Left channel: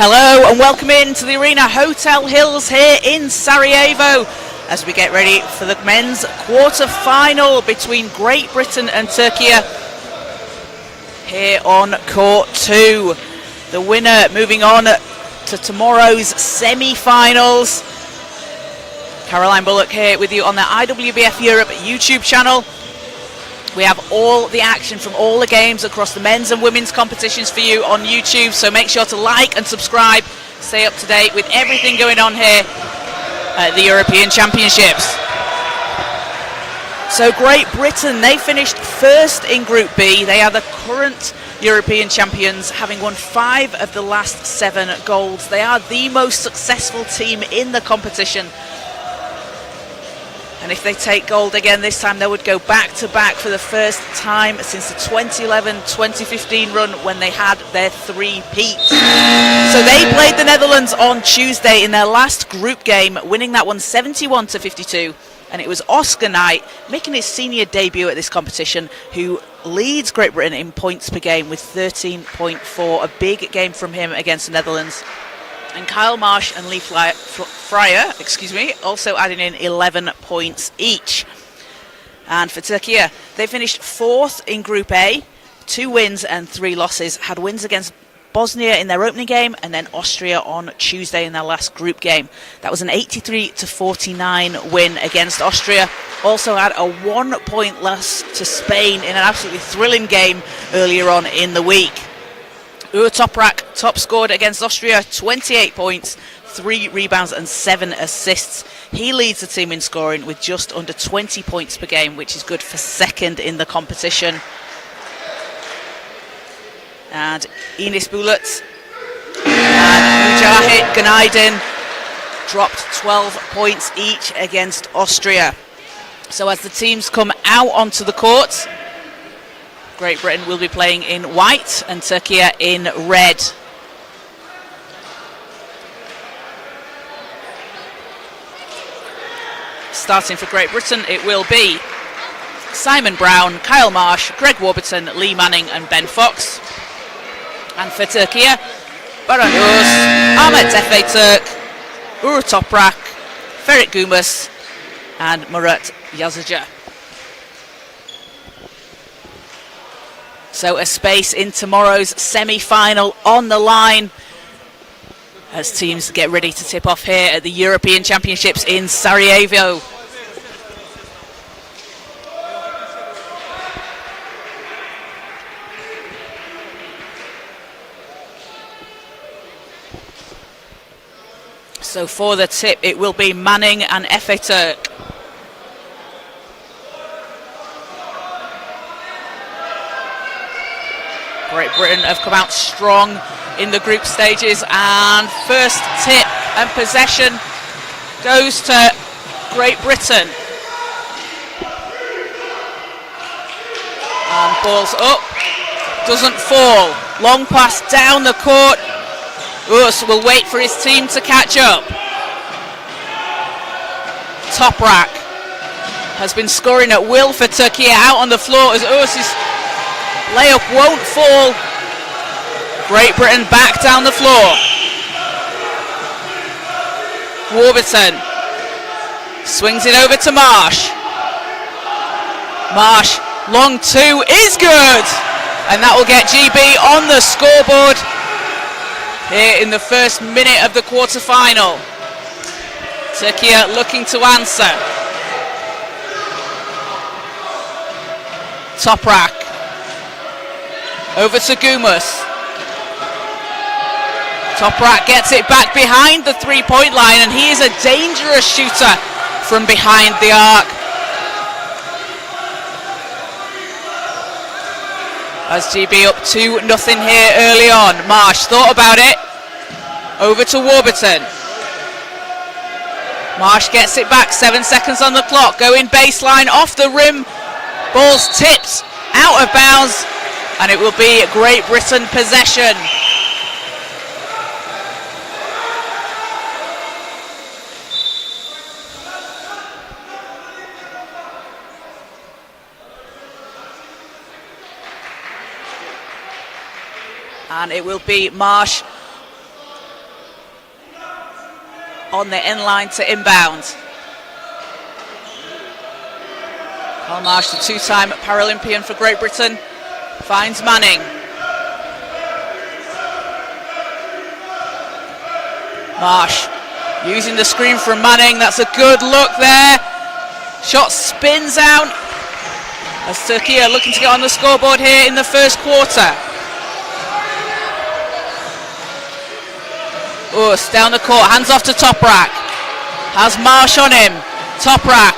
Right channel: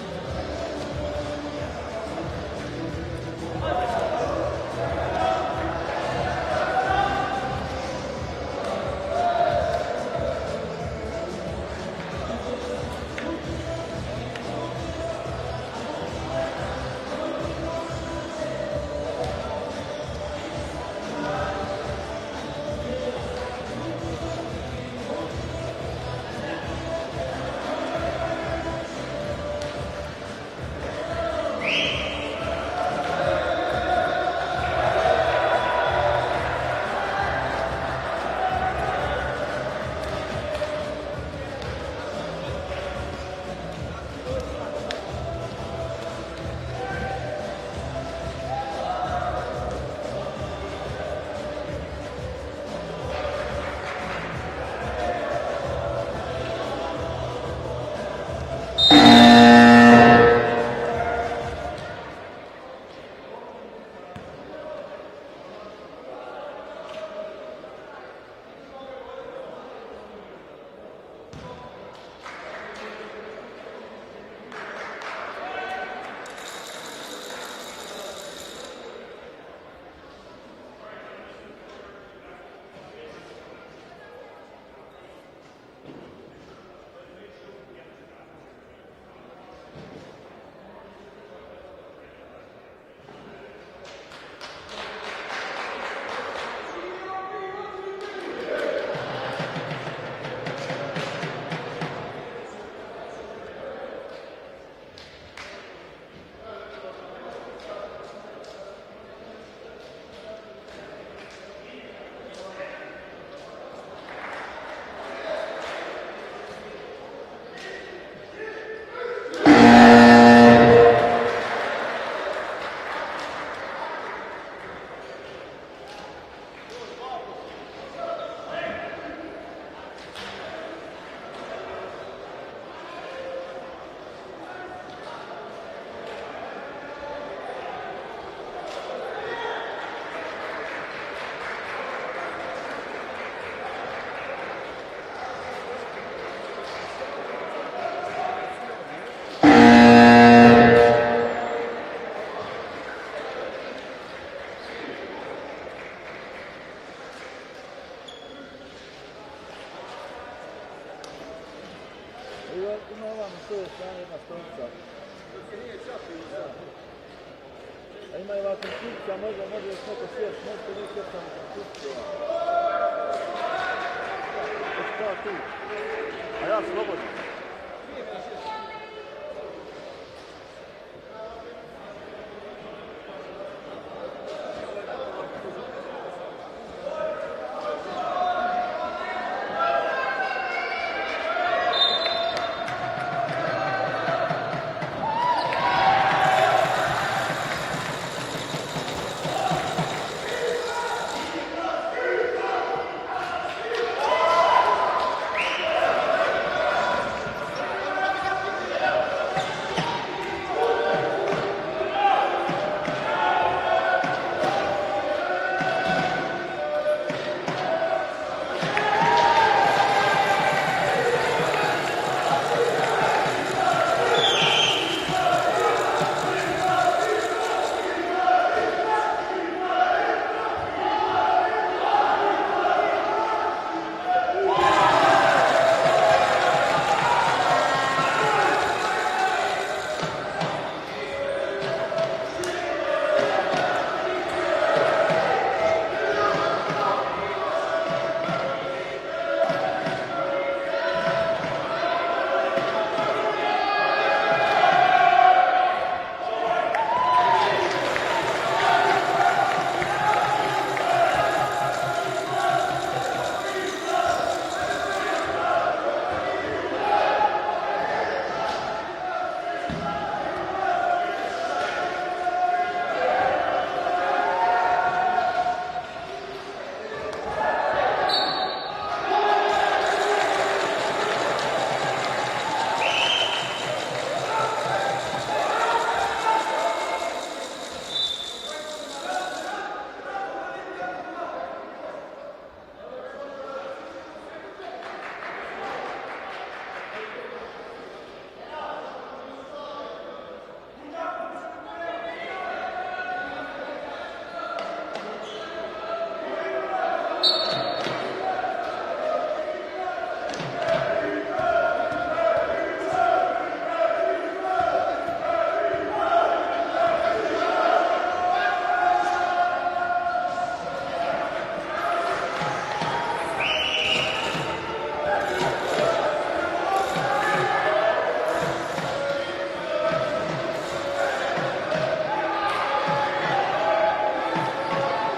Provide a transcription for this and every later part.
Hello and welcome in to the Arena Hotel Hills here in Sarajevo as we get ready for the men's quarter-final between Great Britain and Turkey here on Court 2. The winner moving on to tomorrow's semi-finals. Caroline Bullock here with you on the IWBF Europe YouTube channel. We have all the action from all the games across the men's and women's competitions for you on YouTube, so make sure to like and subscribe, stay up to date with everything going on here at the European Championships. So Great Britain, they finished first in Group B. They are the current European champions, having won 5 of the last 7 golds. They are the most successful team in the competition. And if they take gold again this time, they would go back-to-back for the first time since the 2011-2015 run when they had their 3-peat. So they played the Netherlands on Tuesday in their last group game, winning that one 71-52. And it was Oscar Knight making his senior debut at this competition, who leads Great Britain in points per game with 13.4. A big game from him against the Netherlands. And Kyle Marsh and Lee Fryer, also adding in 11 points each. And for Turkey, they finished 4th in Group A, 2 wins and 3 losses. Had wins against Bosnia in their opening game and then Austria on Tuesday in their last group game. That was an 83-49 win against Austria. Also had a 1-point loss to Spain in an absolutely thrilling game earlier on in the week. Uğur Toprak top scored against Austria, 28 points, 3 rebounds and 7 assists. He leads the team in scoring with just under 20 points per game, which is good for second in the competition. And Enis Bulut and Mujahid Günaydın dropped 12 points each against Austria. So as the teams come out onto the court, Great Britain will be playing in white and Turkey in red. Starting for Great Britain, it will be Simon Brown, Kyle Marsh, Greg Warburton, Lee Manning and Ben Fox. And for Turkey, Baran Öz, Ahmet Efe Türk, Uğur Toprak, Ferit Gumus and Murat Yazıcı. So a space in tomorrow's semi-final on the line as teams get ready to tip off here at the European Championships in Sarajevo. So for the tip, it will be Manning and Efe Türk. Great Britain have come out strong in the group stages, and first tip and possession goes to Great Britain. And ball's up, doesn't fall. Long pass down the court. Us will wait for his team to catch up. Toprak has been scoring at will for Turkey, out on the floor as Us's layup won't fall. Great Britain back down the floor. Warburton swings it over to Marsh. Marsh, long 2 is good. And that will get GB on the scoreboard here in the first minute of the quarter-final. Turkey looking to answer. Toprak over to Gumus. Toprak gets it back behind the 3-point line, and he is a dangerous shooter from behind the arc. As GB up 2-0 here early on. Marsh thought about it. Over to Warburton. Marsh gets it back, 7 seconds on the clock. Going baseline, off the rim. Ball's tipped out of bounds, and it will be Great Britain possession. And it will be Marsh on the end line to inbound. Carl Marsh, the two-time Paralympian for Great Britain, finds Manning. Marsh using the screen from Manning. That's a good look there. Shot spins out as Turkey are looking to get on the scoreboard here in the first quarter. Us down the court, hands off to Toprak. Has Marsh on him. Toprak.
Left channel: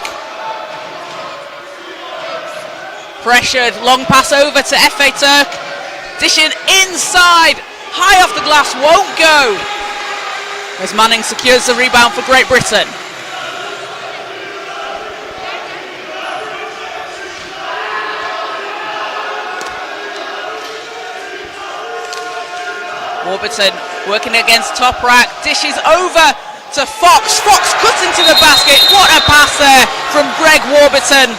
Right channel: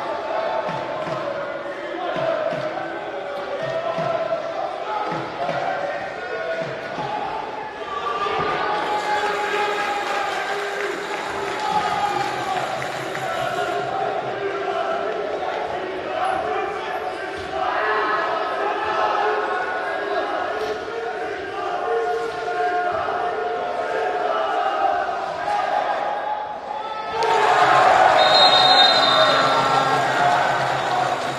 Pressured, long pass over to Efe Turk. Dishing inside, high off the glass, won't go. As Manning secures the rebound for Great Britain. Warburton working against Toprak, dishes over to Fox. Fox cuts into the basket. What a pass there from Greg Warburton,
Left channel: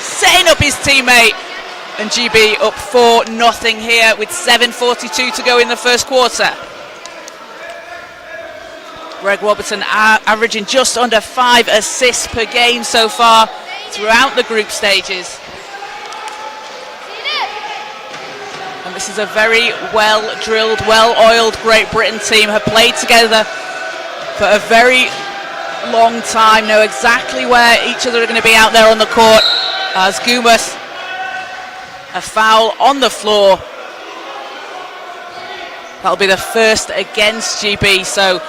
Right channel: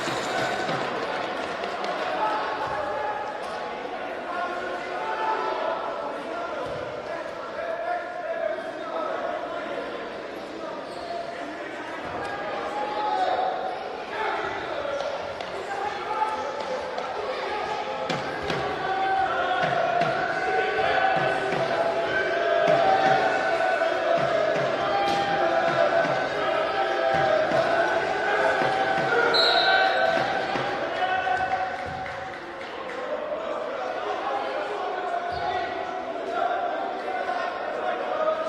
setting up his teammate. And GB up 4-0 here with 7:42 to go in the first quarter. Greg Warburton averaging just under 5 assists per game so far throughout the group stages. And this is a very well-drilled, well-oiled Great Britain team, have played together for a very long time, know exactly where each other are going to be out there on the court. As Gumas, a foul on the floor. That'll be the first against GB, so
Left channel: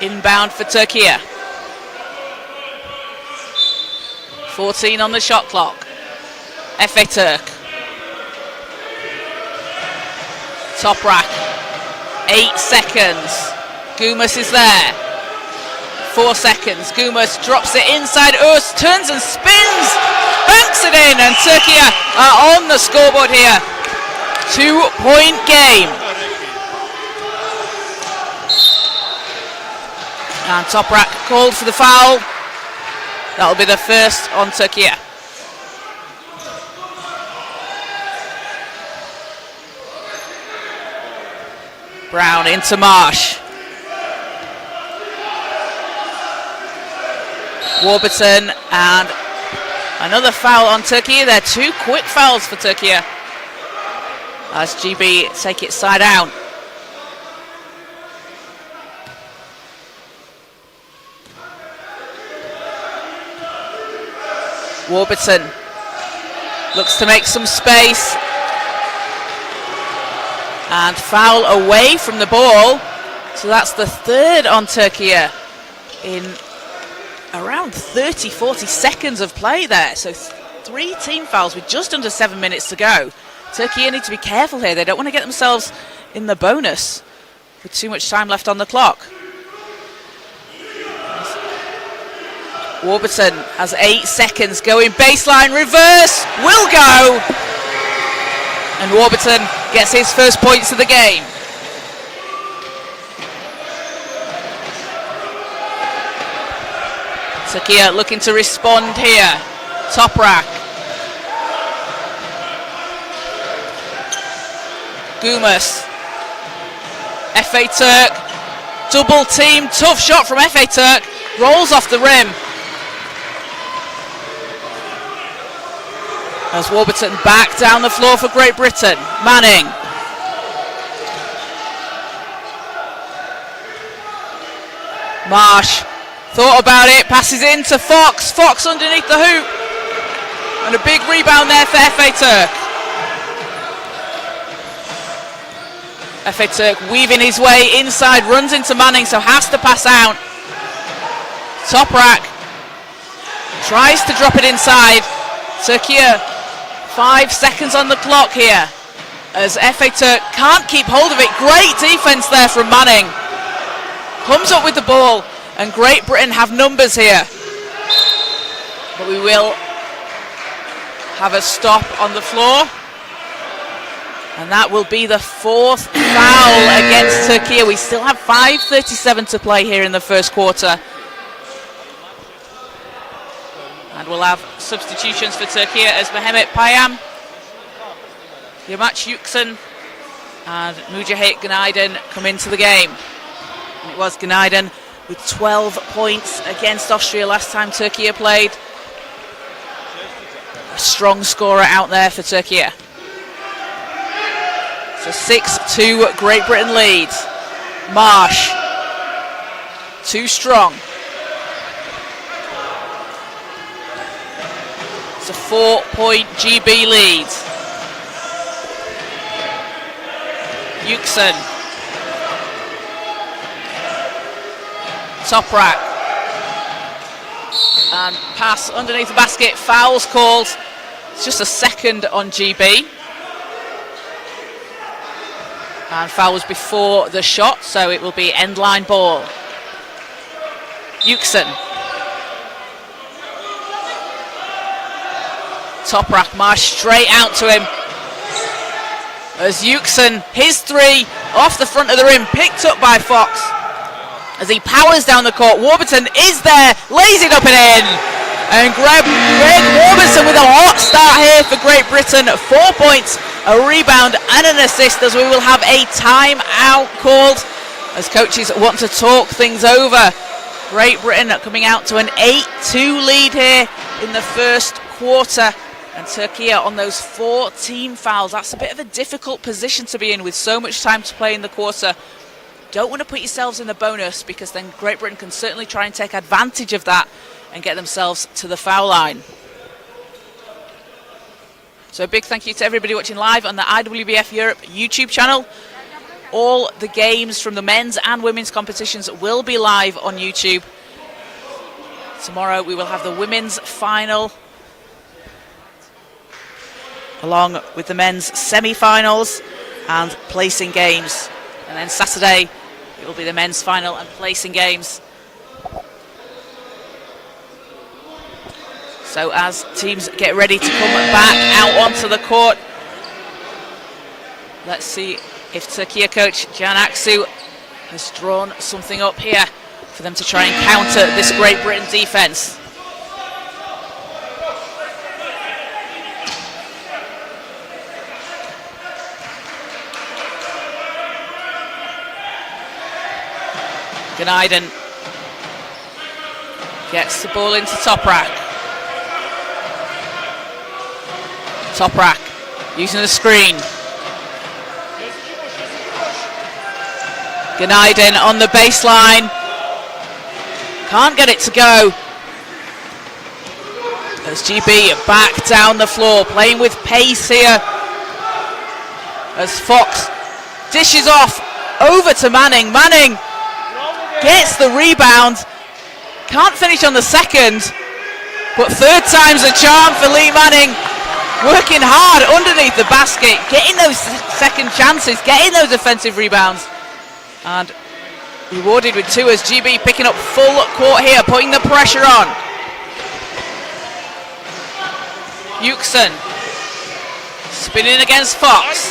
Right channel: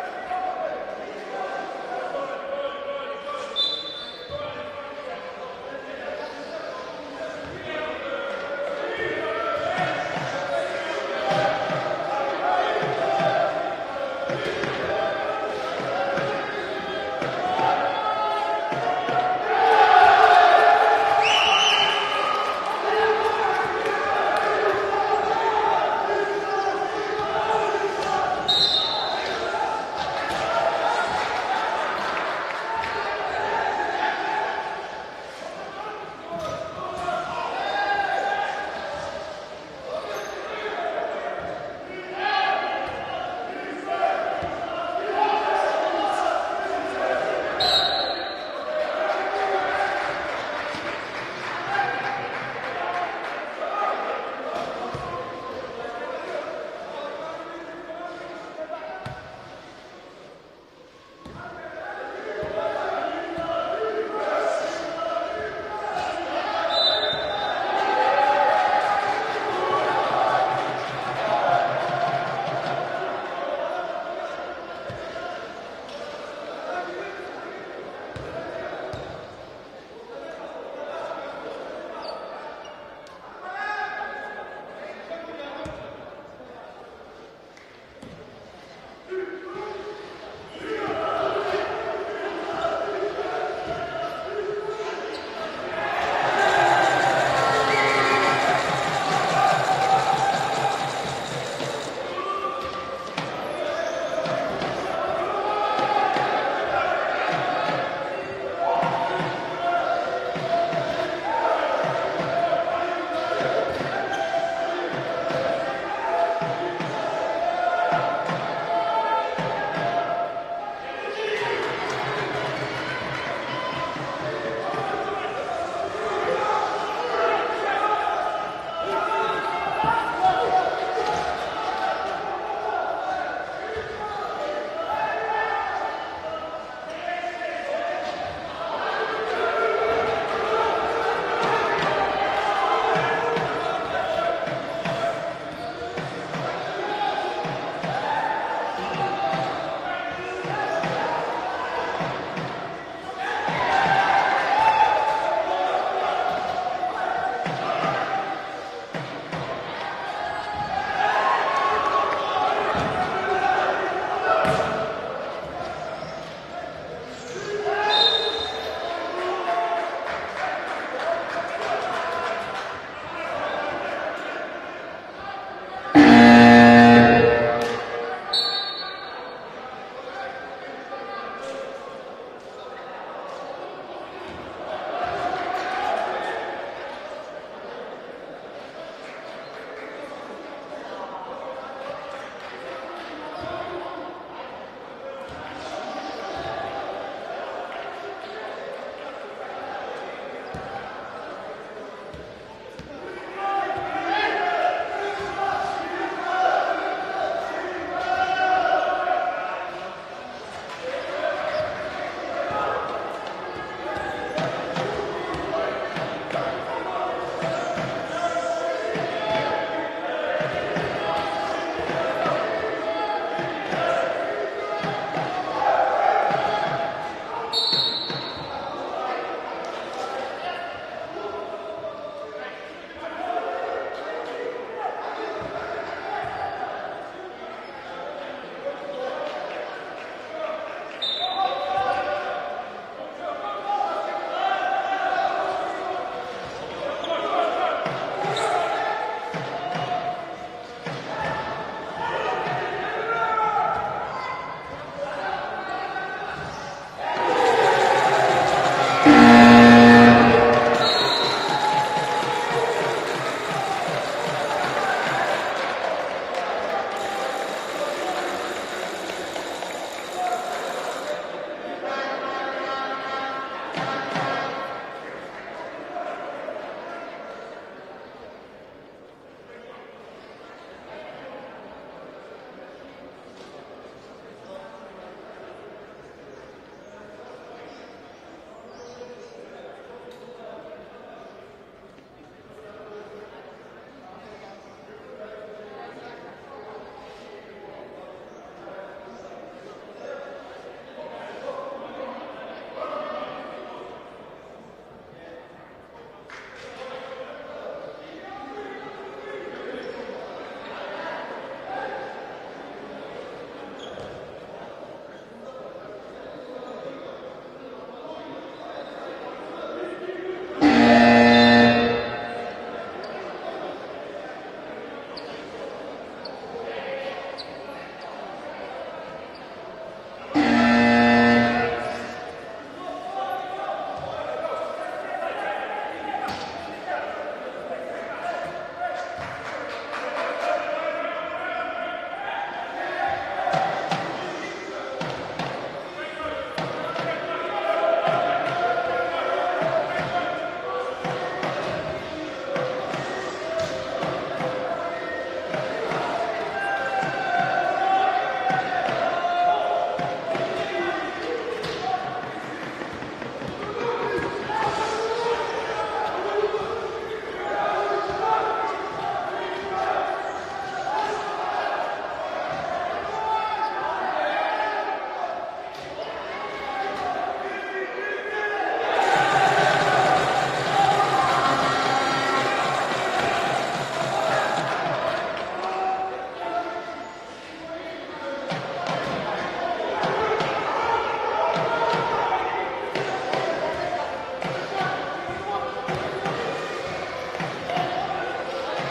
inbound for Turkey. 14 on the shot clock. Efe Turk. Toprak. 8 seconds. Gumas is there. 4 seconds. Gumas drops it inside. Us turns and spins. Banks it in, and Turkey are on the scoreboard here. 2-point game. And Toprak called for the foul. That'll be the first on Turkey. Brown into Marsh. Warburton, and another foul on Turkey. They're 2 quick fouls for Turkey as GB take it side out. Warburton looks to make some space, and foul away from the ball. So that's the third on Turkey in around 30-40 seconds of play there. So 3 team fouls with just under 7 minutes to go. Turkey need to be careful here. They don't want to get themselves in the bonus with too much time left on the clock. Warburton has 8 seconds going, baseline, reverse, will go! And Warburton gets his first points of the game. Turkey looking to respond here. Toprak. Gumas. Efe Turk. Double team, tough shot from Efe Turk. Rolls off the rim. As Warburton back down the floor for Great Britain. Manning. Marsh thought about it, passes in to Fox. Fox underneath the hoop. And a big rebound there for Efe Turk. Efe Turk weaving his way inside, runs into Manning, so has to pass out. Toprak tries to drop it inside. Turkey 5 seconds on the clock here as Efe Turk can't keep hold of it. Great defense there from Manning. Comes up with the ball, and Great Britain have numbers here. But we will have a stop on the floor. And that will be the 4th foul against Turkey. We still have 5:37 to play here in the first quarter. And we'll have substitutions for Turkey as Mehmet Payam, Yamaç Yüksel and Mujahit Günaydın come into the game. was Günaydın with 12 points against Austria last time Türkiye played. A strong scorer out there for Türkiye. So 6-2 Great Britain leads. Marsh, too strong. It's a 4-point GB lead. Yüksel. Toprak. And pass underneath the basket. Fouls called. It's just a second on GB. And foul was before the shot, so it will be end line ball. Yüksel. Toprak, Marsh straight out to him. As Yüksel, his three off the front of the rim, picked up by Fox. As he powers down the court, Warburton is there, lays it up and in. And Greg Warburton with a hot start here for Great Britain. 4 points, a rebound and an assist, as we will have a timeout called as coaches want to talk things over. Great Britain coming out to an 8-2 lead here in the first quarter. And Türkiye on those 4 team fouls. That's a bit of a difficult position to be in with so much time to play in the quarter. Don't want to put yourselves in a bonus, because then Great Britain can certainly try and take advantage of that and get themselves to the foul line. So a big thank you to everybody watching live on the IWBF Europe YouTube channel. All the games from the men's and women's competitions will be live on YouTube. Tomorrow we will have the women's final, along with the men's semi-finals and placing games. And then Saturday it will be the men's final and placing games. So as teams get ready to come back out onto the court, let's see if Türkiye coach Can Aksu has drawn something up here for them to try and counter this Great Britain defence. Günaydın gets the ball into Toprak. Toprak using the screen. Günaydın on the baseline. Can't get it to go. As GB back down the floor, playing with pace here. As Fox dishes off over to Manning. Manning gets the rebound. Can't finish on the second, but third time's a charm for Lee Manning. Working hard underneath the basket, getting those second chances, getting those offensive rebounds. And rewarded with 2 as GB picking up full court here, putting the pressure on. Yüksel spinning against Fox.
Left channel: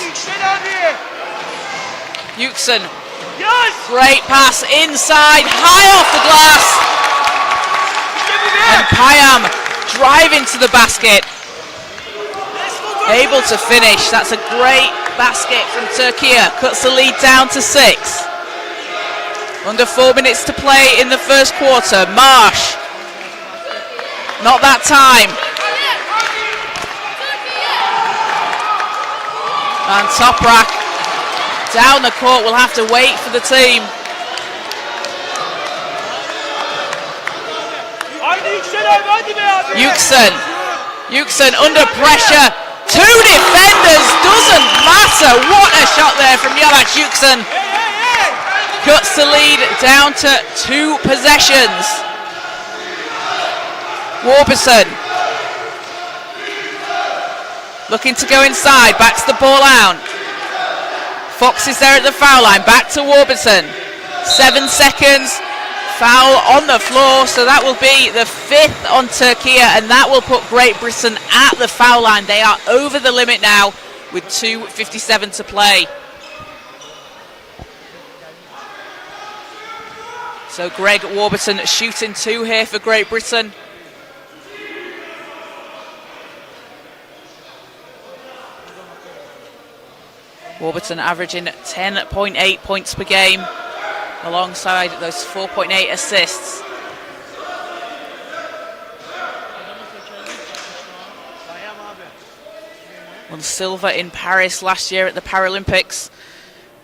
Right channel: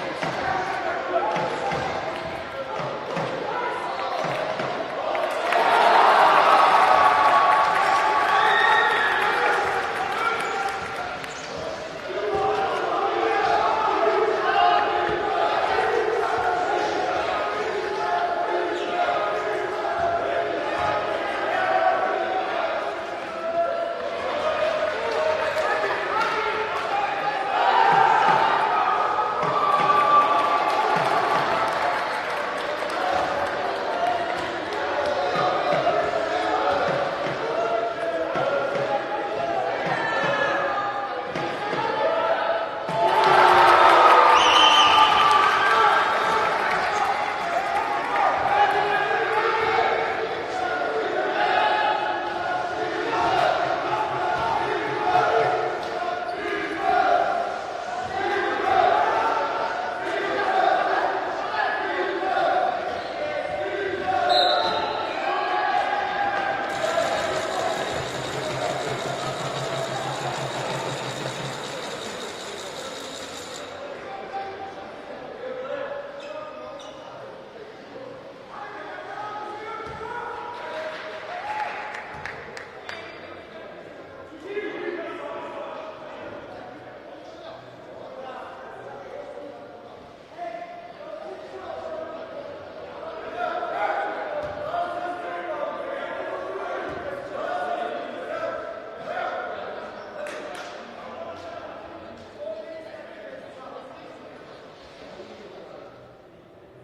Yüksel, great pass inside, high off the glass. And Payam driving to the basket. Able to finish. That's a great basket from Türkiye. Cuts the lead down to 6. Under 4 minutes to play in the first quarter. Marsh. Not that time. And Toprak down the court. Will have to wait for the team. Yüksel under pressure. 2 defenders, doesn't matter. What a shot there from Yavaş Yüksel. Cuts the lead down to 2 possessions. Warburton looking to go inside, backs the ball out. Fox is there at the foul line, back to Warburton. 7 seconds. Foul on the floor, so that will be the 5th on Türkiye, and that will put Great Britain at the foul line. They are over the limit now with 2:57 to play. So Greg Warburton shooting 2 here for Great Britain. Warburton averaging 10.8 points per game. alongside those 4.8 assists. Won silver in Paris last year at the Paralympics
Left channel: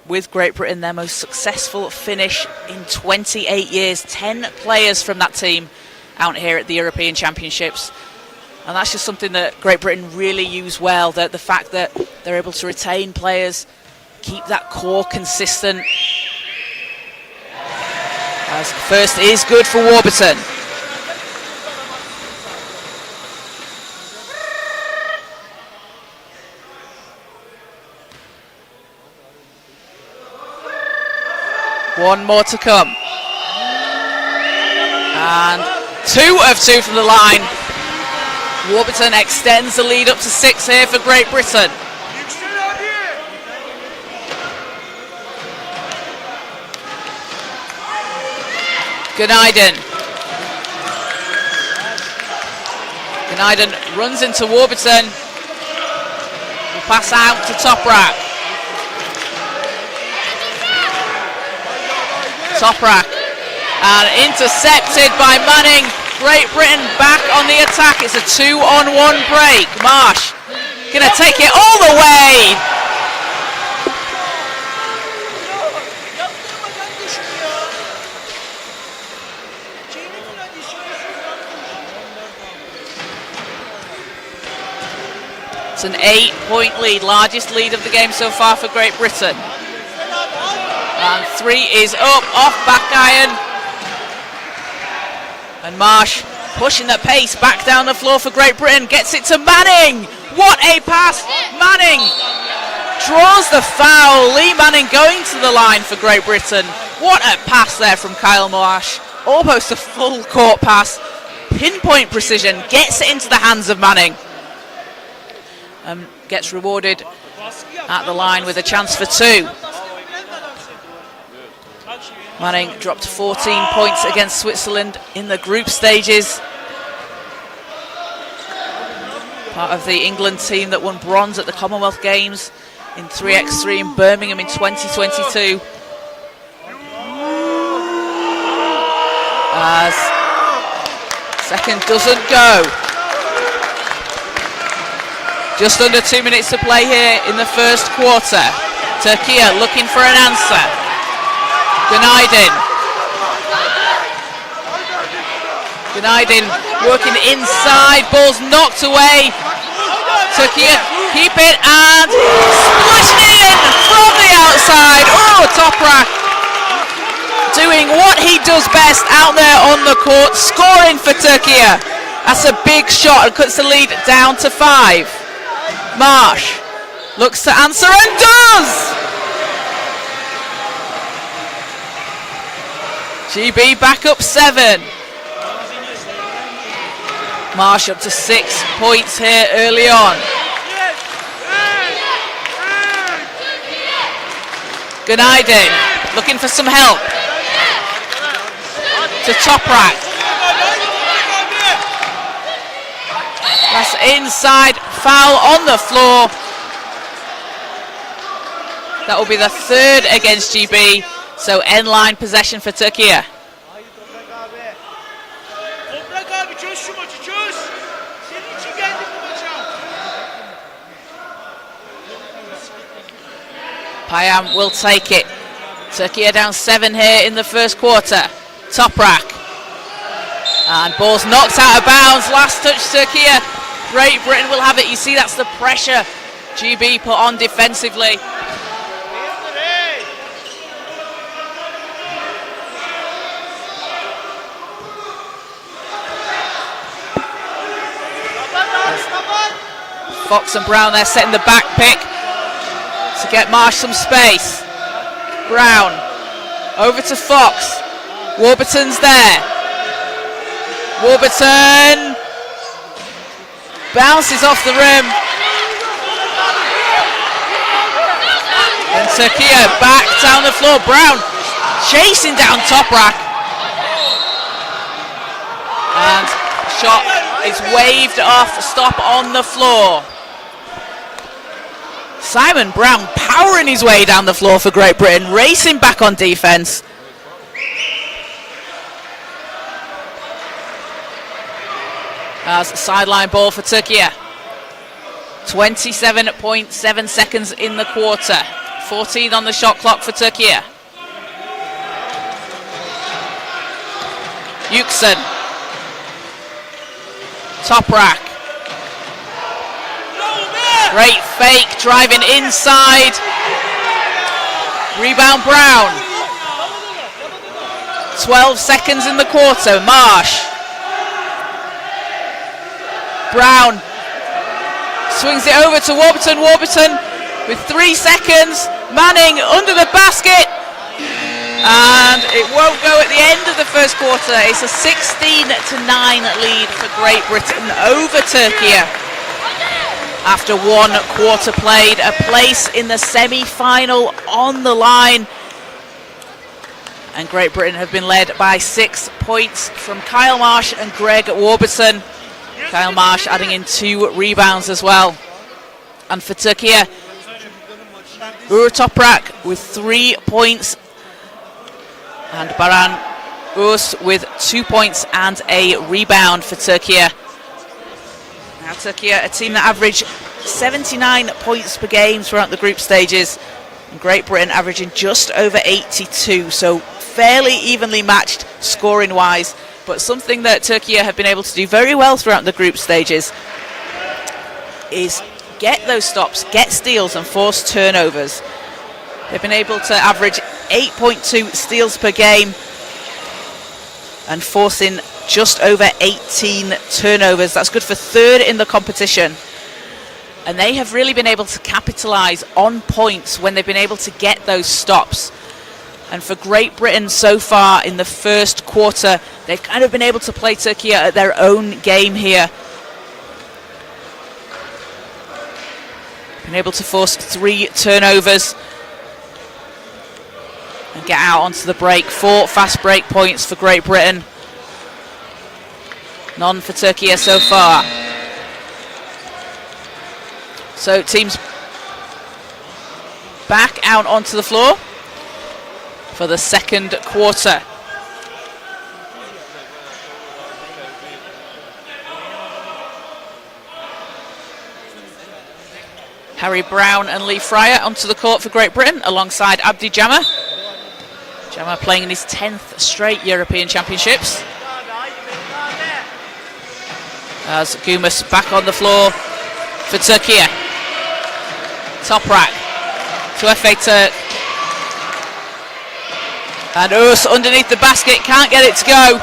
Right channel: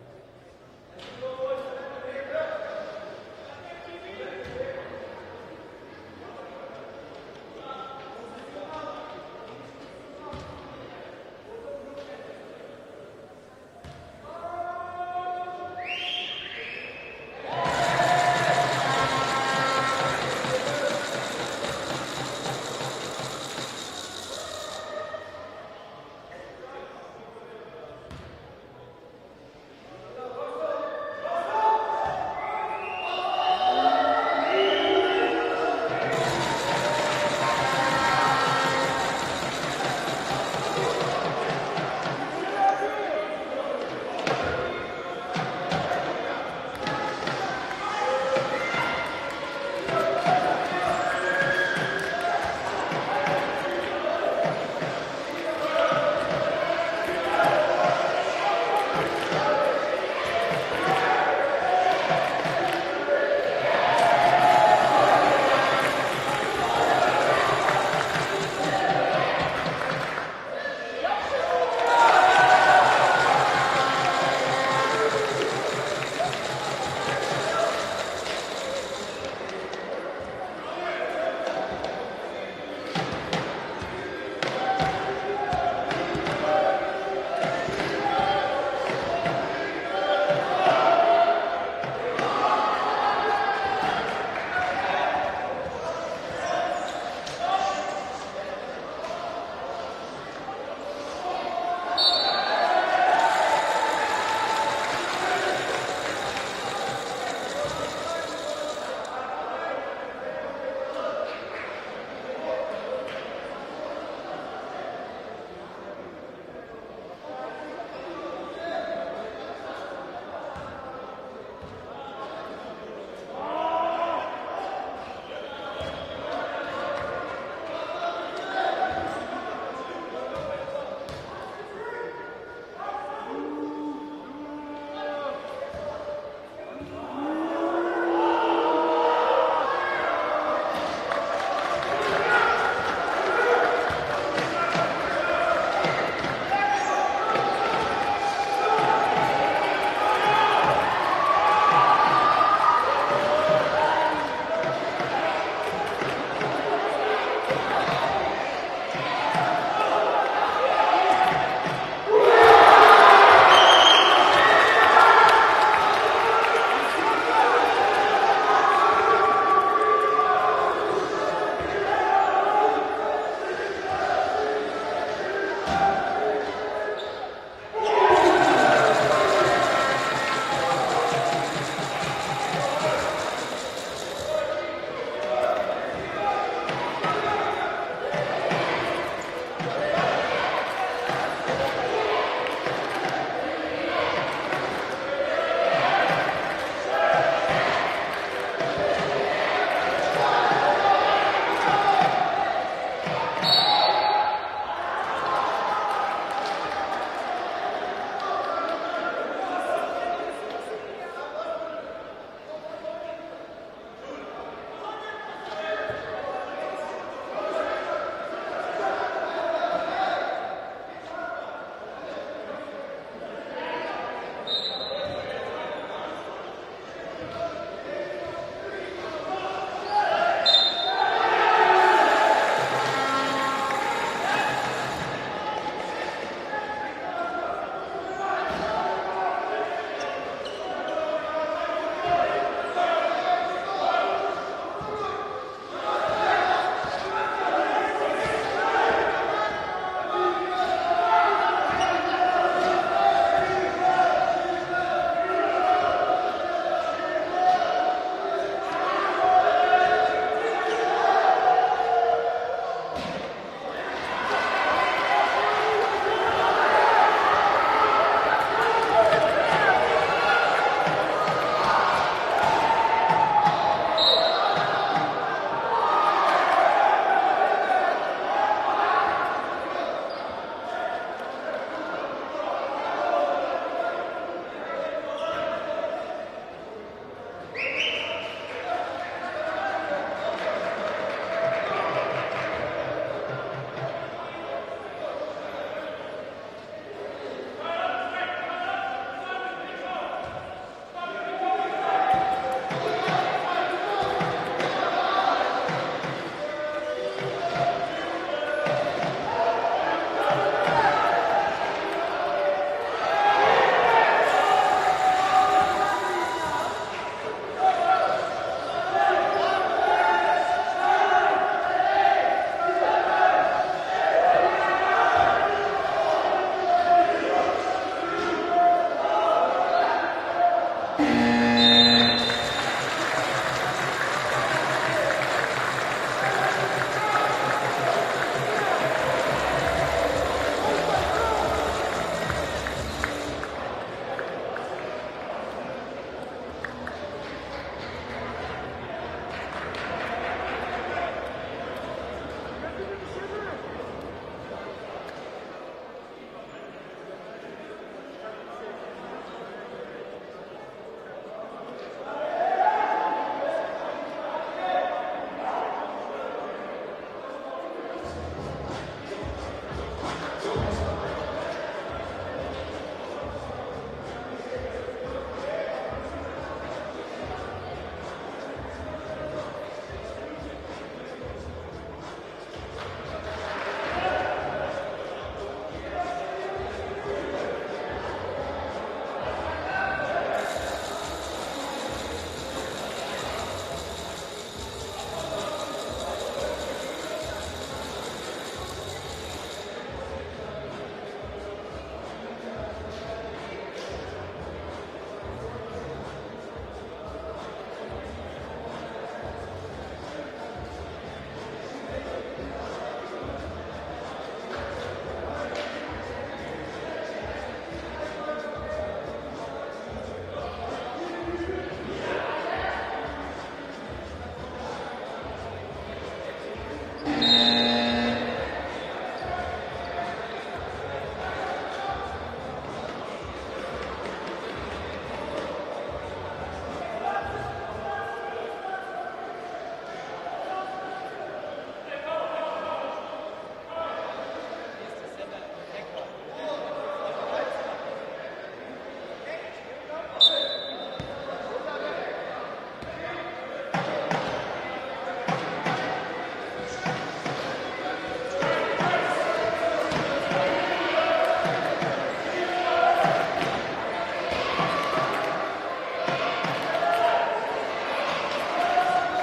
with Great Britain, their most successful finish in 28 years. 10 players from that team out here at the European Championships. And that's just something that Great Britain really use well, the fact that they're able to retain players, keep that core consistent. As first is good for Warburton. One more to come. And 2 of 2 from the line. Warburton extends the lead up to 6 here for Great Britain. Gunaiden runs into Warburton. Pass out to Toprak. And intercepted by Manning. Great Britain back on the attack. It's a 2-on-1 break. Marsh gonna take it all the way. It's an 8-point lead, largest lead of the game so far for Great Britain. And 3 is up, off back iron. And Marsh pushing the pace back down the floor for Great Britain. Gets it to Manning. What a pass. Manning draws the foul. Lee Manning going to the line for Great Britain. What a pass there from Kyle Marsh. Almost a full court pass. Pinpoint precision. Gets it into the hands of Manning. Gets rewarded at the line with a chance for 2. Manning dropped 14 points against Switzerland in the group stages. Part of the England team that won bronze at the Commonwealth Games in 3x3 in Birmingham in 2022. As second doesn't go. Just under 2 minutes to play here in the first quarter. Türkiye looking for an answer. Gunaiden working inside, ball's knocked away. Türkiye keep it and splashing it in from the outside. Oh, Toprak doing what he does best out there on the court, scoring for Türkiye. That's a big shot and cuts the lead down to 5. Marsh looks to answer and does! GB back up 7. Marsh up to 6 points here early on. Gunaiden looking for some help. To Toprak. That's inside, foul on the floor. That will be the 3rd against GB. So end line possession for Türkiye. Payam will take it. Türkiye down 7 here in the first quarter. Toprak. And ball's knocked out of bounds. Last touch Türkiye. Great Britain will have it. You see that's the pressure GB put on defensively. Fox and Brown there setting the back pick to get Marsh some space. Brown over to Fox. Warburton's there. Warburton bounces off the rim. And Türkiye back down the floor. Brown chasing down Toprak. And shot is waved off. Stop on the floor. Simon Brown powering his way down the floor for Great Britain, racing back on defense. as sideline ball for Türkiye. 27.7 seconds in the quarter. 14 on the shot clock for Türkiye. Yüksel. Toprak. Great fake, driving inside. Rebound Brown. 12 seconds in the quarter. Marsh. Brown swings it over to Warburton. Warburton with 3 seconds. Manning under the basket. And it won't go at the end of the first quarter. It's a 16-9 lead for Great Britain over Türkiye. After 1 quarter played, a place in the semi-final on the line. And Great Britain have been led by 6 points from Kyle Marsh and Greg Warburton. Kyle Marsh adding in 2 rebounds as well. And for Türkiye, Uğur Toprak with 3 points. And Baran Uz with 2 points and a rebound for Türkiye. Now Türkiye, a team that averaged 79 points per game throughout the group stages. And Great Britain averaging just over 82, so fairly evenly matched scoring-wise. But something that Türkiye have been able to do very well throughout the group stages is get those stops, get steals and force turnovers. They've been able to average 8.2 steals per game and forcing just over 18 turnovers. That's good for 3rd in the competition. And they have really been able to capitalise on points when they've been able to get those stops. And for Great Britain so far in the first quarter, they've kind of been able to play Türkiye at their own game here. Been able to force 3 turnovers and get out onto the break. 4 fast break points for Great Britain. None for Türkiye so far. So teams back out onto the floor for the second quarter. Harry Brown and Lee Fryer onto the court for Great Britain alongside Abdi Jammer. Jammer playing in his 10th straight European Championships. As Gumas back on the floor for Türkiye. Toprak to Efe Türk. And Uz underneath the basket, can't get it to go.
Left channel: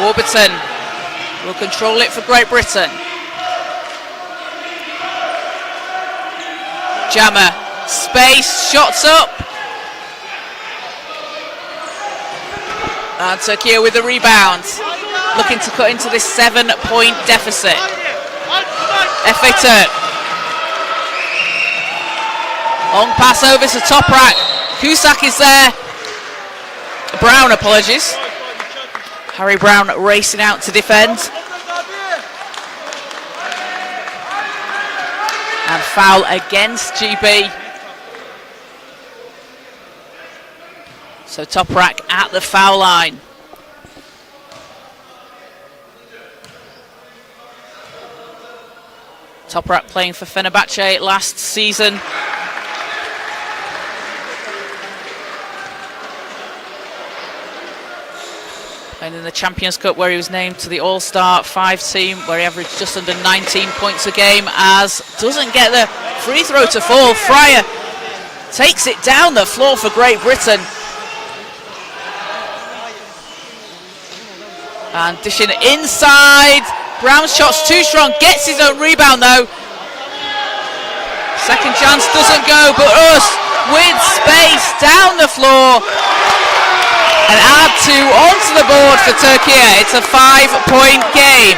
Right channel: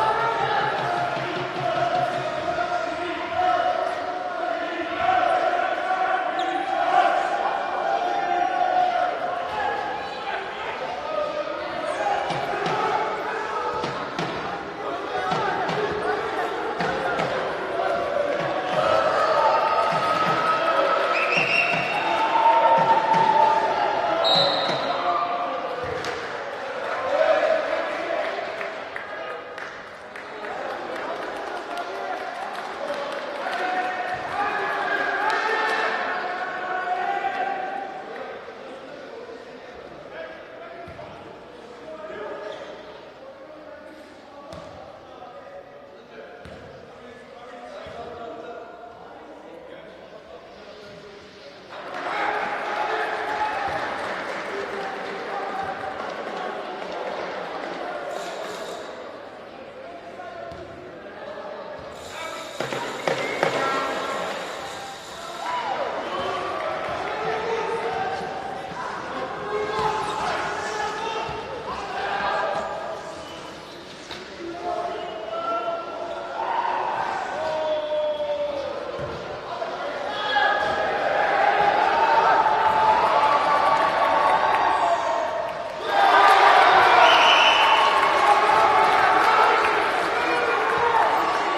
Warburton will control it for Great Britain. Jammer, space, shots up. And Türkiye with the rebound, looking to cut into this 7-point deficit. Efe Türk. Long pass over to Toprak. Cusack is there. Brown, apologies. Harry Brown racing out to defend. And foul against GB. So Toprak at the foul line. Toprak playing for Fenerbahce last season. Playing in the Champions Cup where he was named to the All-Star 5 team, where he averaged just under 19 points a game, as doesn't get the free throw to fall. Fryer takes it down the floor for Great Britain. And dishing inside. Brown's shot's too strong, gets his own rebound though. Second chance doesn't go, but Uz with space down the floor. And add 2 onto the board for Türkiye. It's a 5-point game.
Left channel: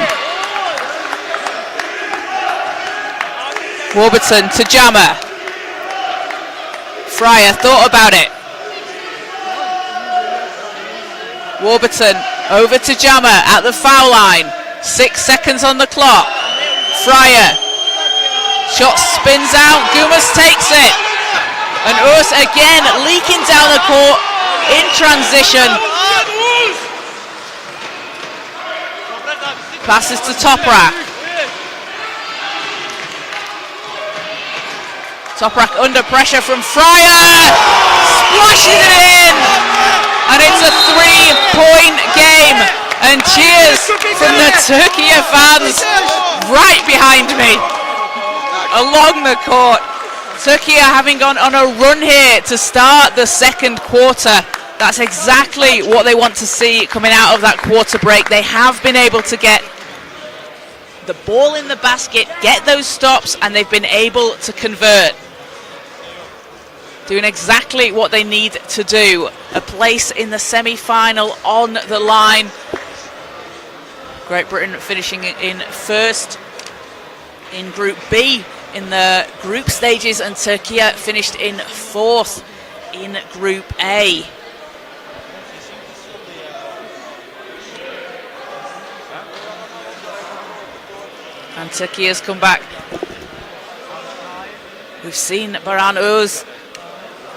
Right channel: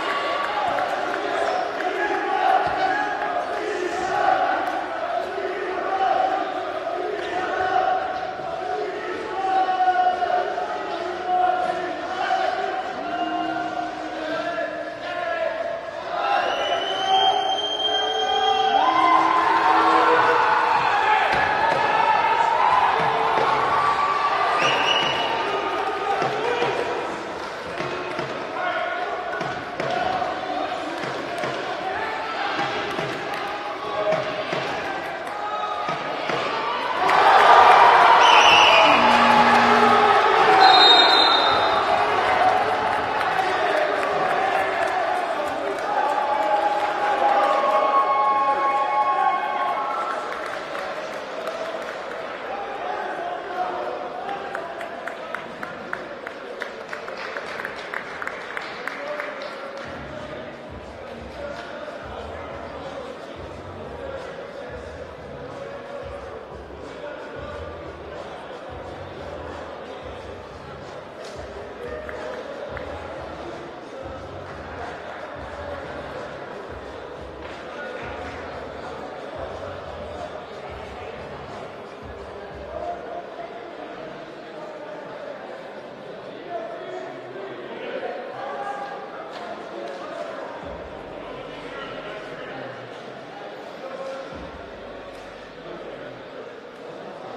Warburton to Jammer. Fryer thought about it. Warburton over to Jammer at the foul line. 6 seconds on the clock. Fryer. Shot spins out. Gumas takes it. And Uz again leaking down the court in transition. Passes to Toprak. Toprak under pressure from Fryer. Splashes it in. And it's a 3-point game. And cheers from the Türkiye fans right behind me. Along the court. Türkiye having gone on a run here to start the second quarter. That's exactly what they want to see coming out of that quarter break. They have been able to get the ball in the basket, get those stops, and they've been able to convert. Doing exactly what they need to do. A place in the semi-final on the line. Great Britain finishing in first in Group B in the group stages, and Türkiye finished in fourth in Group A. And Türkiye has come back. We've seen Baran Öz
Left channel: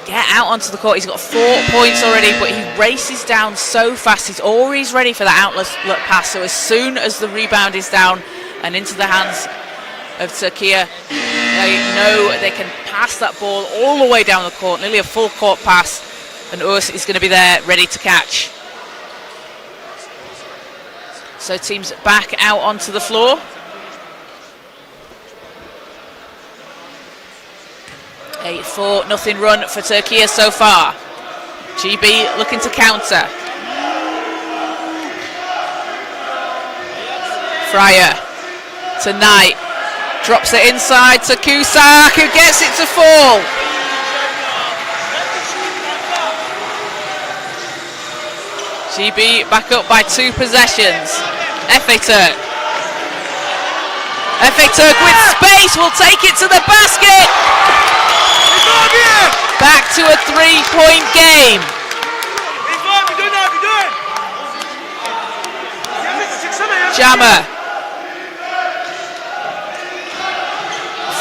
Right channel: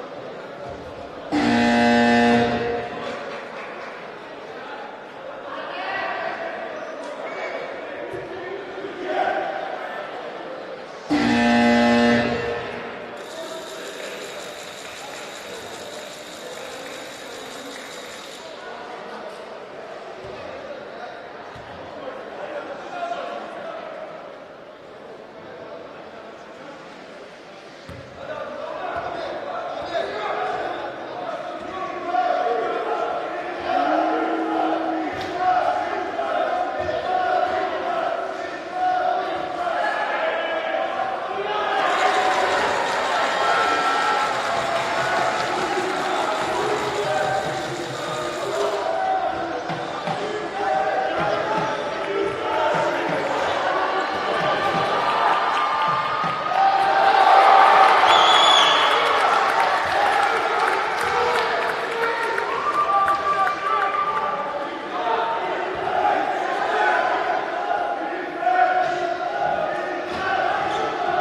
get out onto the court. He's got 4 points already, but he races down so fast. He's always ready for the outlet pass. So as soon as the rebound is down and into the hands of Türkiye, they know they can pass that ball all the way down the court, nearly a full court pass, and Öz is going to be there ready to catch. So teams back out onto the floor. 8-4, run for Türkiye so far. GB looking to counter. Fryer tonight drops it inside to Cusack, who gets it to fall. GB back up by 2 possessions. Efe Türk. Efe Türk with space will take it to the basket. Back to a 3-point game. Jammer.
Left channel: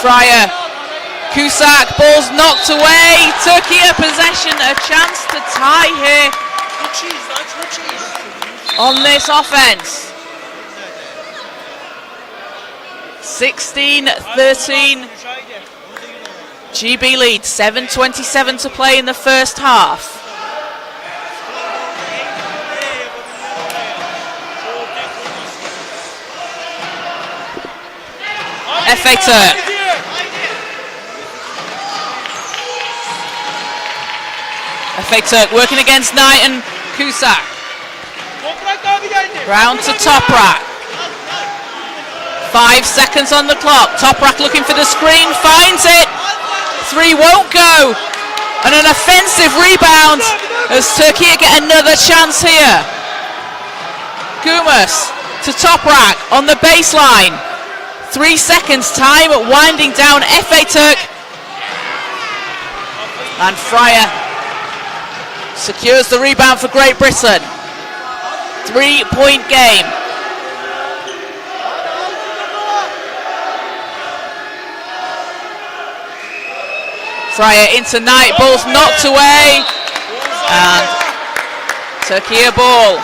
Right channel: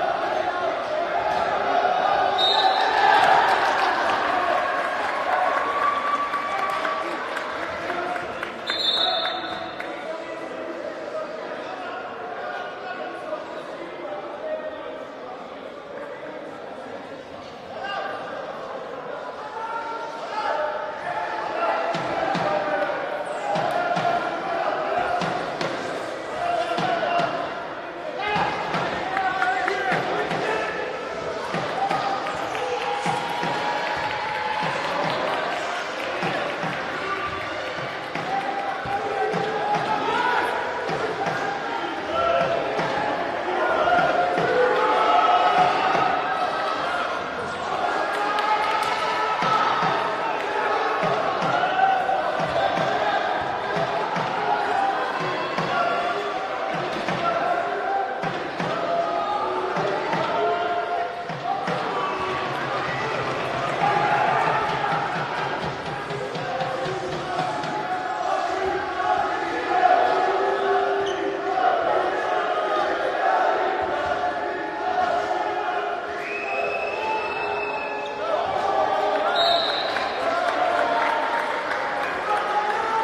Fryer. Cusack, ball's knocked away. Türkiye possession, a chance to tie here on this offense. 16-13. GB leads, 7:27 to play in the first half. Efe Türk. Efe Türk working against Knight and Cusack. Round to Toprak. 5 seconds on the clock. Toprak looking for the screen, finds it. 3 won't go. And an offensive rebound as Türkiye get another chance here. Gumus to Toprak on the baseline. 3 seconds time winding down Efe Türk. And Fryer secures the rebound for Great Britain. 3-point game. Fryer into Knight, ball's knocked away, and Türkiye ball.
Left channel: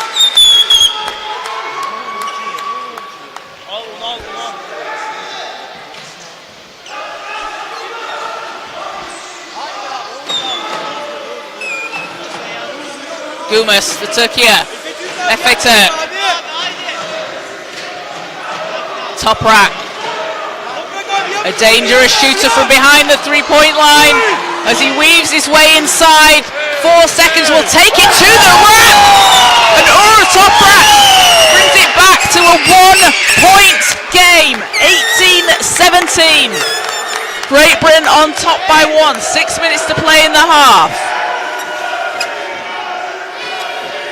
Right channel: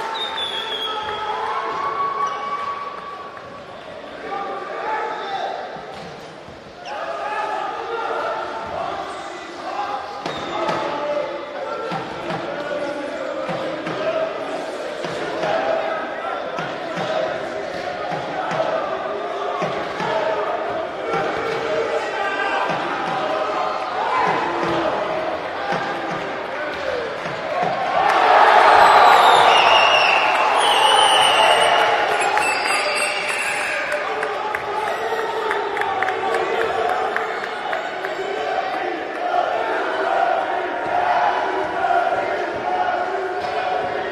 Gumus for Türkiye. Efe Türk. Toprak. A dangerous shooter from behind the 3-point line as he weaves his way inside. 4 seconds will take it to the rack. And Toprak brings it back to a 1-point game. 18-17. Great Britain on top by 1. 6 minutes to play in the half.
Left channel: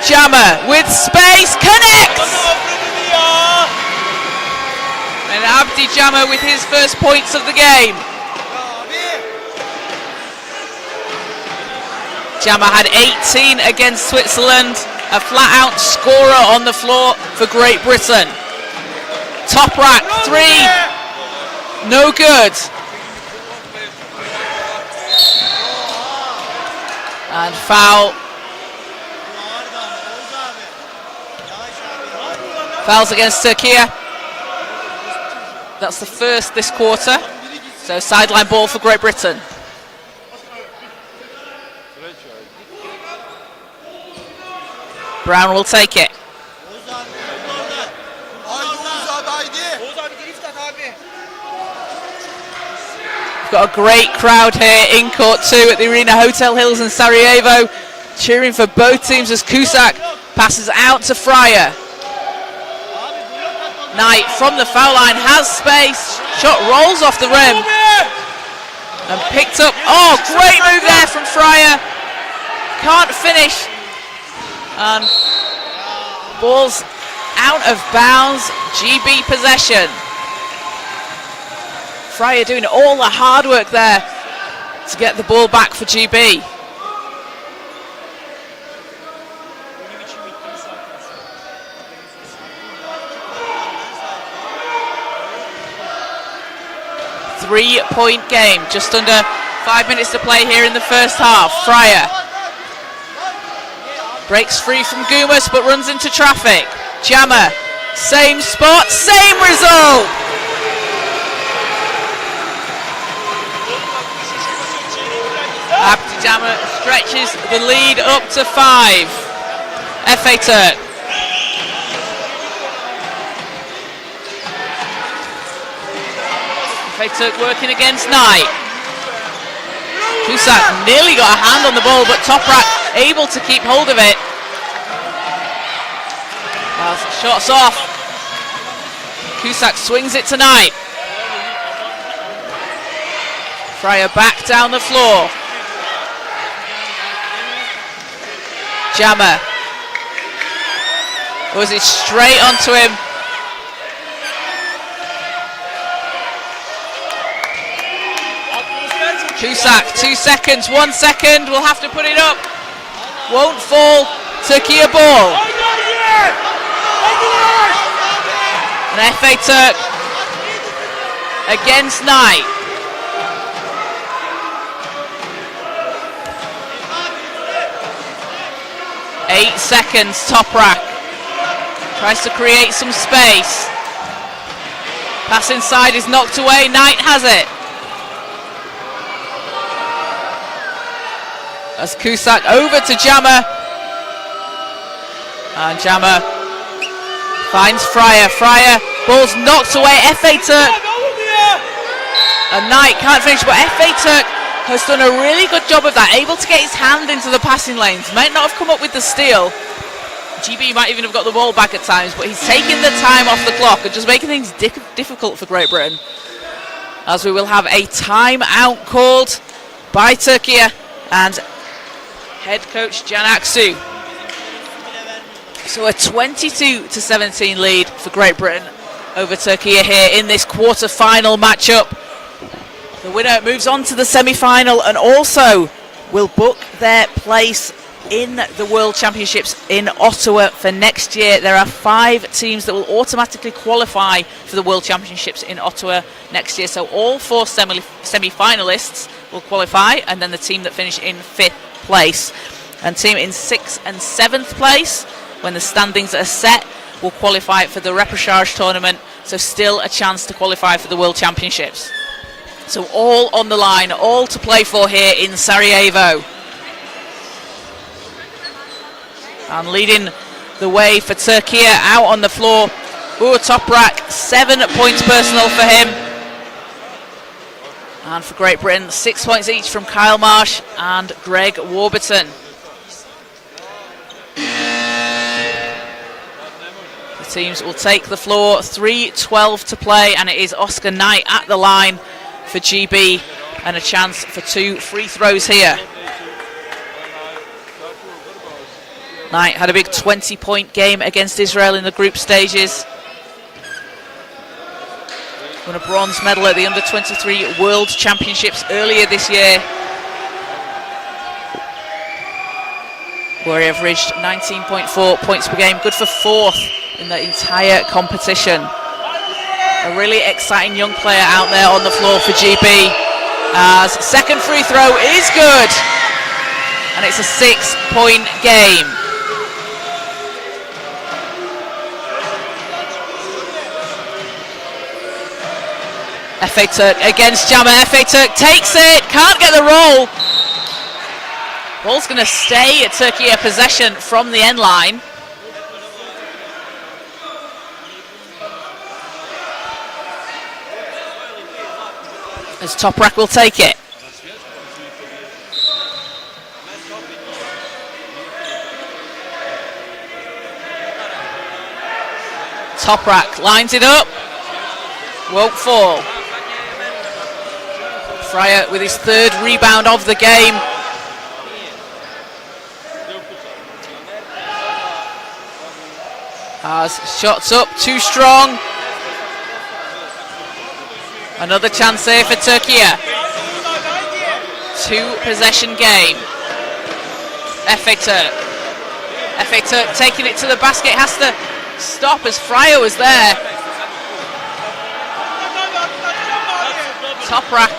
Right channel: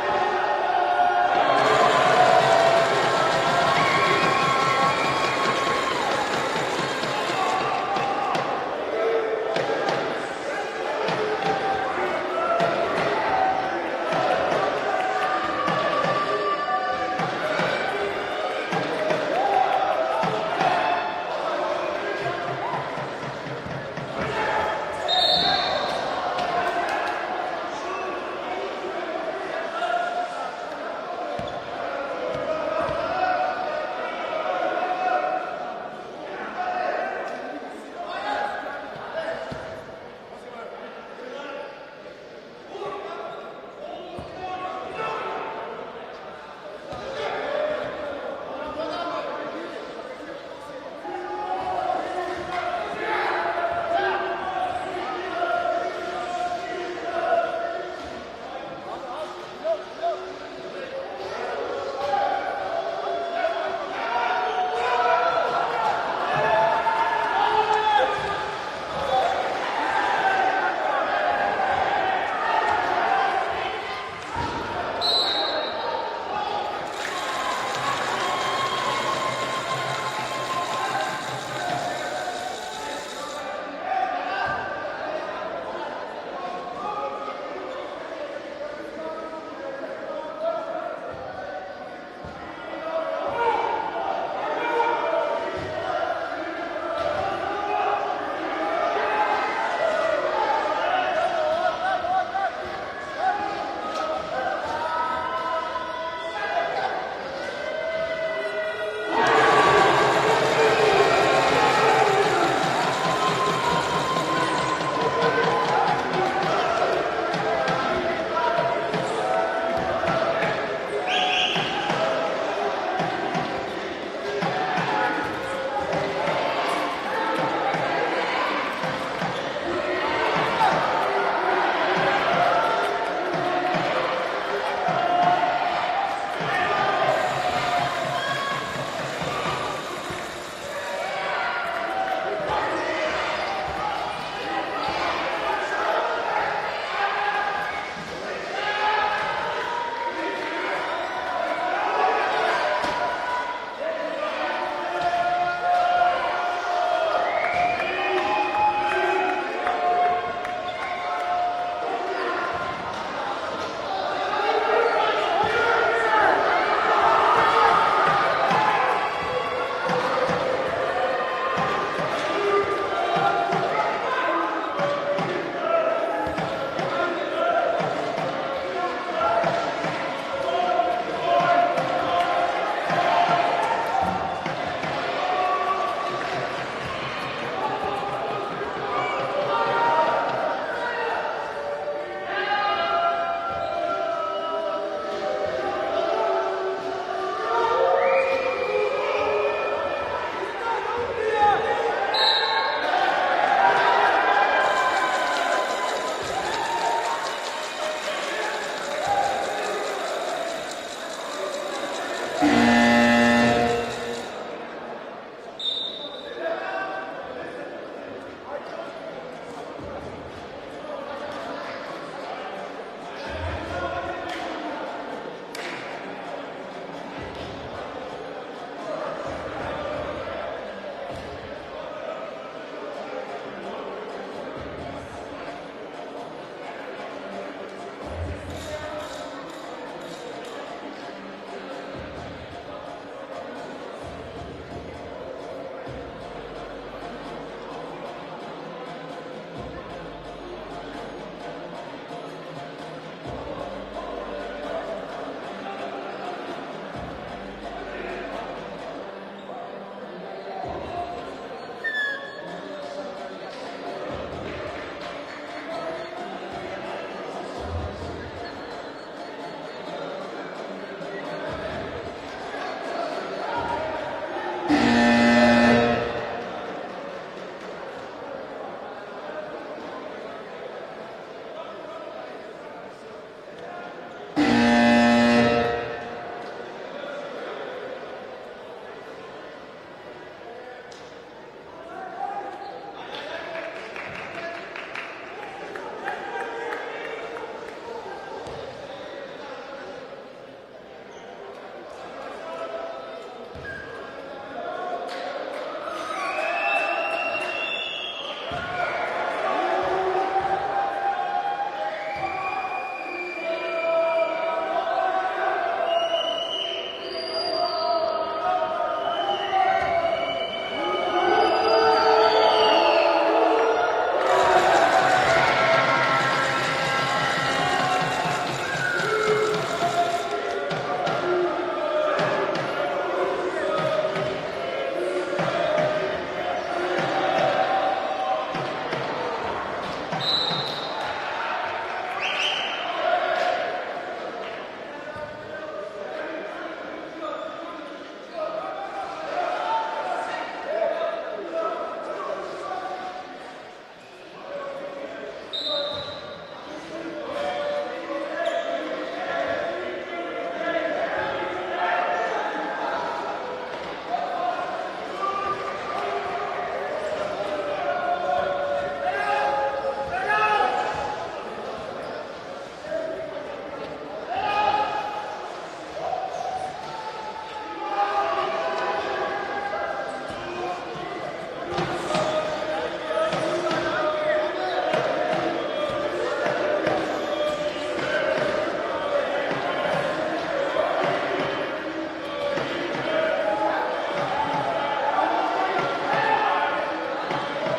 Jammer with space, connects! And Abdi Jammer with his first points of the game. Jammer had 18 against Switzerland, a flat-out scorer on the floor for Great Britain. Toprak, 3, no good. And foul Fouls against Türkiye. That's the first this quarter. So sideline ball for Great Britain. Brown will take it. We've got a great crowd here in court 2 at the Arena Hotel Hills in Sarajevo, cheering for both teams as Cusack passes out to Fryer. Knight from the foul line has space, shot rolls off the rim and picked up. Oh, great move there from Fryer. Can't finish. And ball's out of bounds, GB possession. Fryer doing all the hard work there to get the ball back for GB. Three-point game, just under 5 minutes to play here in the first half. Fryer breaks free from Gumas but runs into traffic. Jammer, same spot, same result. Abdi Jammer stretches the lead up to 5. FA Turk. FA Turk working against Knight. Cusack nearly got a hand on the ball, but Toprak able to keep hold of it. As shots off. Cusack swings it to Knight. Fryer back down the floor. Jammer. Was it straight onto him? Cusack, 2 seconds, 1 second, we'll have to put it up. Won't fall, Türkiye ball. And FA Turk against Knight. Eight seconds, Toprak. Tries to create some space. Pass inside is knocked away, Knight has it. As Cusack over to Jammer. And Jammer finds Fryer. Fryer, ball's knocked away. FA Turk. And Knight can't finish, but FA Turk has done a really good job of that. Able to get his hand into the passing lanes. Might not have come up with the steal. GB might even have got the ball back at times, but he's taking the time off the clock and just making things difficult for Great Britain. As we will have a timeout called by Türkiye and head coach Can Aksu. So a 22-17 lead for Great Britain over Türkiye here in this quarter-final matchup. The winner moves on to the semi-final and also will book their place in the World Championships in Ottawa for next year. There are 5 teams that will automatically qualify for the World Championships in Ottawa next year. So all 4 semi-finalists will qualify, and then the team that finish in 5th place. And team in 6th and 7th place, when the standings are set, will qualify for the repechage tournament. So still a chance to qualify for the World Championships. So all on the line, all to play for here in Sarajevo. And leading the way for Türkiye out on the floor, Toprak, 7 points personal for him. And for Great Britain, 6 points each from Kyle Marsh and Greg Warburton. The teams will take the floor, 3:12 to play, and it is Oscar Knight at the line for GB, and a chance for 2 free throws here. Knight had a big 20-point game against Israel in the group stages. Won a bronze medal at the Under-23 World Championships earlier this year, where he averaged 19.4 points per game, good for 4th in the entire competition. A really exciting young player out there on the floor for GB. As second free throw is good, and it's a 6-point game. FA Turk against Jammer. FA Turk takes it, can't get the roll. Ball's going to stay at Türkiye possession from the end line. As Toprak will take it. Toprak lines it up. Won't fall. Fryer with his third rebound of the game. As shots up, too strong. Another chance here for Türkiye. 2-possession game. FA Turk. FA Turk taking it to the basket, has to stop as Fryer was there. Toprak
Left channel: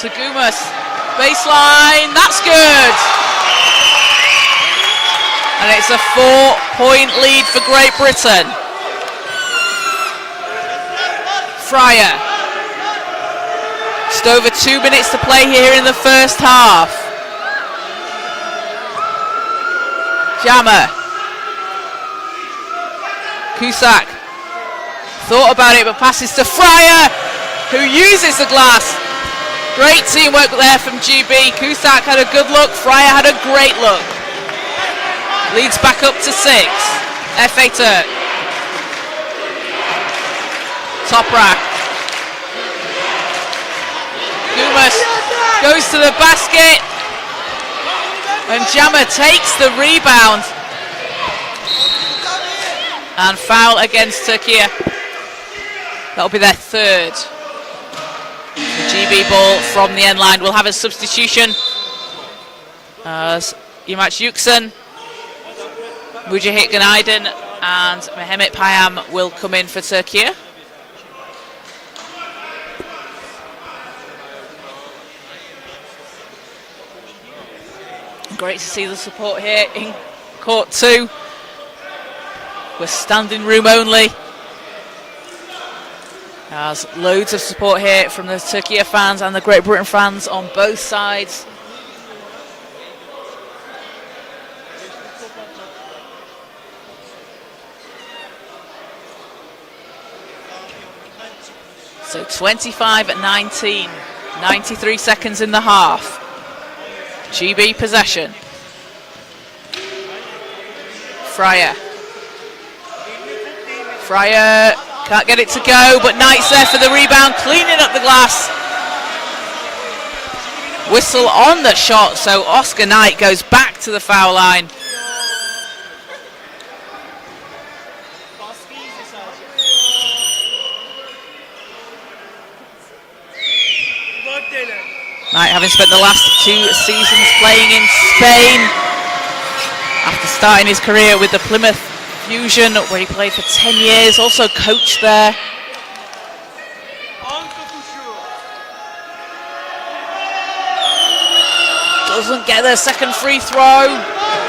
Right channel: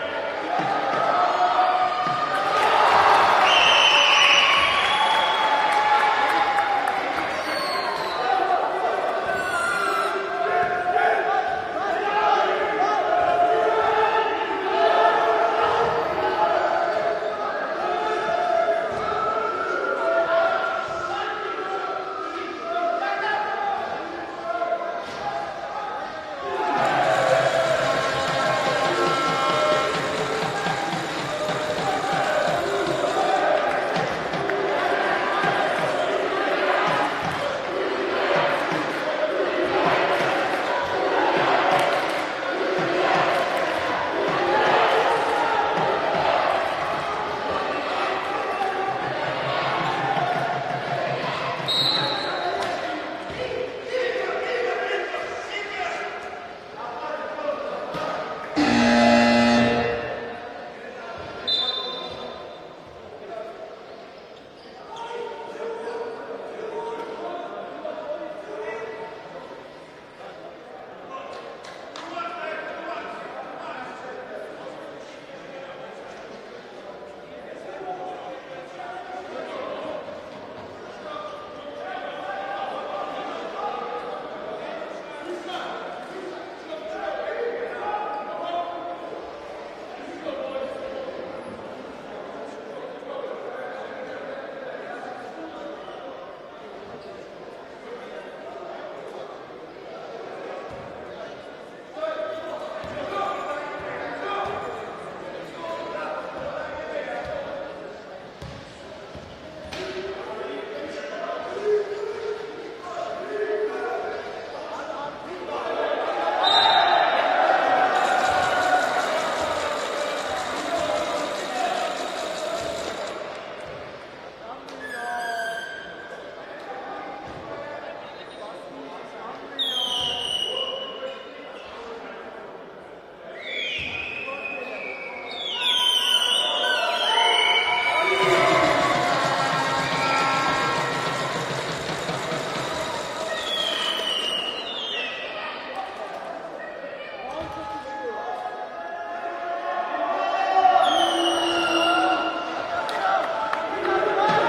to Gumas. Baseline, that's good. And it's a 4-point lead for Great Britain. Fryer. Just over 2 minutes to play here in the first half. Jammer. Cusack. Thought about it, but passes to Fryer, who uses the glass. Great teamwork there from GB. Cusack had a good look, Fryer had a great look. Leads back up to 6. FA Turk. Toprak. Gumas goes to the basket. And Jammer takes the rebound. And foul against Türkiye. That'll be their third. GB ball from the end line. We'll have a substitution. As Yamaç Yüksel, Mujahit Günaydın and Mehmet Payam will come in for Türkiye. Great to see the support here in court 2. We're standing room only. There's loads of support here from the Türkiye fans and the Great Britain fans on both sides. So 25-19, 93 seconds in the half. GB possession. Fryer. Fryer can't get it to go, but Knight's there for the rebound, cleaning up the glass. Whistle on the shot, so Oscar Knight goes back to the foul line. Knight having spent the last 2 seasons playing in Spain after starting his career with the Plymouth Fusion, where he played for 10 years, also coached there. Doesn't get their second free throw.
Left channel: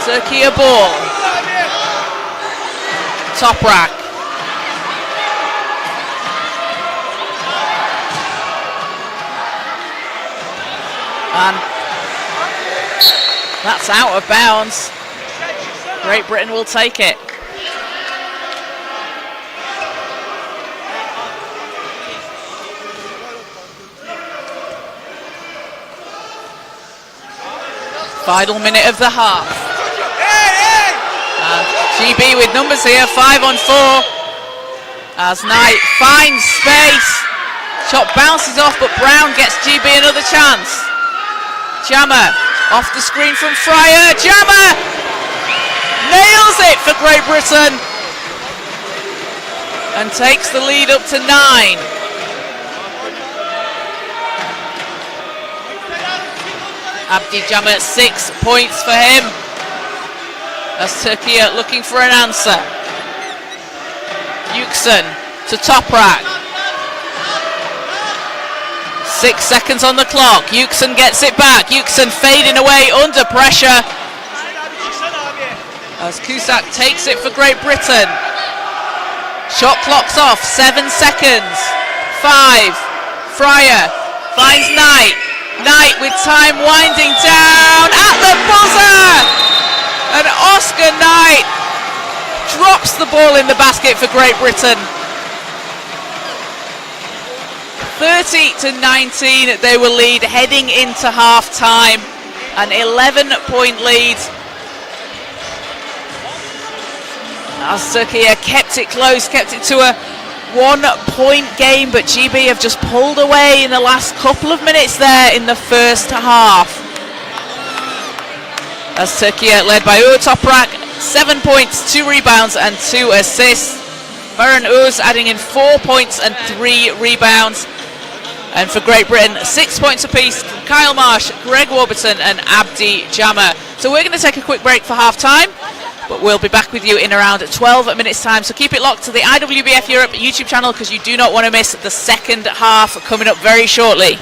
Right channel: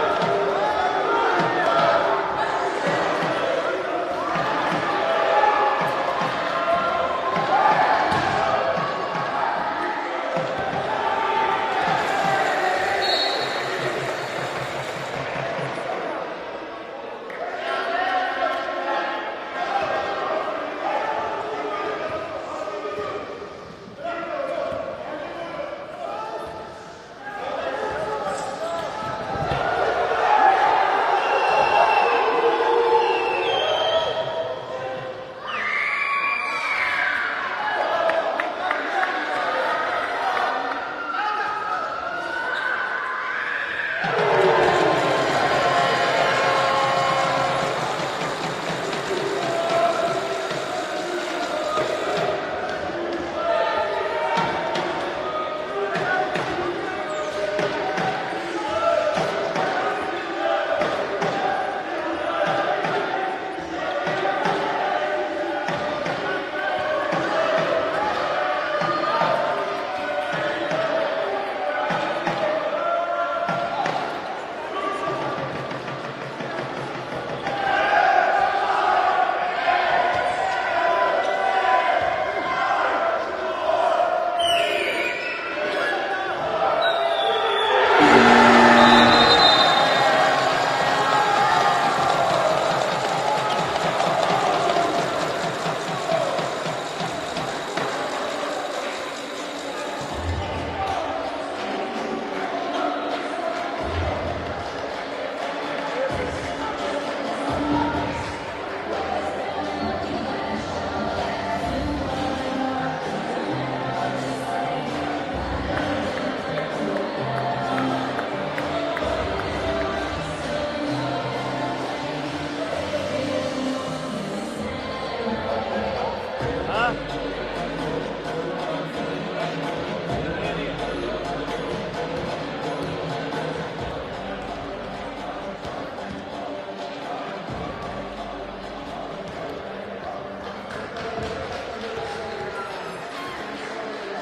Türkiye ball. Toprak. And that's out of bounds. Great Britain will take it. Final minute of the half. And GB with numbers here, 5 on 4. As Knight finds space. Shot bounces off, but Brown gets GB another chance. Jammer off the screen from Fryer. Jammer nails it for Great Britain and takes the lead up to 9. Abdi Jammer, 6 points for him. As Türkiye looking for an answer. Yüksel to Toprak. 6 seconds on the clock. Yüksel gets it back. Yüksel fading away under pressure. As Cusack takes it for Great Britain. Shot clock's off. 7 seconds. 5, Fryer finds Knight. Knight with time winding down at the buzzer. And Oscar Knight drops the ball in the basket for Great Britain. 30-19, they will lead heading into half-time. An 11-point lead. As Turkey kept it close, kept it to a 1-point game, but GB have just pulled away in the last couple of minutes there in the first half. As Turkey led by Uğur Toprak, 7 points, 2 rebounds and 2 assists. Murren Uz adding in 4 points and 3 rebounds. And for Great Britain, 6 points apiece, Kyle Marsh, Greg Warburton and Abdi Jammer. So we're going to take a quick break for half-time, but we'll be back with you in around 12 minutes' time. So keep it locked to the IWBF Europe YouTube channel because you do not want to miss the second half coming up very shortly.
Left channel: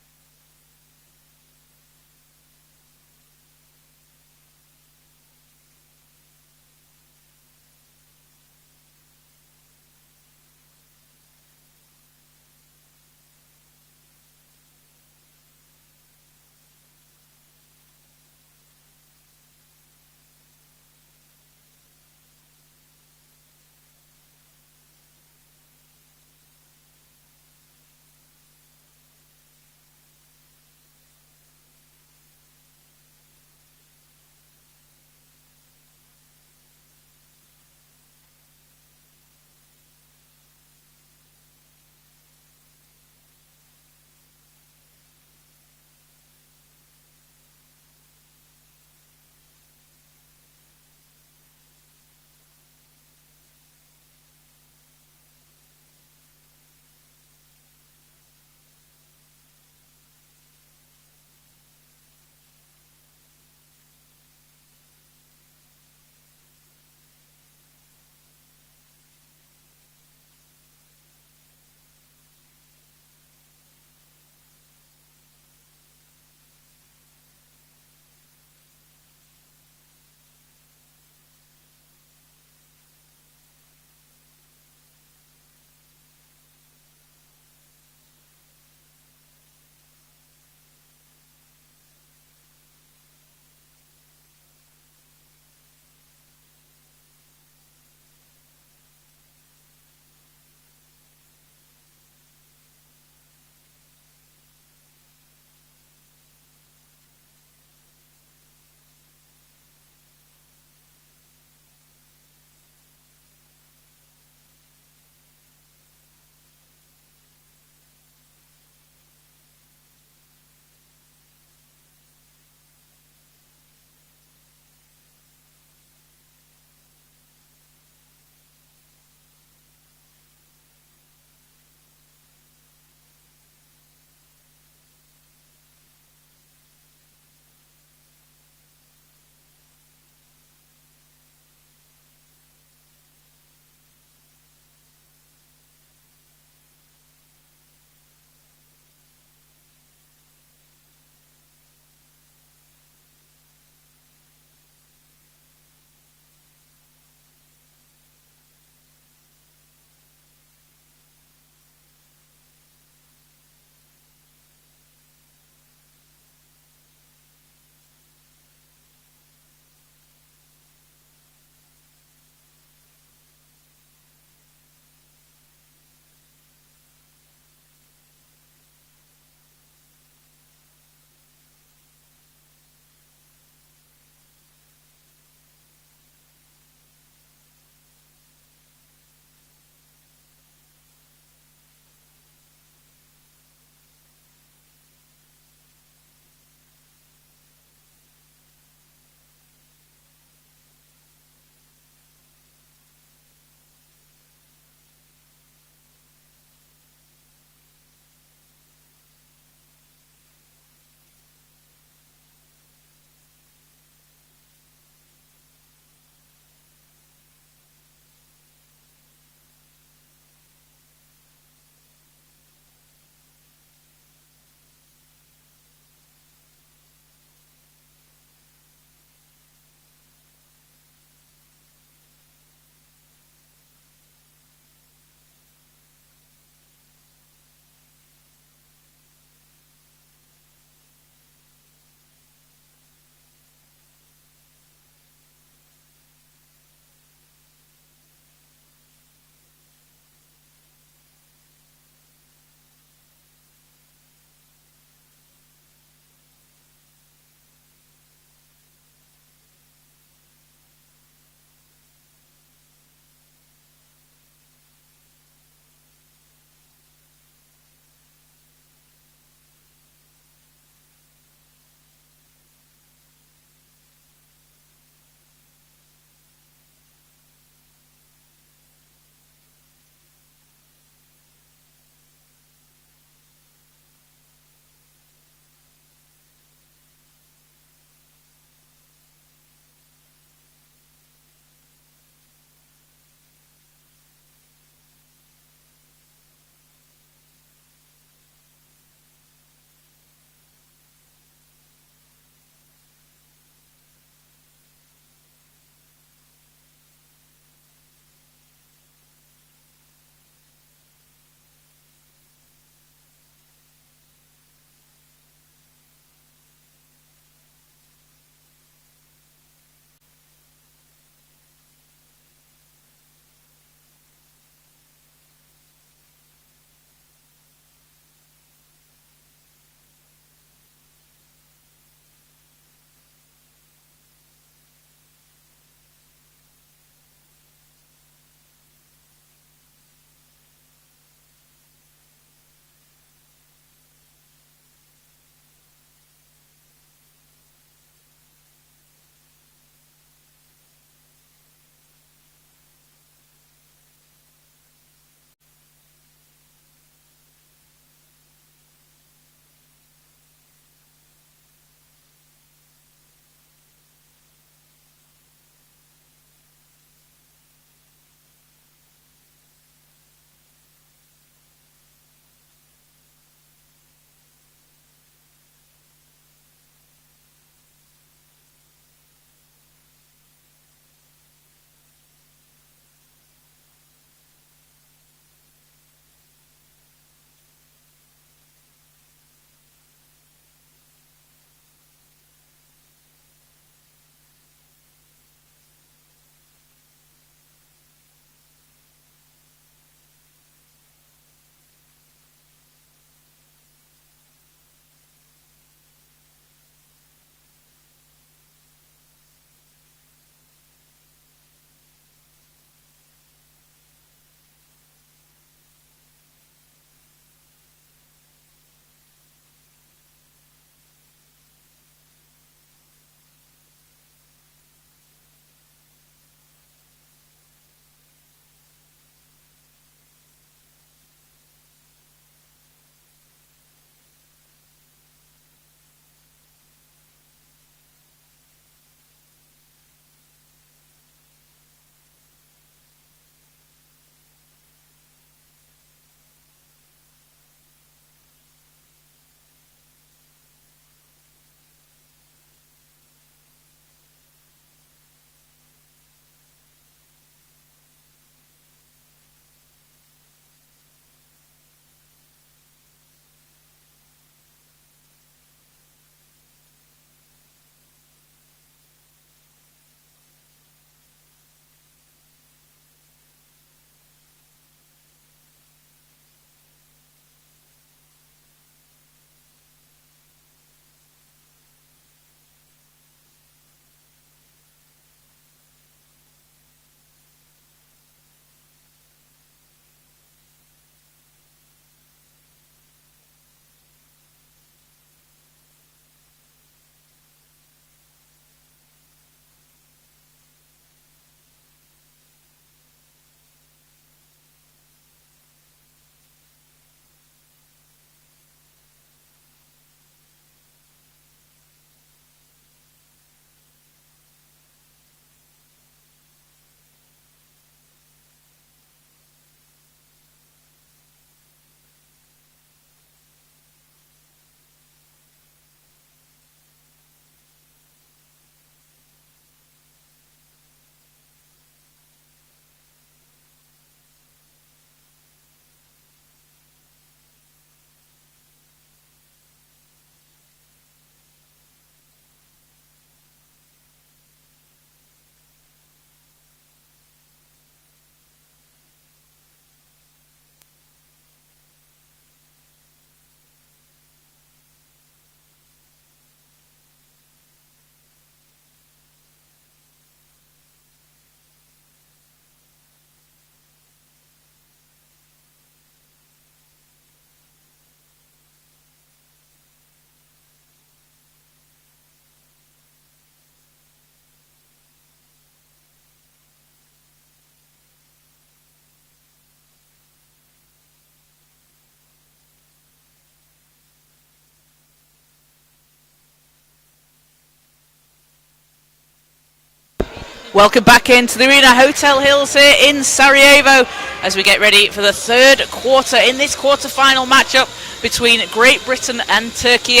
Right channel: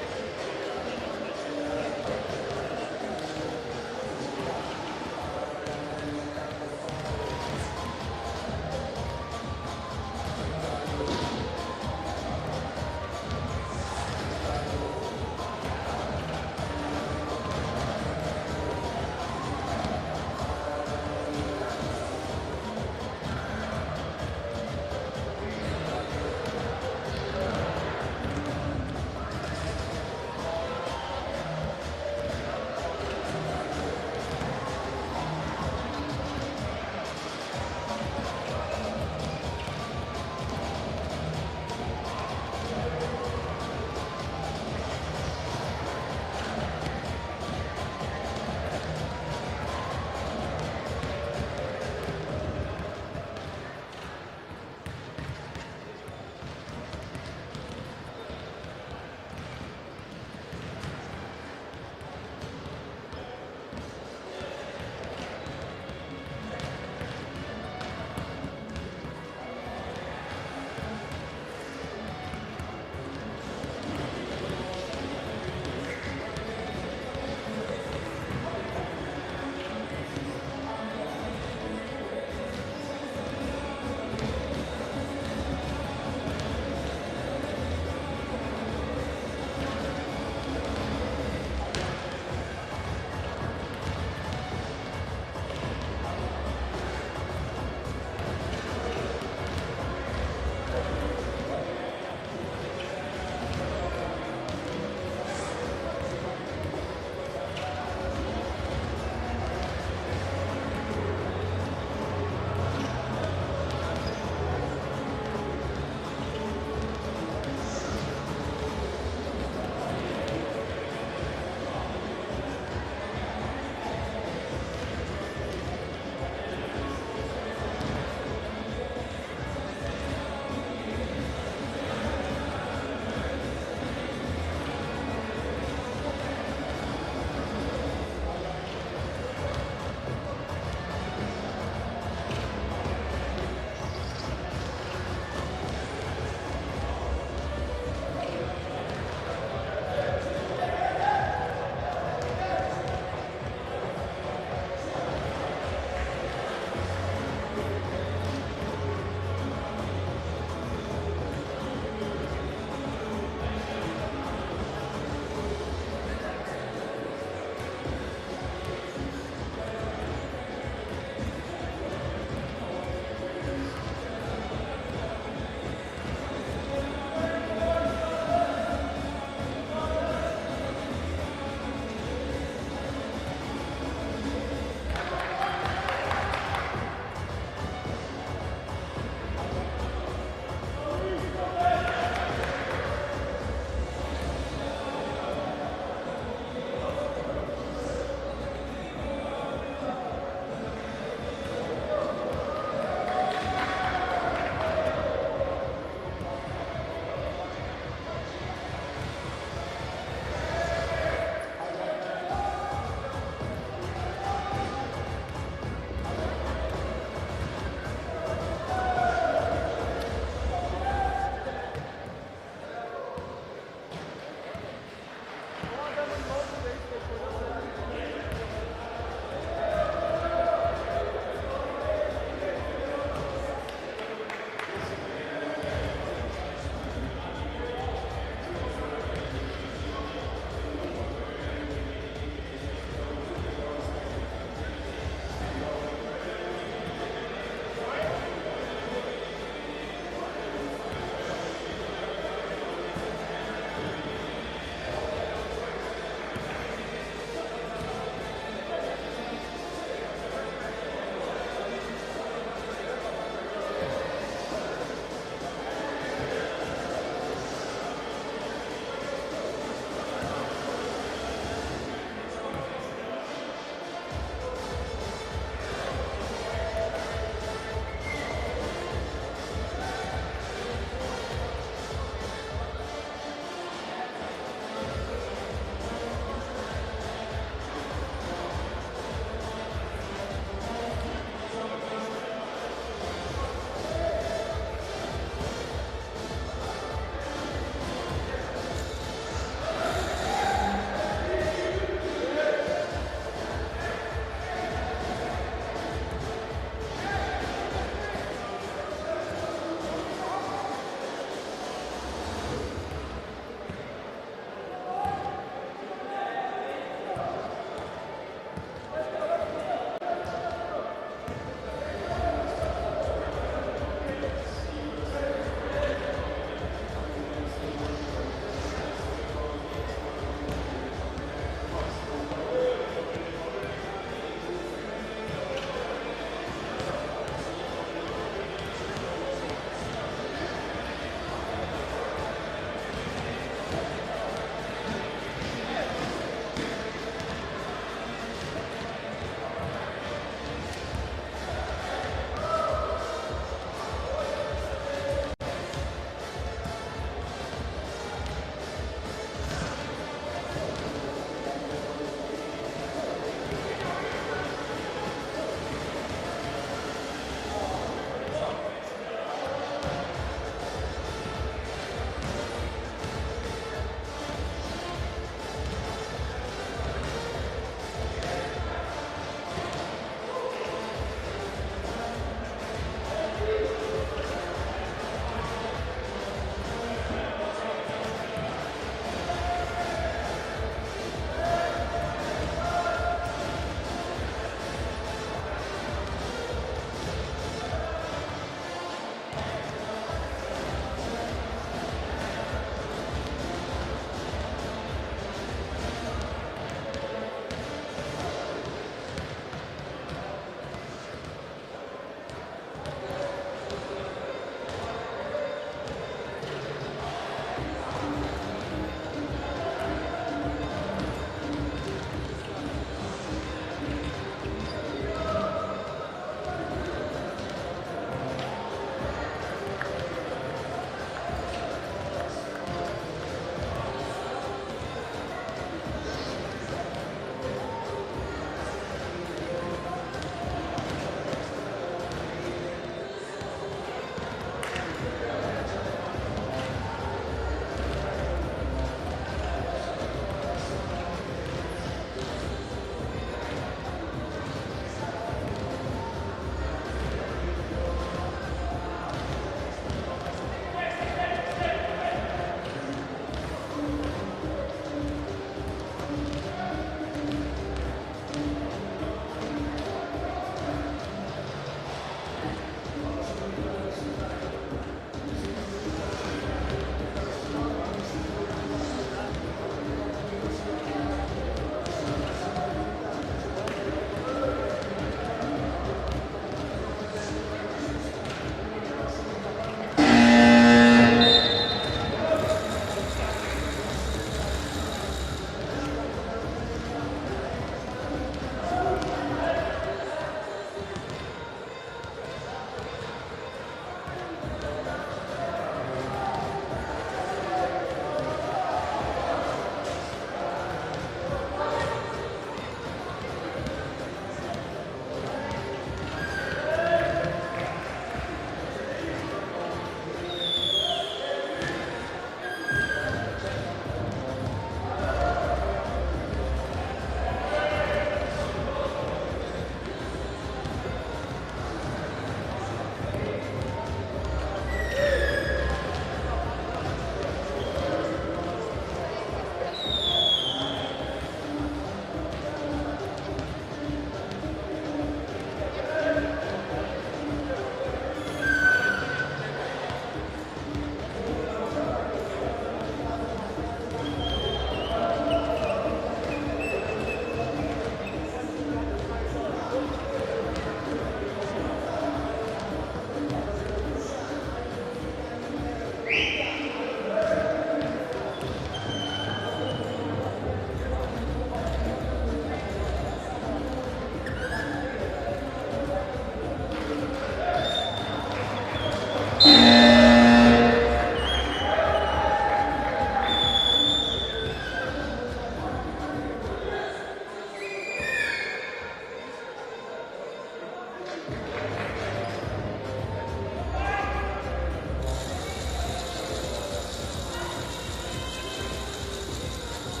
Welcome back into the arena, Hotel Hills here in Sarajevo, as we get ready for the third quarter in this quarter-final matchup between Great Britain and Turkey.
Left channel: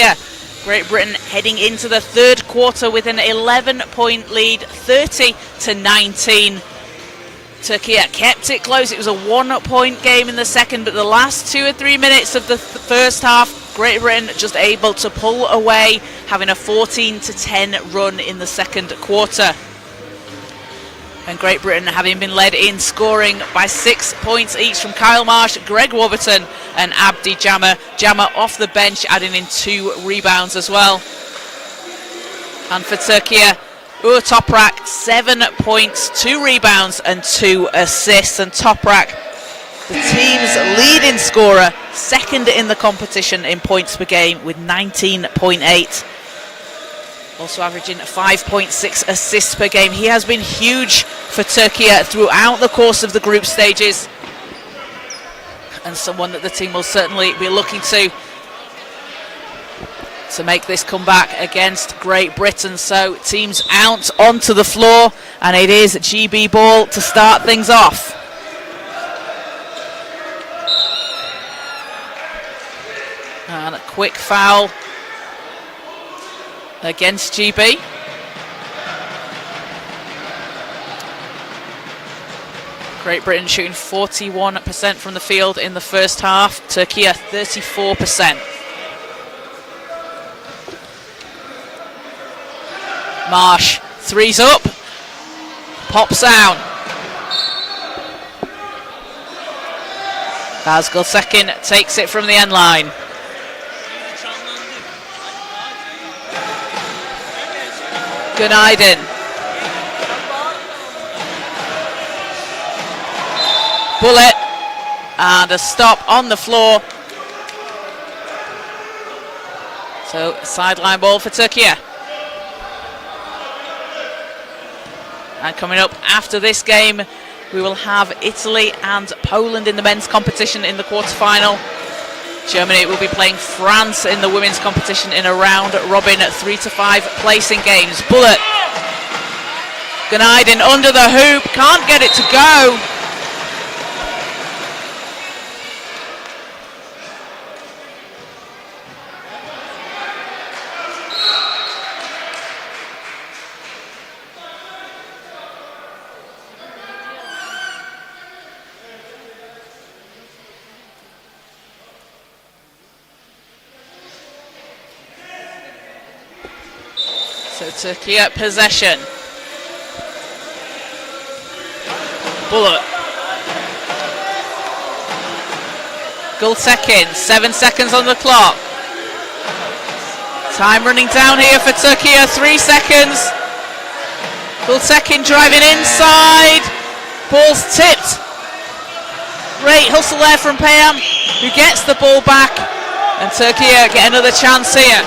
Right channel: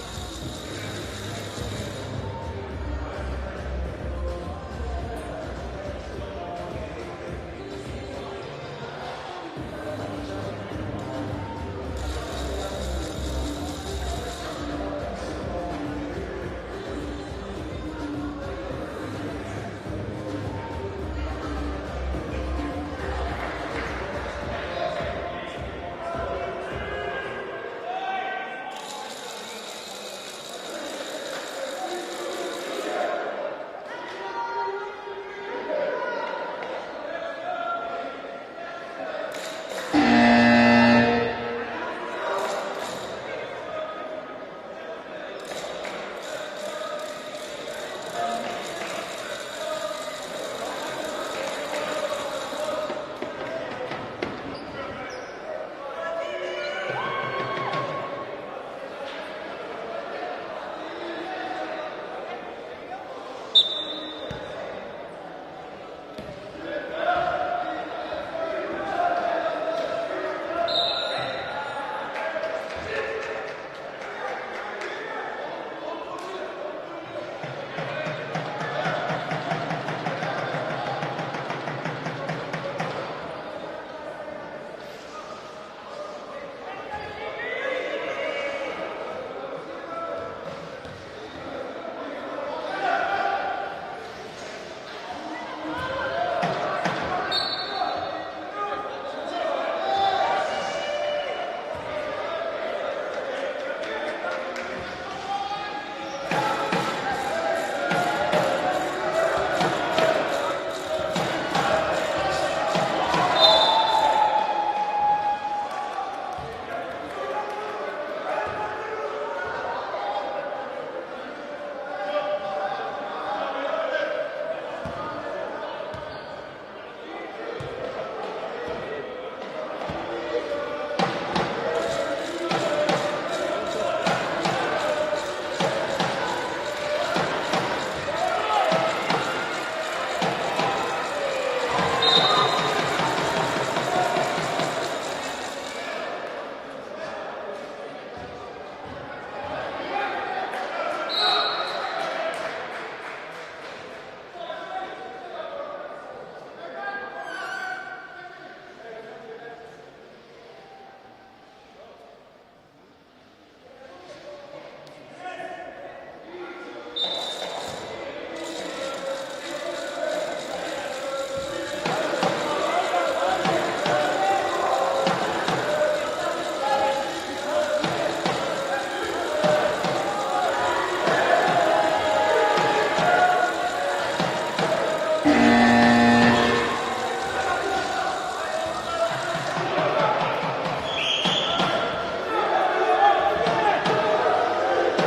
Great Britain heading into the third quarter with an 11-point lead, 30-19. Turkey kept it close. It was a 1-point game in the second, but the last 2 or 3 minutes of the first half, Great Britain just able to pull away, having a 14-10 run in the second quarter. And Great Britain having been led in scoring by 6 points each from Kyle Marsh, Greg Warburton and Abdi Jammer. Jammer off the bench, adding in 2 rebounds as well. And for Turkey, Uğur Toprak, 7 points, 2 rebounds and 2 assists. And Toprak, the team's leading scorer, second in the competition in points per game with 19.8. Also averaging 5.6 assists per game. He has been huge for Turkey throughout the course of the group stages, and someone that the team will certainly be looking to make this comeback against Great Britain. So teams out onto the floor, and it is GB ball to start things off. And a quick foul against GB. Great Britain shooting 41% from the field in the first half. Turkey 34%. Marsh, three's up, pops out. As Gulsekin takes it from the end line. Günaydın. Bullet, and a stop on the floor. So sideline ball for Turkey. And coming up after this game, we will have Italy and Poland in the men's competition in the quarterfinal. Germany will be playing France in the women's competition in a round robin 3-5 placing games. Bullet, Günaydın under the hoop, can't get it to go. So Turkey at possession. Bullet. Gulsekin, 7 seconds on the clock. Time running down here for Turkey, 3 seconds. Gulsekin driving inside. Ball's tipped. Great hustle there from Payam, who gets the ball back. And Turkey get another chance here.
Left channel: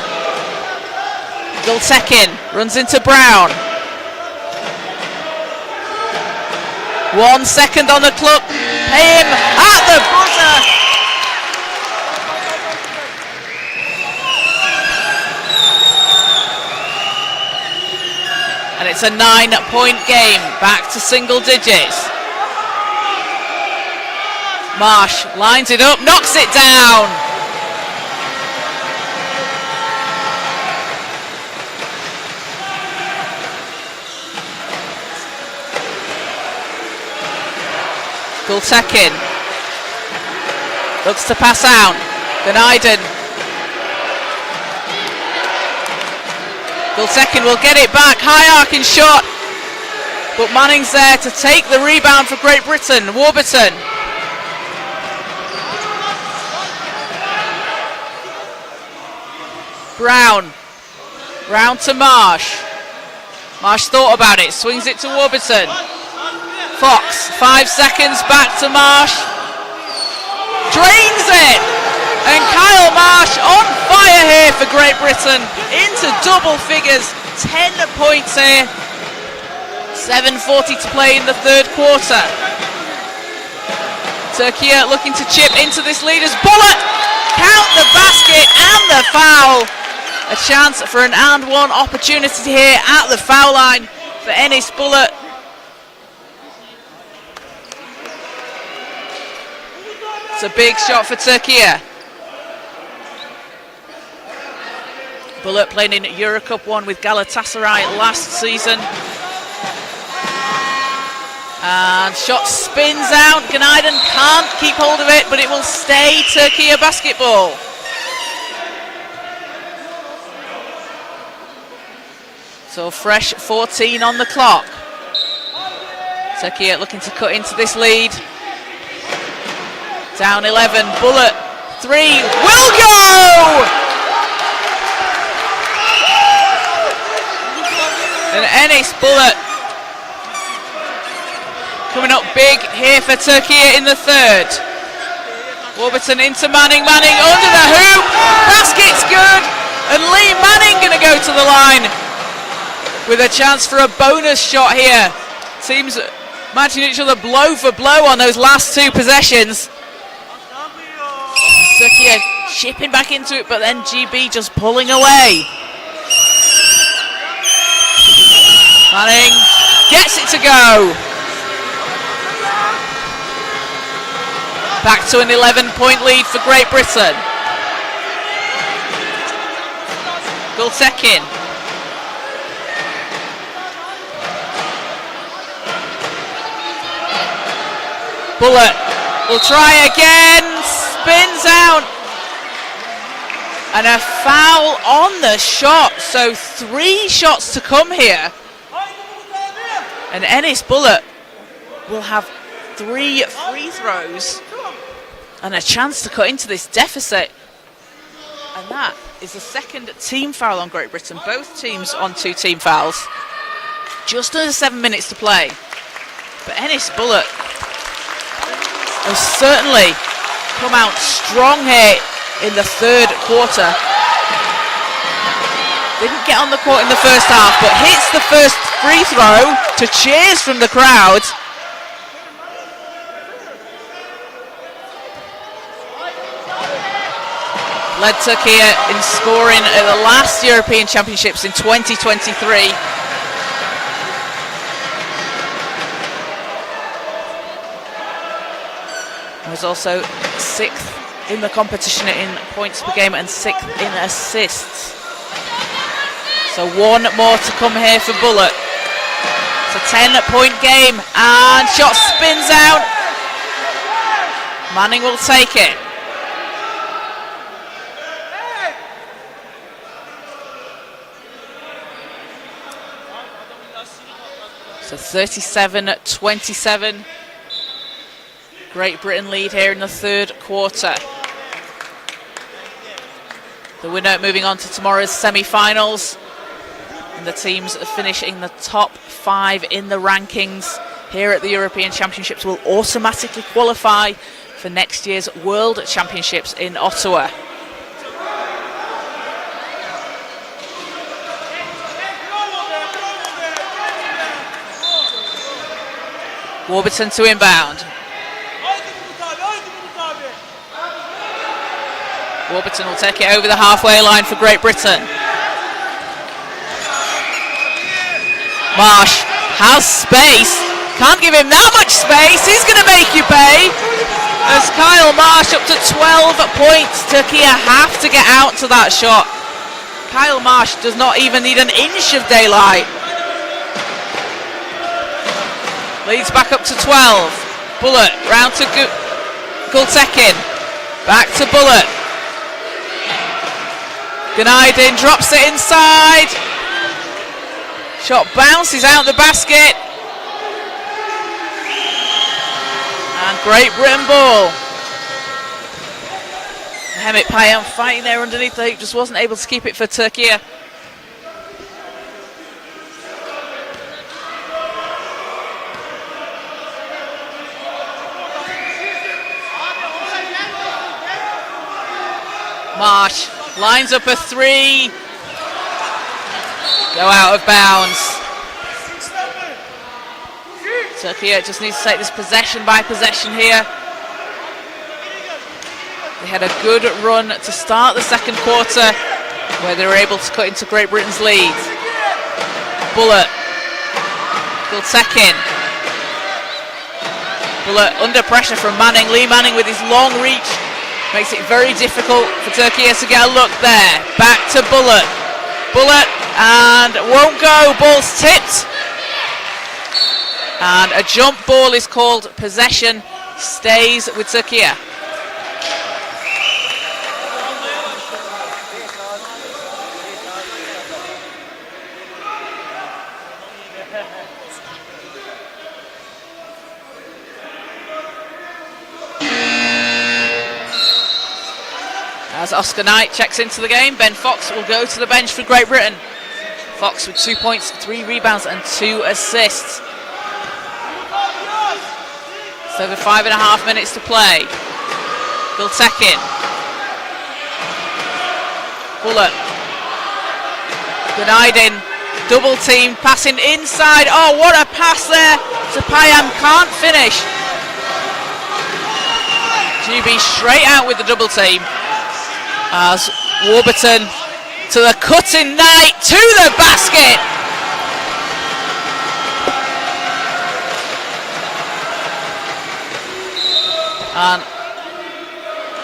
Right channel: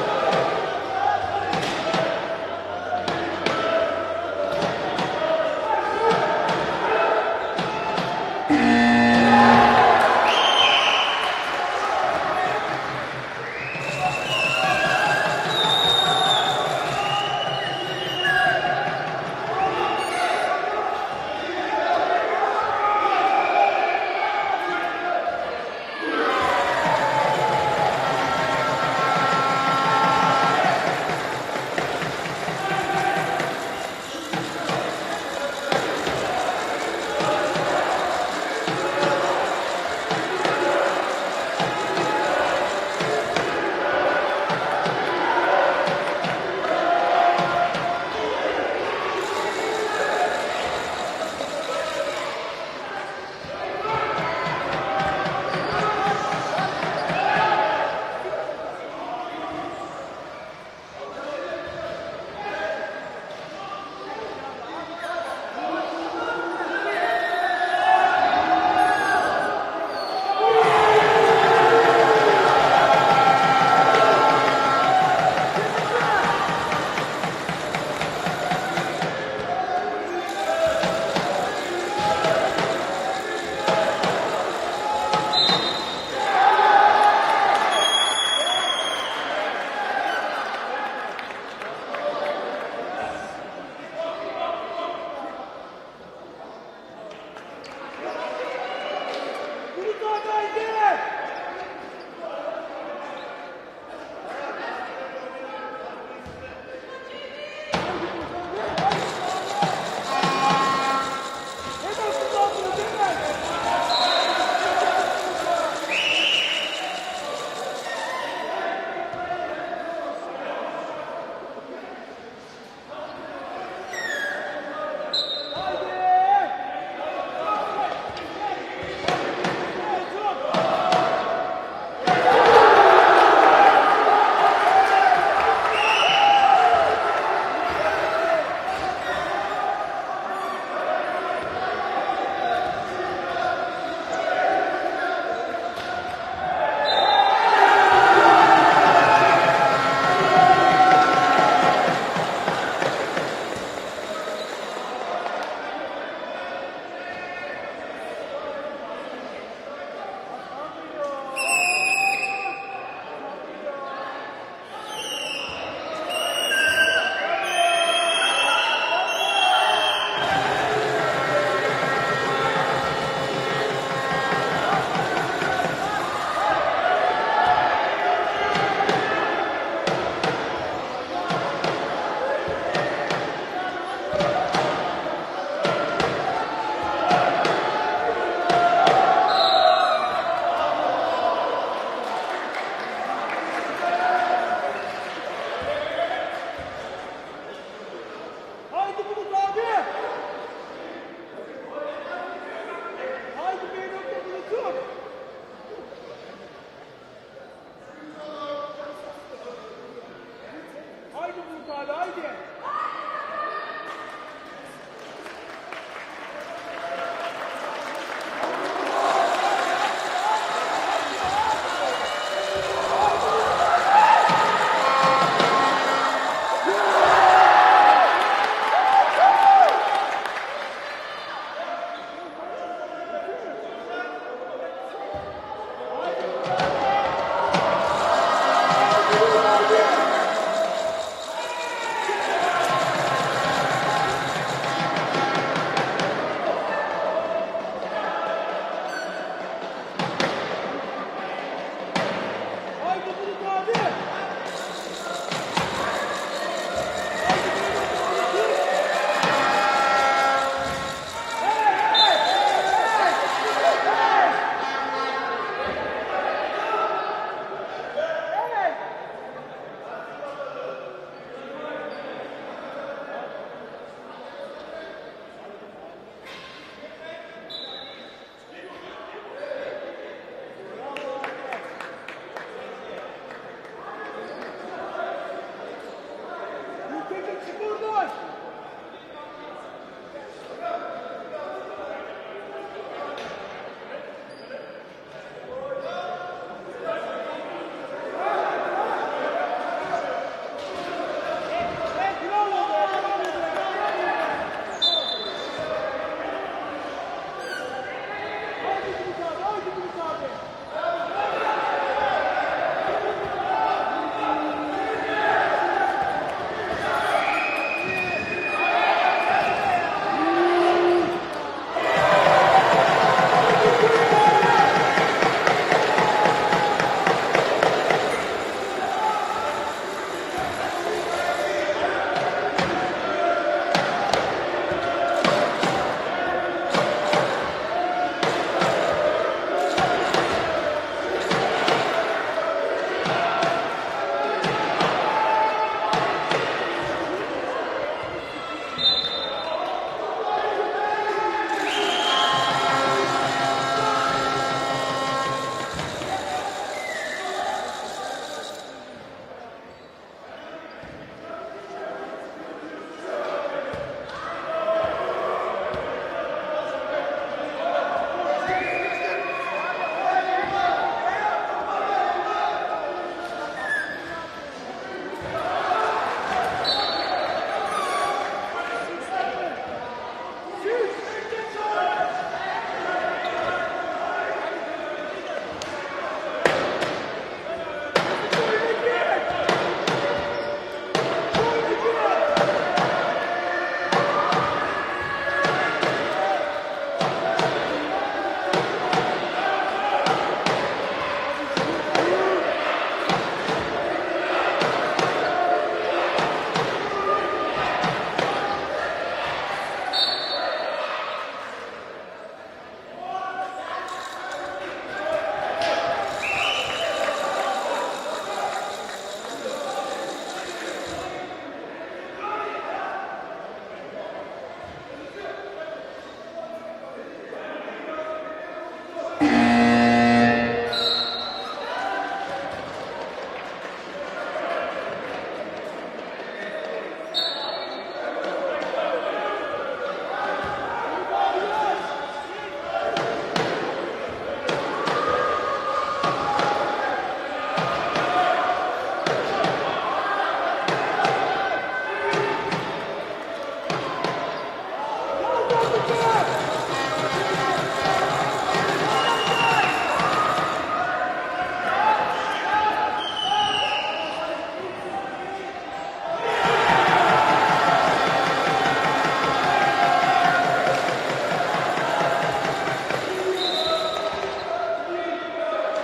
Gulsekin runs into Brown. 1 second on the clock. Payam at the buzzer. And it's a 9-point game, back to single digits. Marsh lines it up, knocks it down. Gulsekin looks to pass out. Günaydın. Gulsekin will get it back. High arcing shot, but Manning's there to take the rebound for Great Britain. Warburton. Brown to Marsh. Marsh thought about it, swings it to Warburton. Fox, 5 seconds, back to Marsh. Drains it! And Kyle Marsh on fire here for Great Britain. Into double figures, 10 points here. 7:40 to play in the third quarter. Turkey looking to chip into this leader's bullet. Count the basket and the foul. A chance for an and one opportunity here at the foul line for Enis Bullet. It's a big shot for Türkiye. Bullet playing in Eurocup 1 with Galatasaray last season. And shot spins out. Günaydın can't keep hold of it, but it will stay Türkiye basketball. So fresh 14 on the clock. Türkiye looking to cut into this lead. Down 11, Bullet, 3, will go! And Enes Bullet coming up big here for Türkiye in the third. Warburton into Manning, Manning under the hoop, basket's good, and Lee Manning gonna go to the line with a chance for a bonus shot here. Teams matching each other blow for blow on those last two possessions. Türkiye chipping back into it, but then GB just pulling away. Manning gets it to go. Back to an 11-point lead for Great Britain. Gultekin. Bullet will try again, spins out. And a foul on the shot, so 3 shots to come here. And Enes Bullet will have 3 free throws and a chance to cut into this deficit. And that is the second team foul on Great Britain. Both teams on 2 team fouls. Just under 7 minutes to play. But Enes Bullet has certainly come out strong here in the third quarter. Didn't get on the court in the first half, but hits the first free throw to cheers from the crowd. Led Türkiye in scoring at the last European Championships in 2023. Was also 6th in the competition in points per game and 6th in assists. So 1 more to come here for Bullet. It's a 10-point game and shot spins out. Manning will take it. So 37-27. Great Britain lead here in the third quarter. The winner moving on to tomorrow's semi-finals. And the teams finishing the top 5 in the rankings here at the European Championships will automatically qualify for next year's World Championships in Ottawa. Warburton to inbound. Warburton will take it over the halfway line for Great Britain. Marsh has space, can't give him that much space, he's going to make you pay. As Kyle Marsh up to 12 points, Türkiye have to get out to that shot. Kyle Marsh does not even need an inch of daylight. Leads back up to 12. Bullet round to Gultekin, back to Bullet. Günaydın drops it inside. Shot bounces out the basket. And Great Britain ball. Mehmet Payan fighting there underneath the hoop, just wasn't able to keep it for Türkiye. Marsh lines up a 3. Go out of bounds. Türkiye just needs to take this possession by possession here. They had a good run to start the second quarter where they were able to cut into Great Britain's lead. Bullet. Gultekin. Bullet under pressure from Manning. Lee Manning with his long reach makes it very difficult for Türkiye to get a look there. Back to Bullet. Bullet and won't go. Ball's tipped. And a jump ball is called. Possession stays with Türkiye. As Oscar Knight checks into the game, Ben Fox will go to the bench for Great Britain. Fox with 2 points, 3 rebounds and 2 assists. So with 5.5 minutes to play. Gültekin. Bullet. Günaydın. Double team, passing inside. Oh, what a pass there to Payam, can't finish. GB straight out with the double team. As Warburton to the cutting Knight, to the basket. And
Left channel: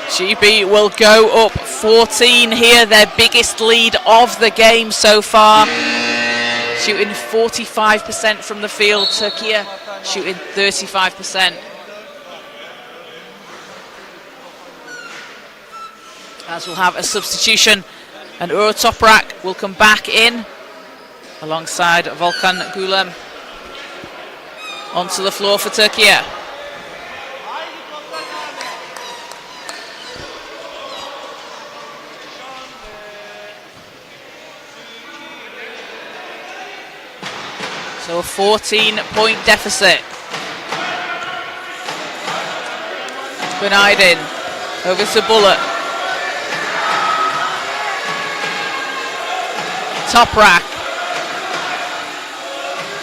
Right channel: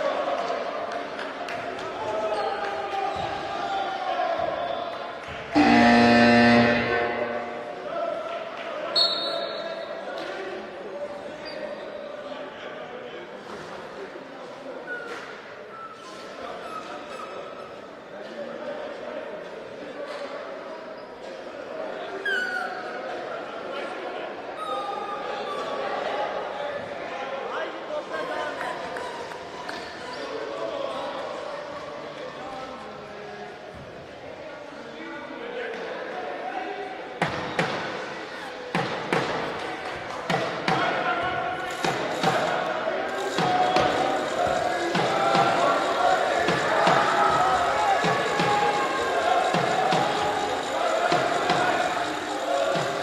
GB will go up 14 here, their biggest lead of the game so far. Shooting 45% from the field, Türkiye shooting 35%. As we'll have a substitution, and Uğur Toprak will come back in alongside Volkan Gülem onto the floor for Türkiye. So a 14-point deficit. Günaydın over to Bullet. Toprak.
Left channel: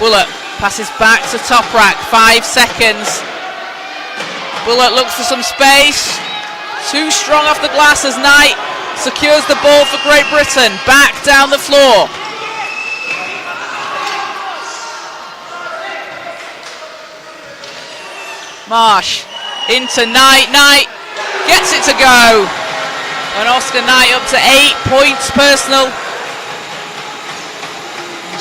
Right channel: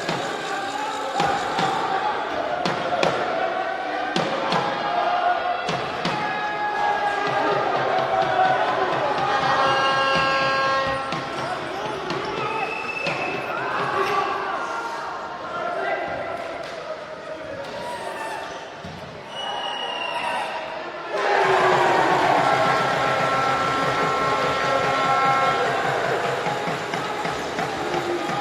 Bullet passes back to Toprak. 5 seconds. Bullet looks for some space. Too strong off the glass as Knight secures the ball for Great Britain. Back down the floor. Marsh into Knight. Knight gets it to go. And Oscar Knight up to 8 points personal.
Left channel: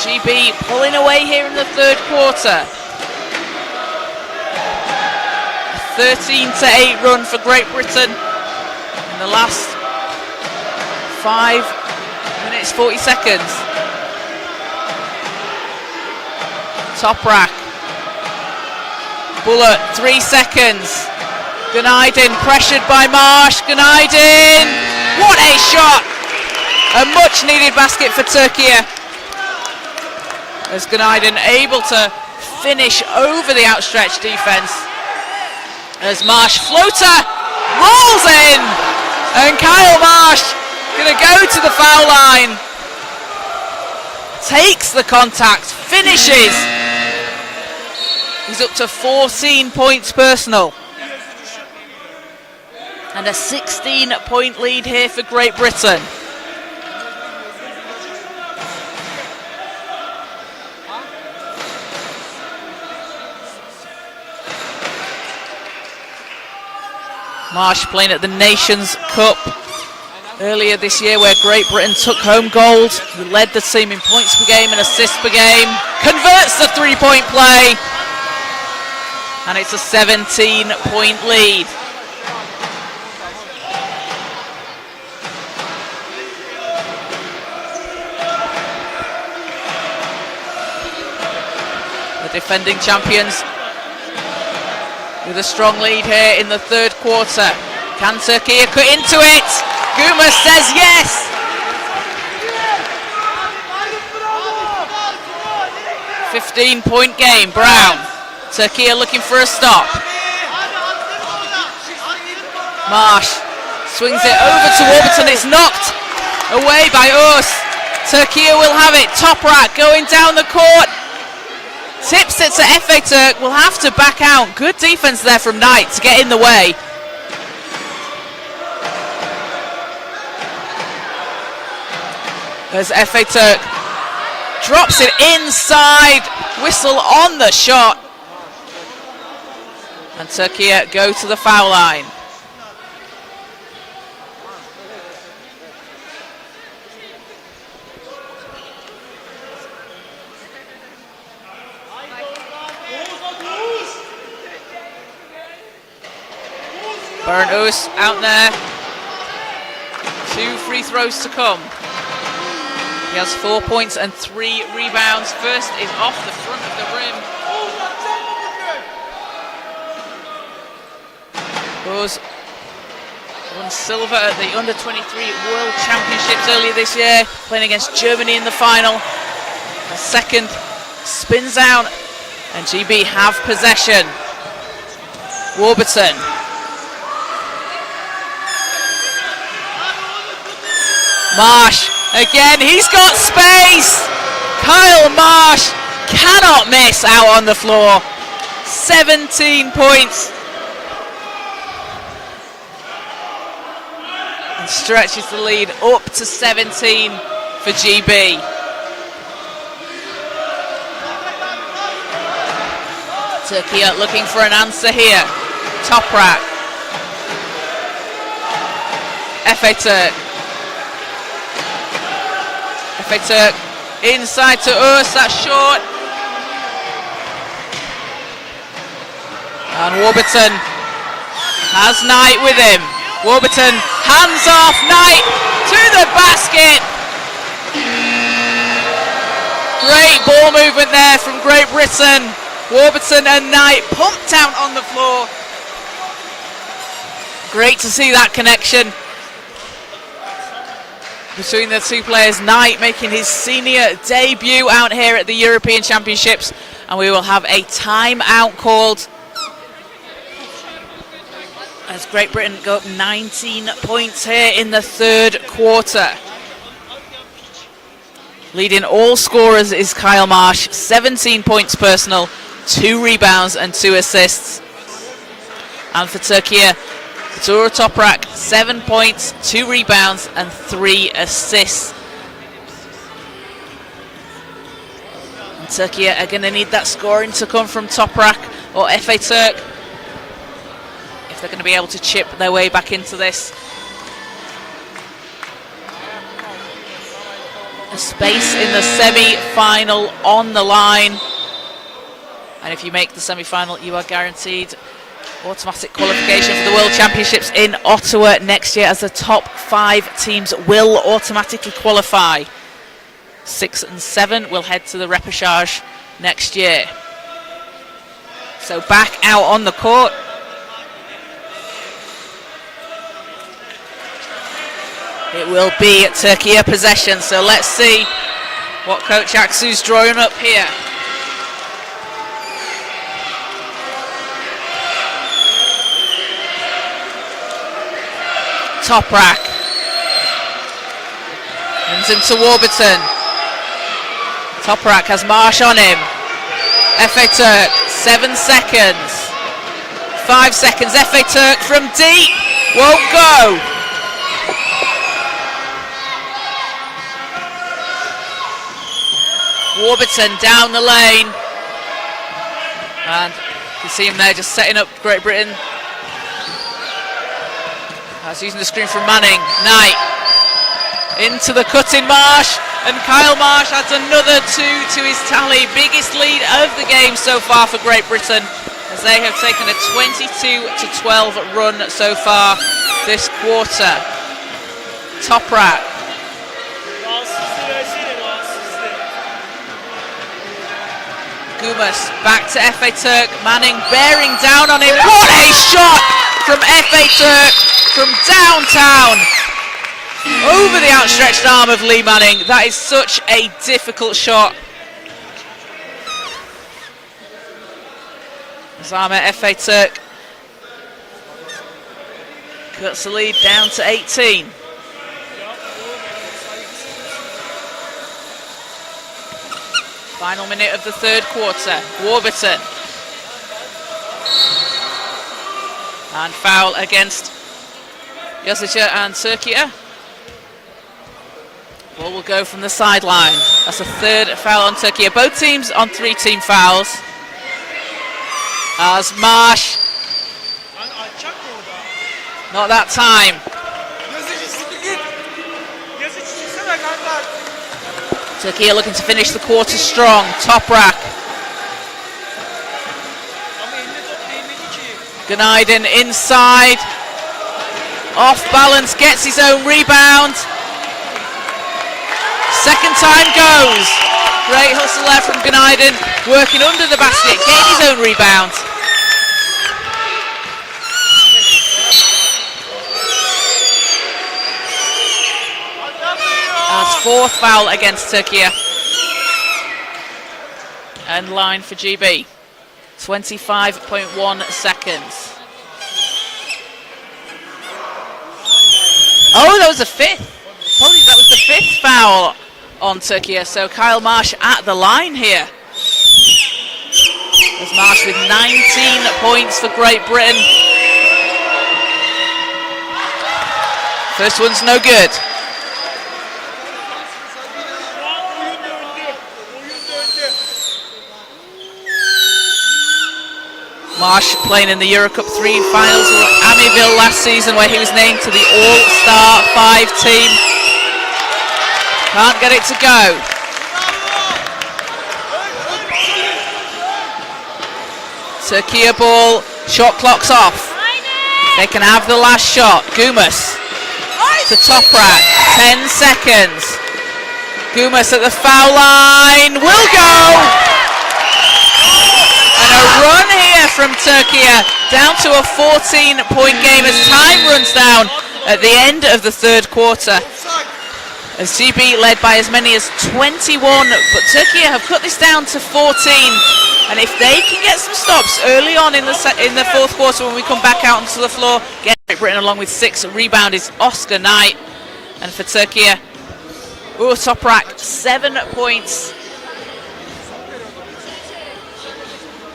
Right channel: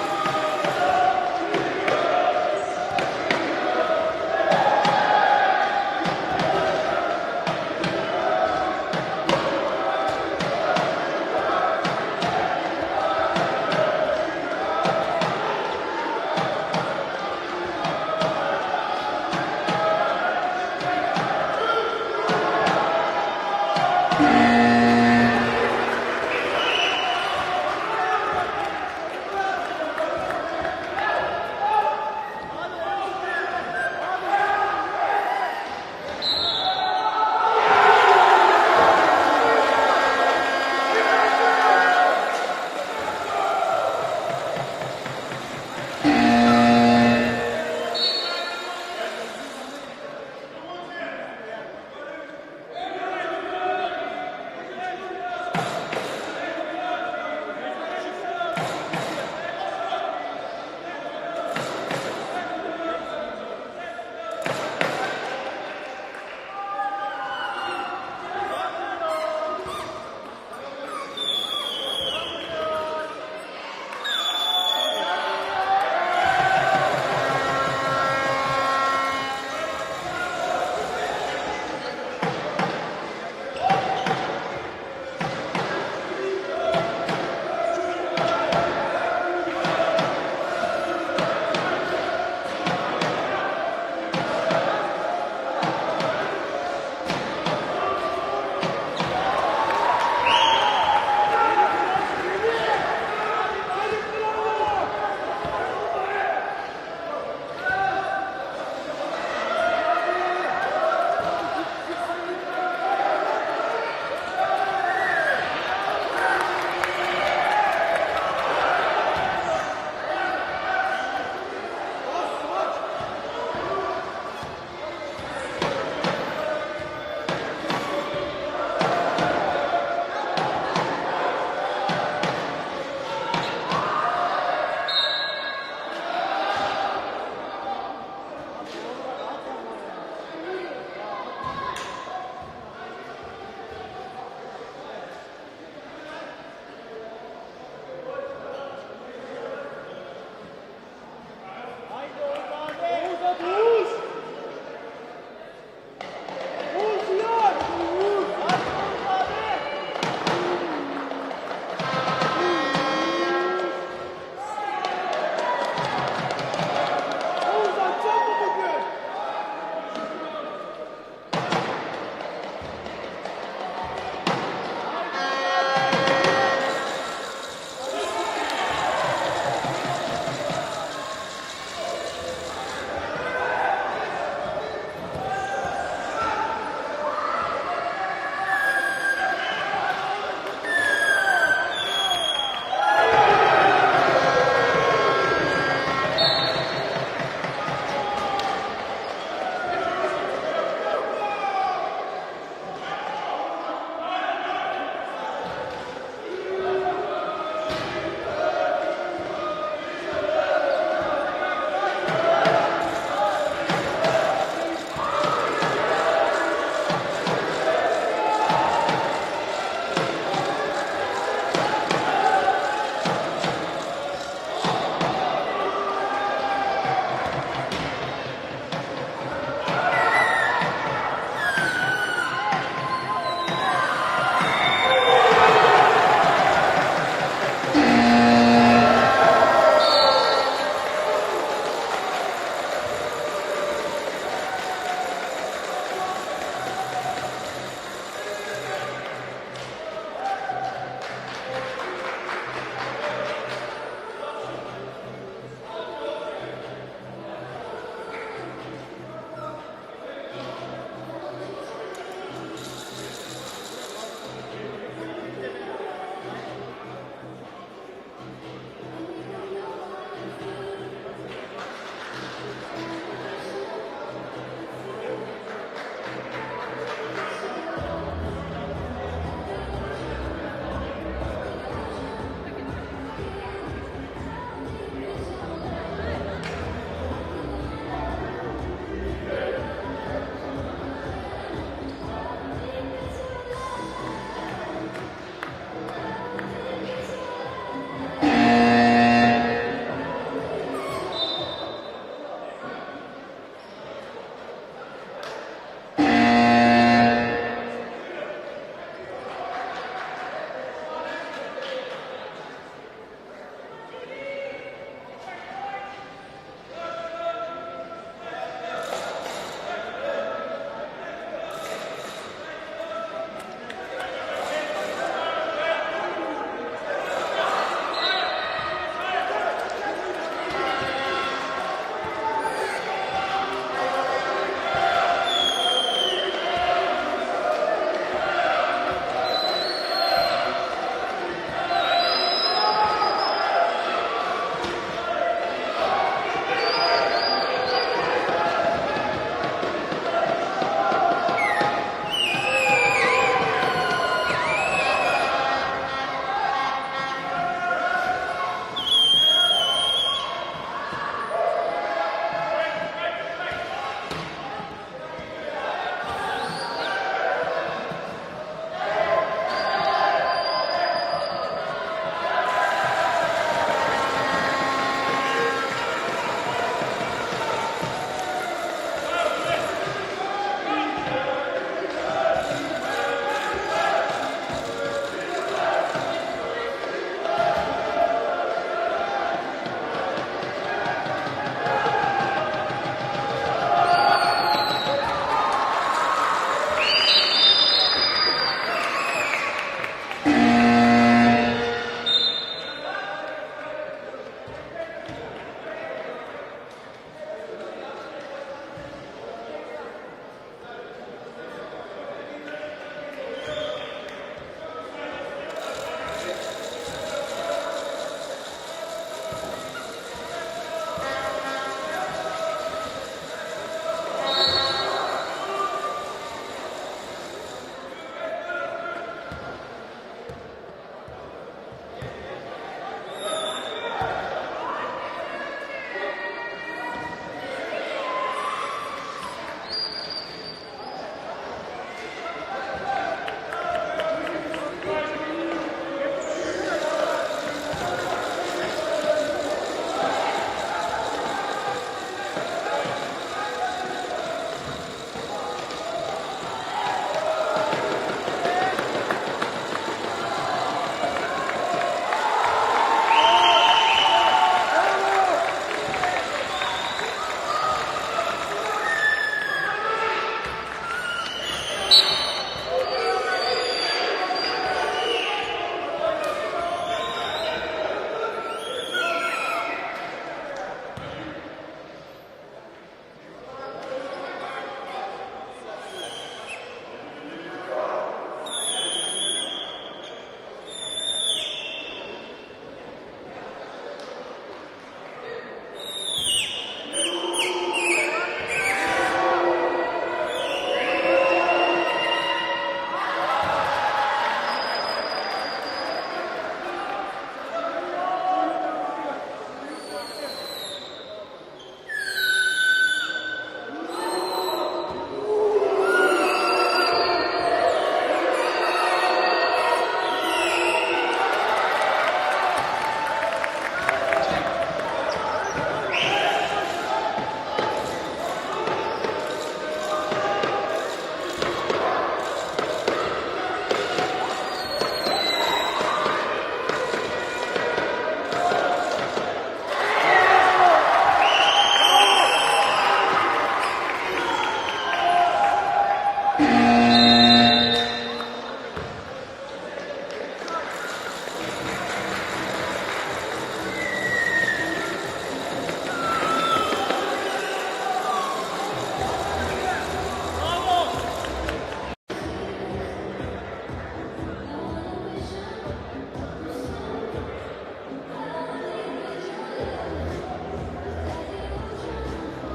GB pulling away here in the third quarter. 13-8 run for Great Britain in the last 5 minutes 40 seconds. Toprak. Bullet, 3 seconds. Günaydın pressured by Marsh. Günaydın! What a shot! A much needed basket for Türkiye. As Günaydın able to finish over the outstretched defense. As Marsh floater rolls in, and Kyle Marsh gonna go to the foul line. Takes the contact, finishes. He's up to 14 points personal. And a 16-point lead here for Great Britain. Marsh playing at the Nations Cup earlier this year, where Great Britain took home gold. He led the team in points per game and assists per game. Converts the three-point play. And it's a 17-point lead. The defending champions with a strong lead here in the third quarter. Can Türkiye cut into it? Guma says yes. A 15-point game. Brown. Türkiye looking for a stop. Marsh swings it over to Warburton. It's knocked away by Us. Türkiye will have it. Toprak going down the court. Tips it to Efe Türk. Will have to back out. Good defense there from Knight to get in the way. As Efe Türk drops it inside. Whistle on the shot. And Türkiye go to the foul line. Barnes out there. 2 free throws to come. He has 4 points and 3 rebounds. First is off the front of the rim. Goes won silver at the Under-23 World Championships earlier this year, playing against Germany in the final. Second spins out, and GB have possession. Warburton. Marsh again, he's got space. Kyle Marsh cannot miss out on the floor. 17 points. And stretches the lead up to 17 for GB. Türkiye looking for an answer here. Toprak. Efe Türk. Turk inside to us, that's short. And Warburton has Knight with him. Warburton, hands off, Knight to the basket. Great ball movement there from Great Britain. Warburton and Knight pumped out on the floor. Great to see that connection between the two players. Knight making his senior debut out here at the European Championships, and we will have a timeout called as Great Britain go up 19 points here in the third quarter. Leading all scorers is Kyle Marsh, 17 points personal, 2 rebounds and 2 assists. And for Türkiye, Tura Toprak, 7 points, 2 rebounds and 3 assists. And Türkiye are going to need that scoring to come from Toprak or Efe Türk if they're going to be able to chip their way back into this. A space in the semi-final on the line. And if you make the semi-final, you are guaranteed automatic qualification for the World Championships in Ottawa next year, as the top 5 teams will automatically qualify. 6 and 7 will head to the repechage next year. So back out on the court. It will be Türkiye possession, so let's see what Coach Aksu's drawing up here. Toprak runs into Warburton. Toprak has Marsh on him. Efe Türk, 7 seconds. 5 seconds, Efe Türk from deep, won't go. Warburton down the lane. And you see him there just setting up Great Britain. Using the screen from Manning. Knight into the cutting Marsh, and Kyle Marsh adds another 2 to his tally. Biggest lead of the game so far for Great Britain, as they have taken a 22-12 run so far this quarter. Toprak. Gumas back to Efe Türk. Manning bearing down on him. What a shot from Efe Türk from downtown over the outstretched arm of Lee Manning. That is such a difficult shot. Zama Efe Türk cuts the lead down to 18. Final minute of the third quarter. Warburton. And foul against Yosica and Türkiye. Ball will go from the sideline. That's a third foul on Türkiye. Both teams on 3-team fouls. As Marsh Not that time. Türkiye looking to finish the quarter strong. Toprak. Günaydın inside. Off balance, gets his own rebound. Second time goes. Great hustle there from Günaydın, working under the basket, getting his own rebound. That's fourth foul against Türkiye. End line for GB. 25.1 seconds. Oh, that was the fifth. Apologies, that was the fifth foul on Türkiye. So Kyle Marsh at the line here. There's Marsh with 19 points for Great Britain. First one's no good. Marsh playing in the Eurocup 3 finals with Amityville last season, where he was named to the All-Star 5 team. Can't get it to go. Türkiye ball, shot clock's off. They can have the last shot. Gumus to Toprak, 10 seconds. Gumus at the foul line, will go! And a run here from Türkiye, down to a 14-point game as time runs down at the end of the third quarter. As GB led by as many as 21, but Türkiye have cut this down to 14. And if they can get some stops early on in the fourth quarter, when we come back out onto the floor, get Great Britain along with 6 rebound is Oscar Knight. And for Türkiye, Toprak, 7 points.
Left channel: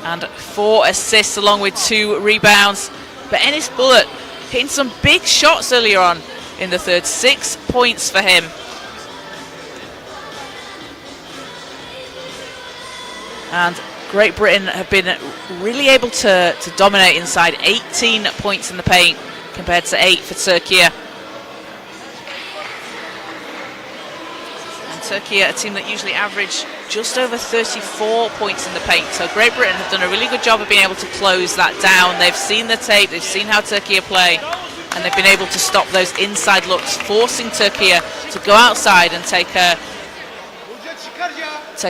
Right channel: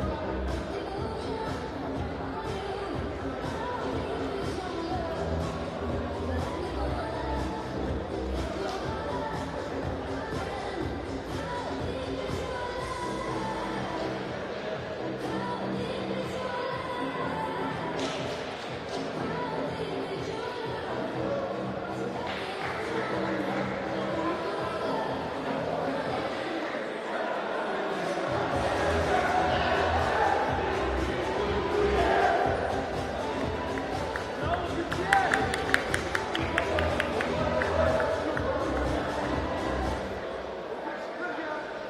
And 4 assists along with 2 rebounds. But Enis Bulut hitting some big shots earlier on in the third. 6 points for him. And Great Britain have been really able to dominate inside. 18 points in the paint compared to 8 for Türkiye. Türkiye, a team that usually average just over 34 points in the paint. So Great Britain have done a really good job of being able to close that down. They've seen the tape, they've seen how Türkiye play, and they've been able to stop those inside looks, forcing Türkiye to go outside and take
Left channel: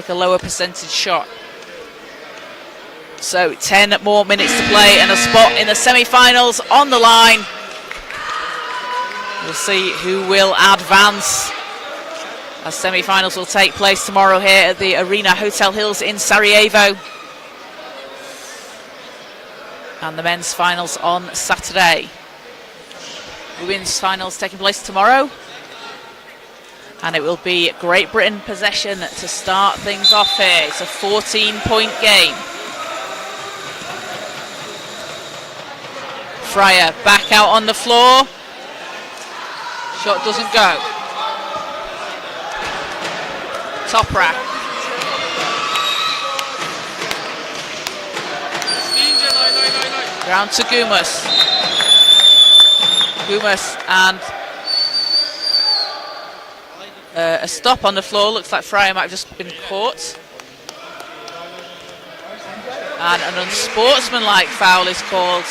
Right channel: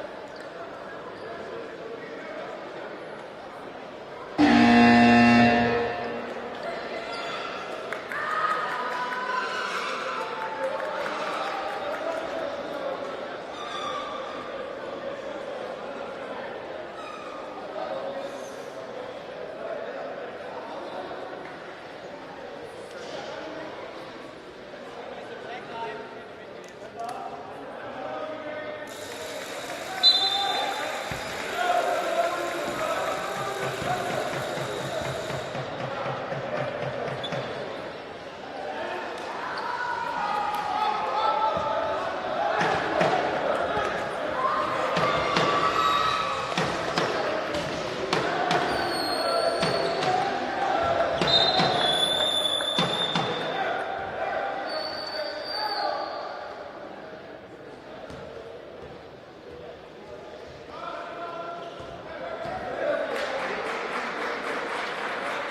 a lower percentage shot. So 10 more minutes to play and a spot in the semi-finals on the line. We'll see who will advance, as semi-finals will take place tomorrow here at the Arena Hotel Hills in Sarajevo. And the men's finals on Saturday. Women's finals taking place tomorrow. And it will be Great Britain possession to start things off here. It's a 14-point game. Fryer back out on the floor. Shot doesn't go. Toprak. Round to Gumus. Gumus and a stop on the floor. Looks like Fryer might have just been caught. And an unsportsmanlike foul is called.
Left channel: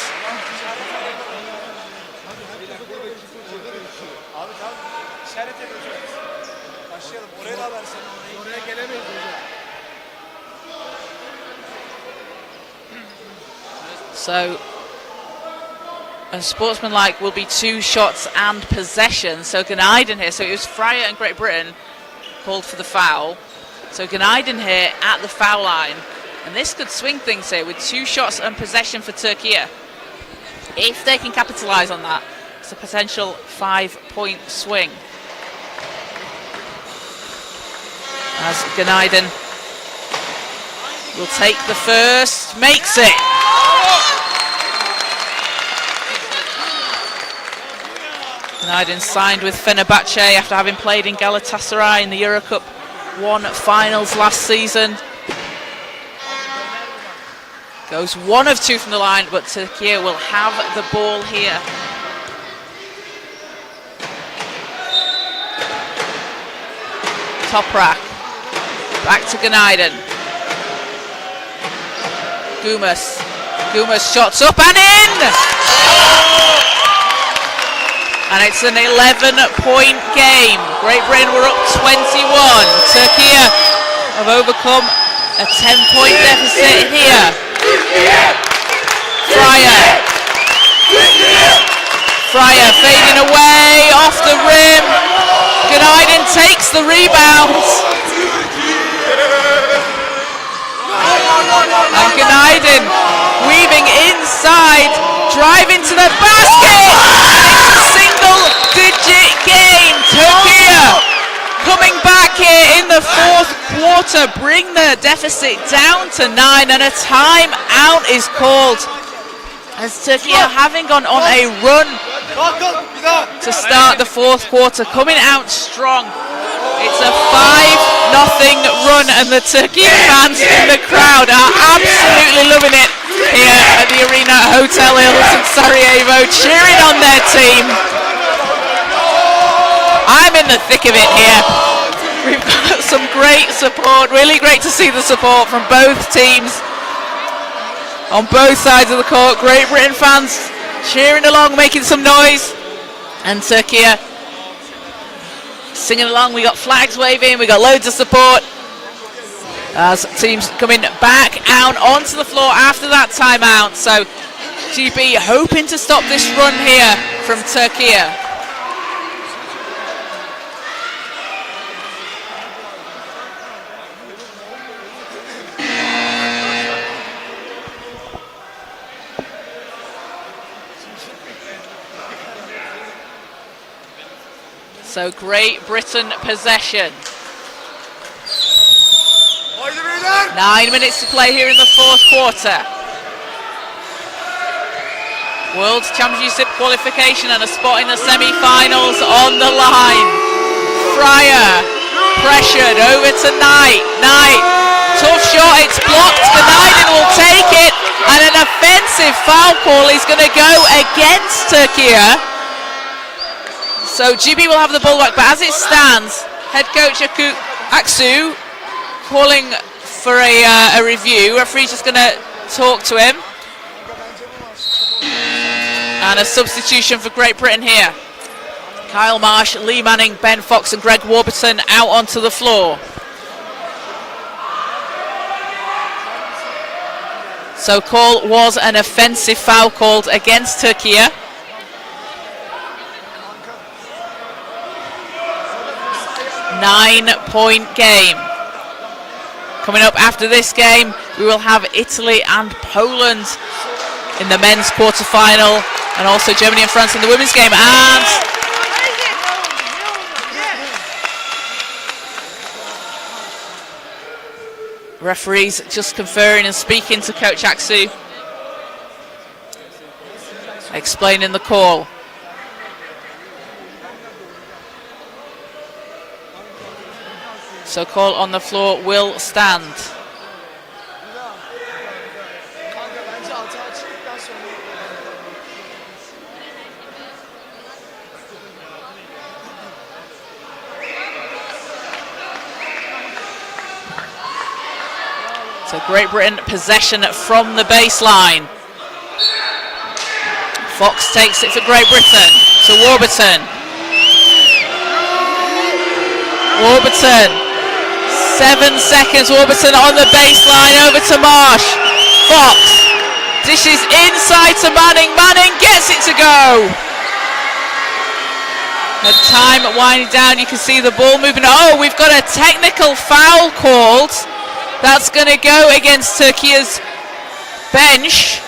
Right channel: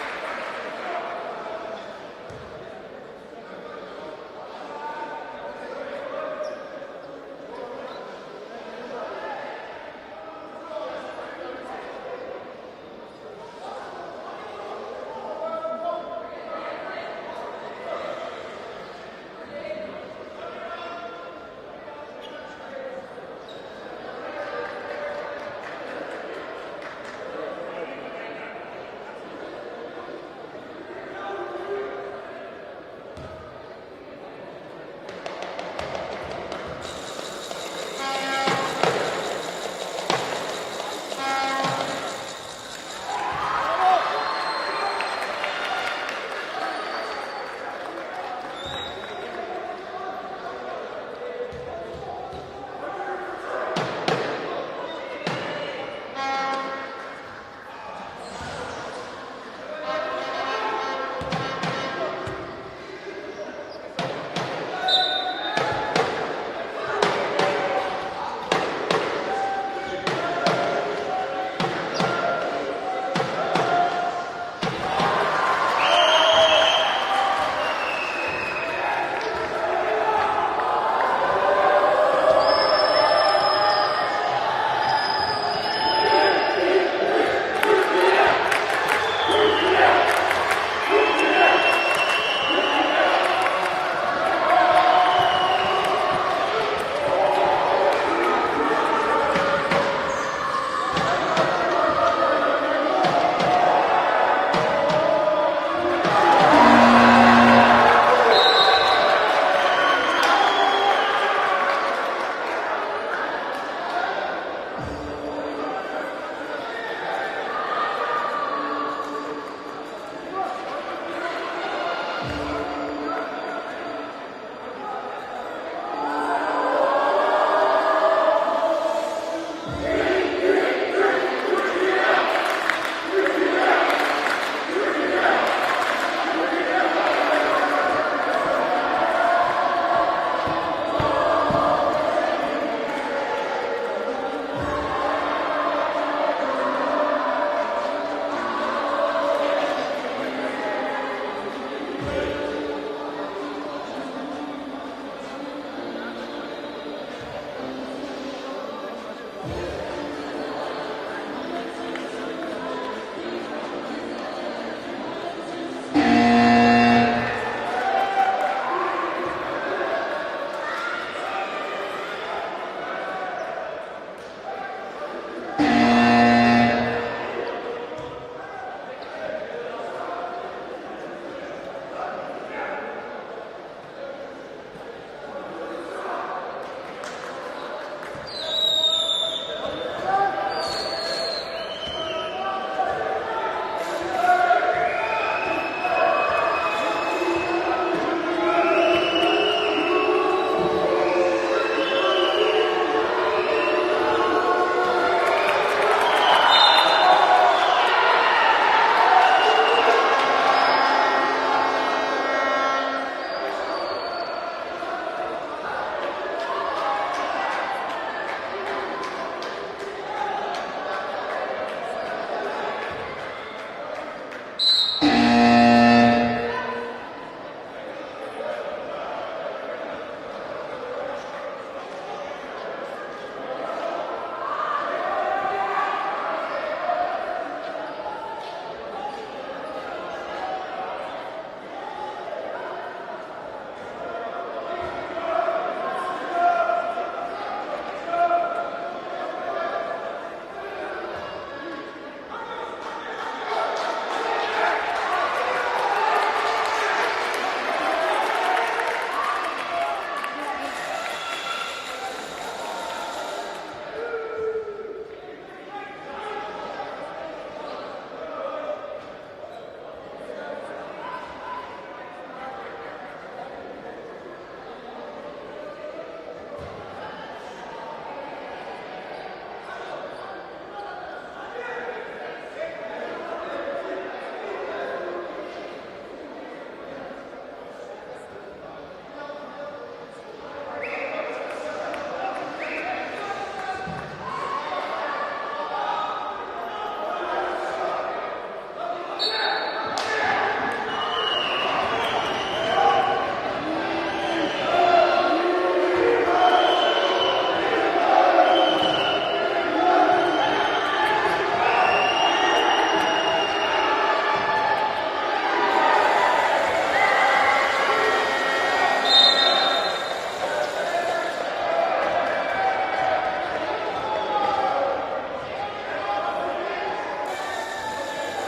So, unsportsmanlike will be 2 shots and possession. So Günaydın here. So it was Fryer and Great Britain called for the foul. So Günaydın here at the foul line. And this could swing things here with 2 shots and possession for Türkiye. If they can capitalise on that, it's a potential 5-point swing. As Günaydın will take the first, makes it. Günaydın signed with Fenerbahce after having played in Galatasaray in the Eurocup 1 finals last season. Goes 1 of 2 from the line, but Türkiye will have the ball here. Toprak. Back to Günaydın. Gumas. Gumas shots up and in! And it's an 11-point game. Great Britain were up 21. Turkey have overcome a 10-point deficit here. Fryer fading away off the rim. Günaydın takes the rebound. And Günaydın weaving inside, driving to the basket. It's a single-digit game. Turkey coming back here in the fourth quarter, bring the deficit down to 9, and a timeout is called as Turkey having gone on a run to start the fourth quarter, coming out strong. It's a 5-0 run, and the Turkey fans in the crowd are absolutely loving it here at the Arena Hotel Hills in Sarajevo, cheering on their team. I'm in the thick of it here. We've got some great support, really great to see the support from both teams on both sides of the court. Great Britain fans cheering along, making some noise, and Turkey singing along. We got flags waving, we got loads of support as teams coming back out onto the floor after that timeout. So GB hoping to stop this run here from Turkey. So Great Britain possession. 9 minutes to play here in the fourth quarter. World Championship qualification and a spot in the semi-finals on the line. Fryer pressured over to Knight. Knight, tough shot, it's blocked. Günaydın will take it, and an offensive foul call is going to go against Turkey. So GB will have the ball back, but as it stands, head coach Aksu calling for a review. Referee's just going to talk to him. And a substitution for Great Britain here. Kyle Marsh, Lee Manning, Ben Fox and Greg Warburton out onto the floor. So call was an offensive foul called against Turkey. 9-point game. Coming up after this game, we will have Italy and Poland in the men's quarterfinal, and also Germany and France in the women's game. And referees just conferring and speaking to Coach Aksu, explaining the call. So call on the floor will stand. So Great Britain possession from the baseline. Fox takes it for Great Britain to Warburton. Warburton. 7 seconds, Warburton on the baseline, over to Marsh. Fox dishes inside to Manning. Manning gets it to go. The time winding down, you can see the ball moving. Oh, we've got a technical foul called. That's going to go against Turkey's bench.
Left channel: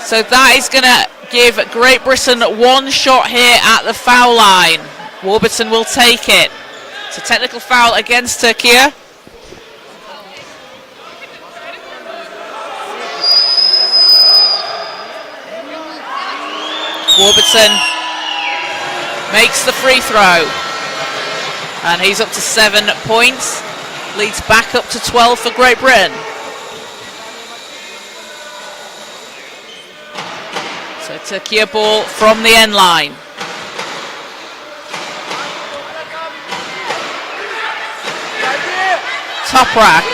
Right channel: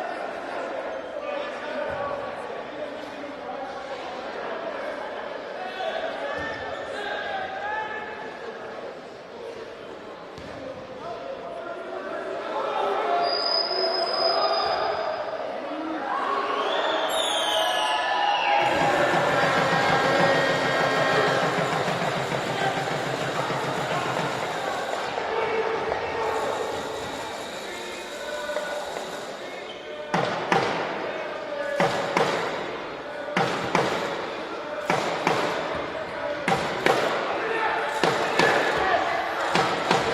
So that is going to give Great Britain one shot here at the foul line. Warburton will take it. It's a technical foul against Turkey. Warburton makes the free throw. And he's up to 7 points. Leads back up to 12 for Great Britain. So Turkey ball from the end line. Toprak.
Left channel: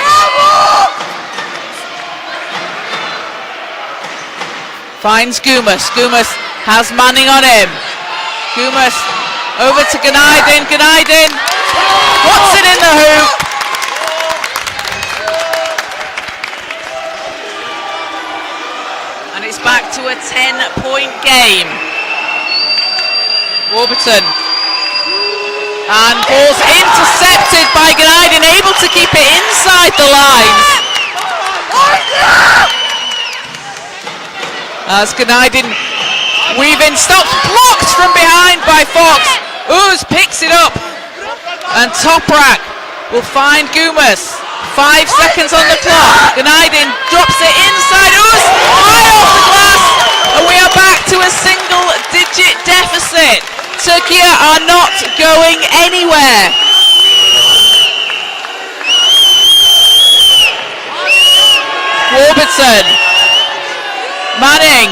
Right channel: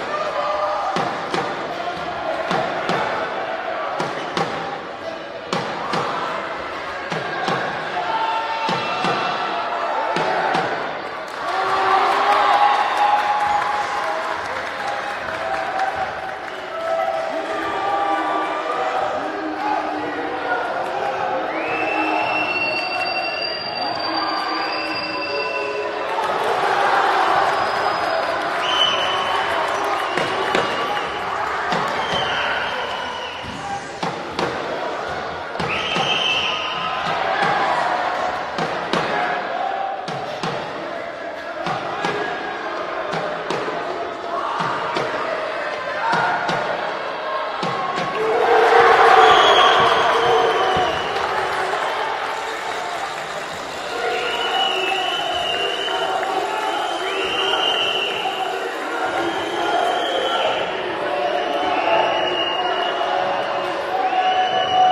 Finds Gumas. Gumas has Manning on him. Gumas over to Ganaydin. Ganaydin puts it in the hoop. And it's back to a 10-point game. Warburton. And ball's intercepted by Ganaydin, able to keep it inside the lines. As Ganaydin weaving, stops, blocked from behind by Fox. Uz picks it up, and Toprak will find Gumas. 5 seconds on the clock. Ganaydin drops it inside. Uz high off the glass, and we are back to a single-digit deficit. Türkiye are not going anywhere. Warburton. Manning.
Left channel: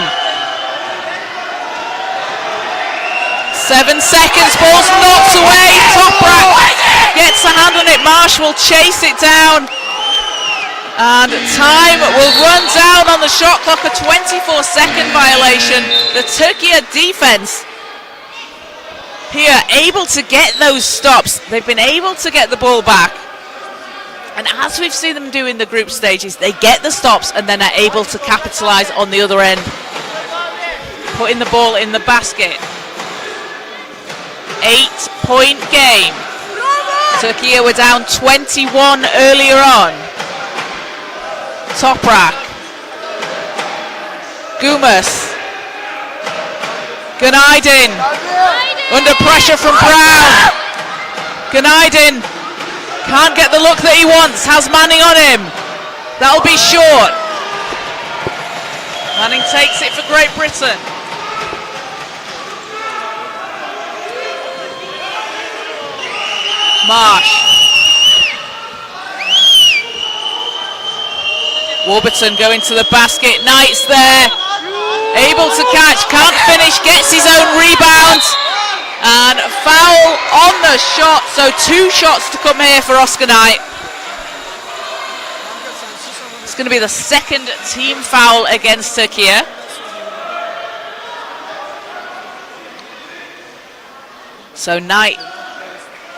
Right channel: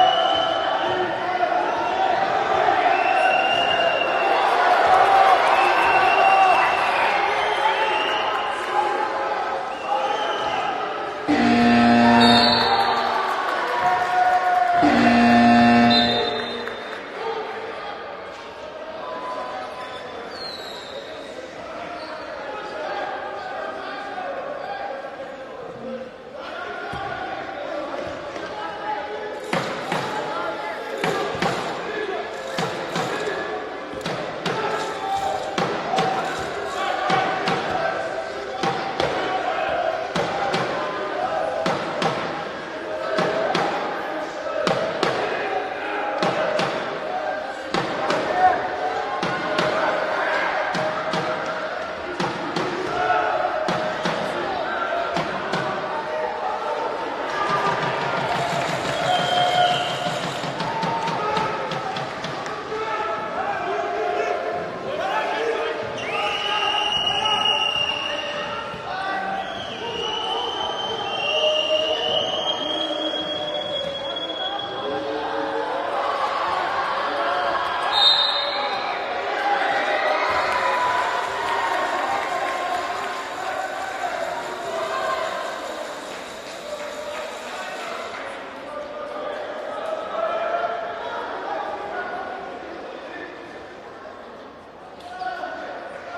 7 seconds, ball's knocked away. Toprak gets a hand on it. Marsh will chase it down. And time will run down on the shot clock, a 24-second violation. The Türkiye defense here able to get those stops. They've been able to get the ball back. And as we've seen them do in the group stages, they get the stops and then are able to capitalize on the other end, putting the ball in the basket. 8-point game. Türkiye were down 21 earlier on. Toprak. Gumas. Ganaydin. Under pressure from Brown. Ganaydin can't get the look that he wants. Has Manning on him. That'll be short. Manning takes it for Great Britain. Marsh. Warburton going to the basket. Knight's there. Able to catch. Can't finish. Gets his own rebound. And foul on the shot. So 2 shots to come here for Oscar Knight. It's going to be the second team foul against Türkiye. So Knight,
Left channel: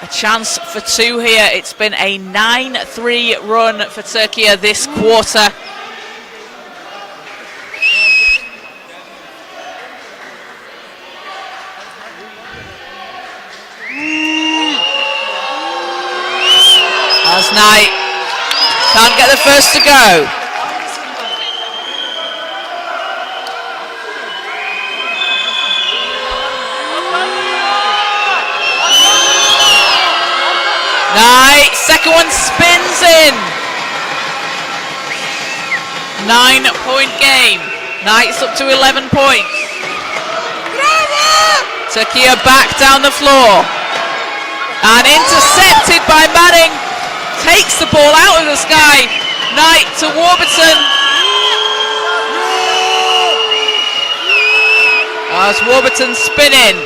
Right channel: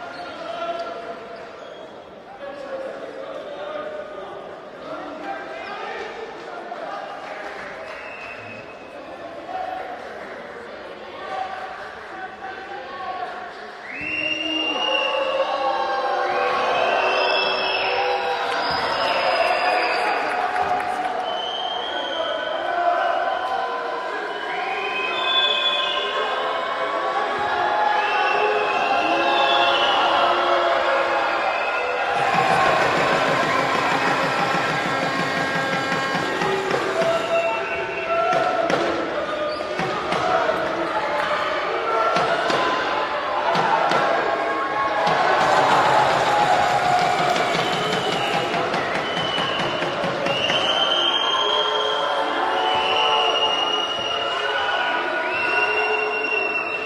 a chance for 2 here. It's been a 9-3 run for Türkiye this quarter. As Knight can't get the first to go. Knight, second one spins in. 9-point game. Knight's up to 11 points. Türkiye back down the floor. And intercepted by Manning. Takes the ball out of the sky. Knight to Warburton. As Warburton spinning.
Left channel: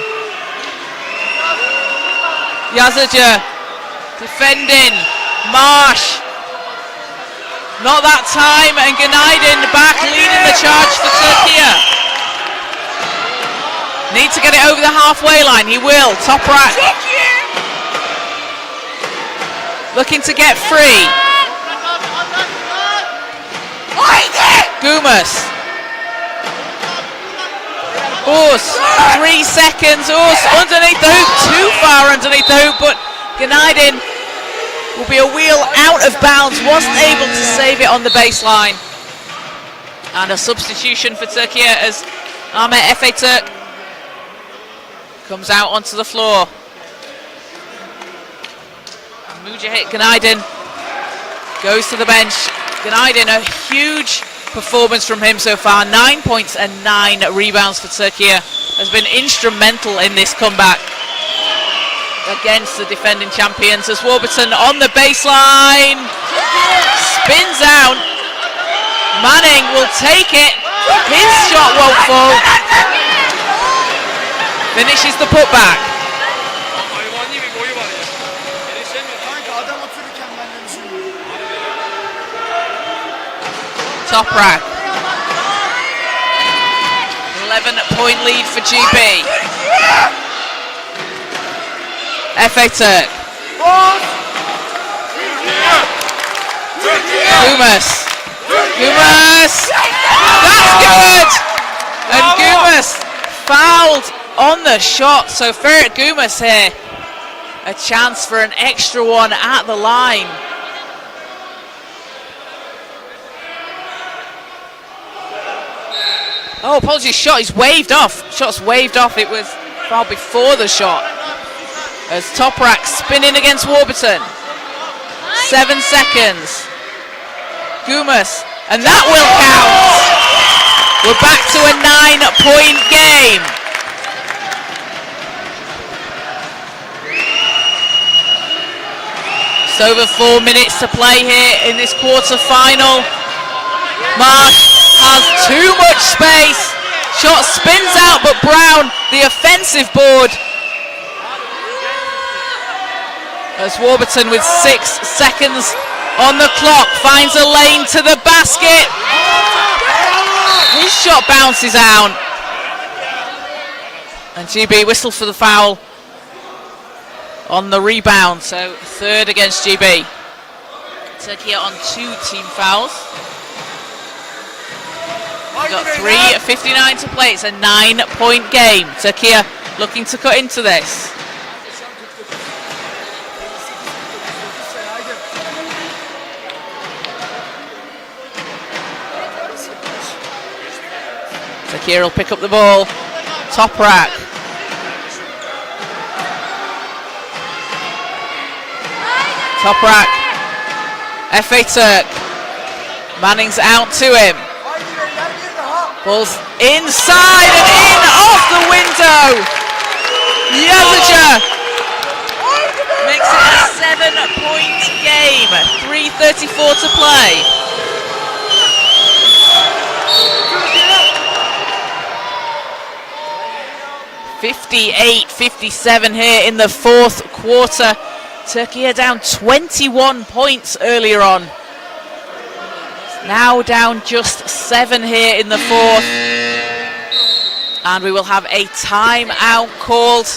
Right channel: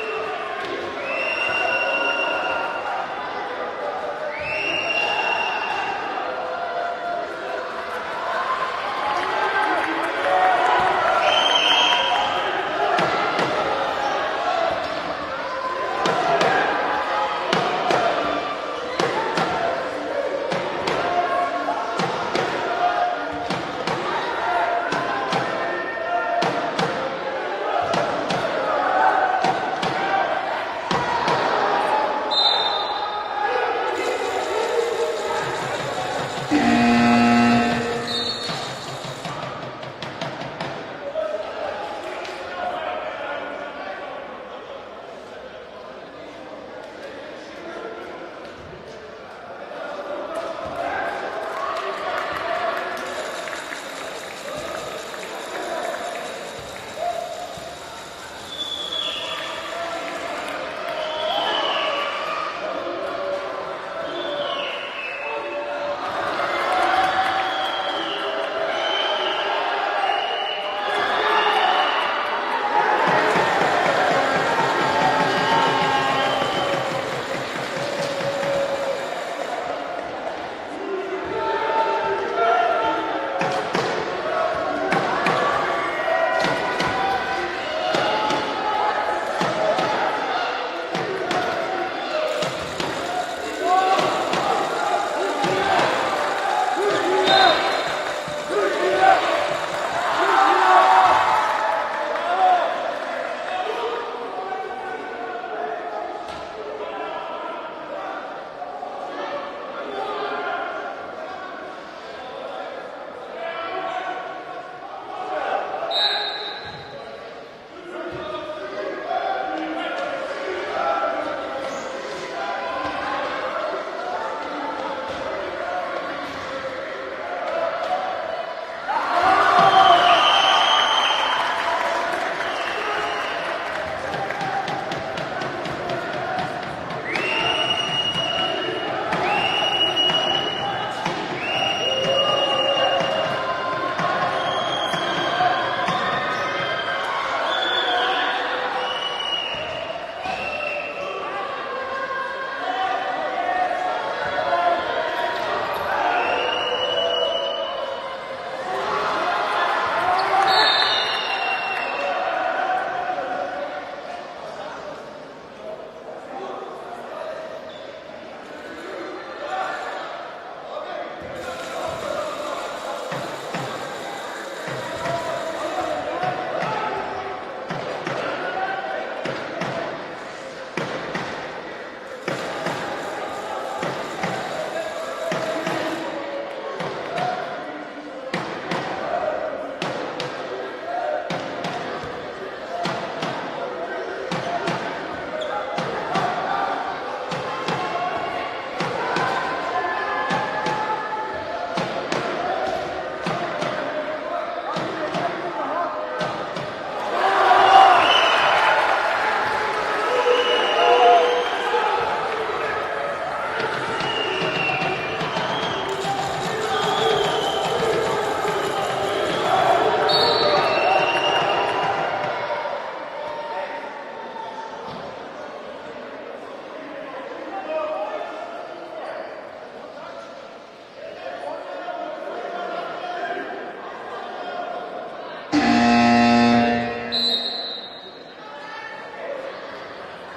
Yazıcı defending. Marsh. Not that time, and Ganaydin back leading the charge for Türkiye. Need to get it over the halfway line. He will. Toprak. Looking to get free. Gumas. Urs, 3 seconds. Urs underneath the hoop, too far underneath the hoop, but Ganaydin will be a wheel out of bounds. Wasn't able to save it on the baseline. And a substitution for Türkiye as Ahmet Efe Türk comes out onto the floor. Mujahid Ganaydin goes to the bench. Ganaydin, a huge performance from him so far. 9 points and 9 rebounds for Türkiye. Has been instrumental in this comeback against the defending champions. As Warburton on the baseline. Spins out. Manning will take it. His shot won't fall. Finishes the putback. Toprak. 11-point lead for GB. FA Turk. Gumas. That's good! And Gumas fouled on the shot. So Ferit Gumas here. A chance for an extra one at the line. Oh, apologies, shot is waved off. Shot's waved off. It was foul before the shot. As Toprak spinning against Warburton. 7 seconds. Gumas, and that will count. We're back to a 9-point game. Just over 4 minutes to play here in this quarter-final. Marsh has too much space. Shot spins out, but Brown, the offensive board. As Warburton with 6 seconds on the clock finds a lane to the basket. His shot bounces out. And GB whistles for the foul on the rebound. So third against GB. Turkey on 2 team fouls. We've got 3:59 to play. It's a 9-point game. Turkey looking to cut into this. Turkey will pick up the ball. Toprak. FA Turk. Manning's out to him. Ball's inside and in off the window. Yazaja makes it a 7-point game. 3:34 to play. (58-57) here in the fourth quarter. Turkey are down 21 points earlier on. Now down just 7 here in the fourth. And we will have a timeout called.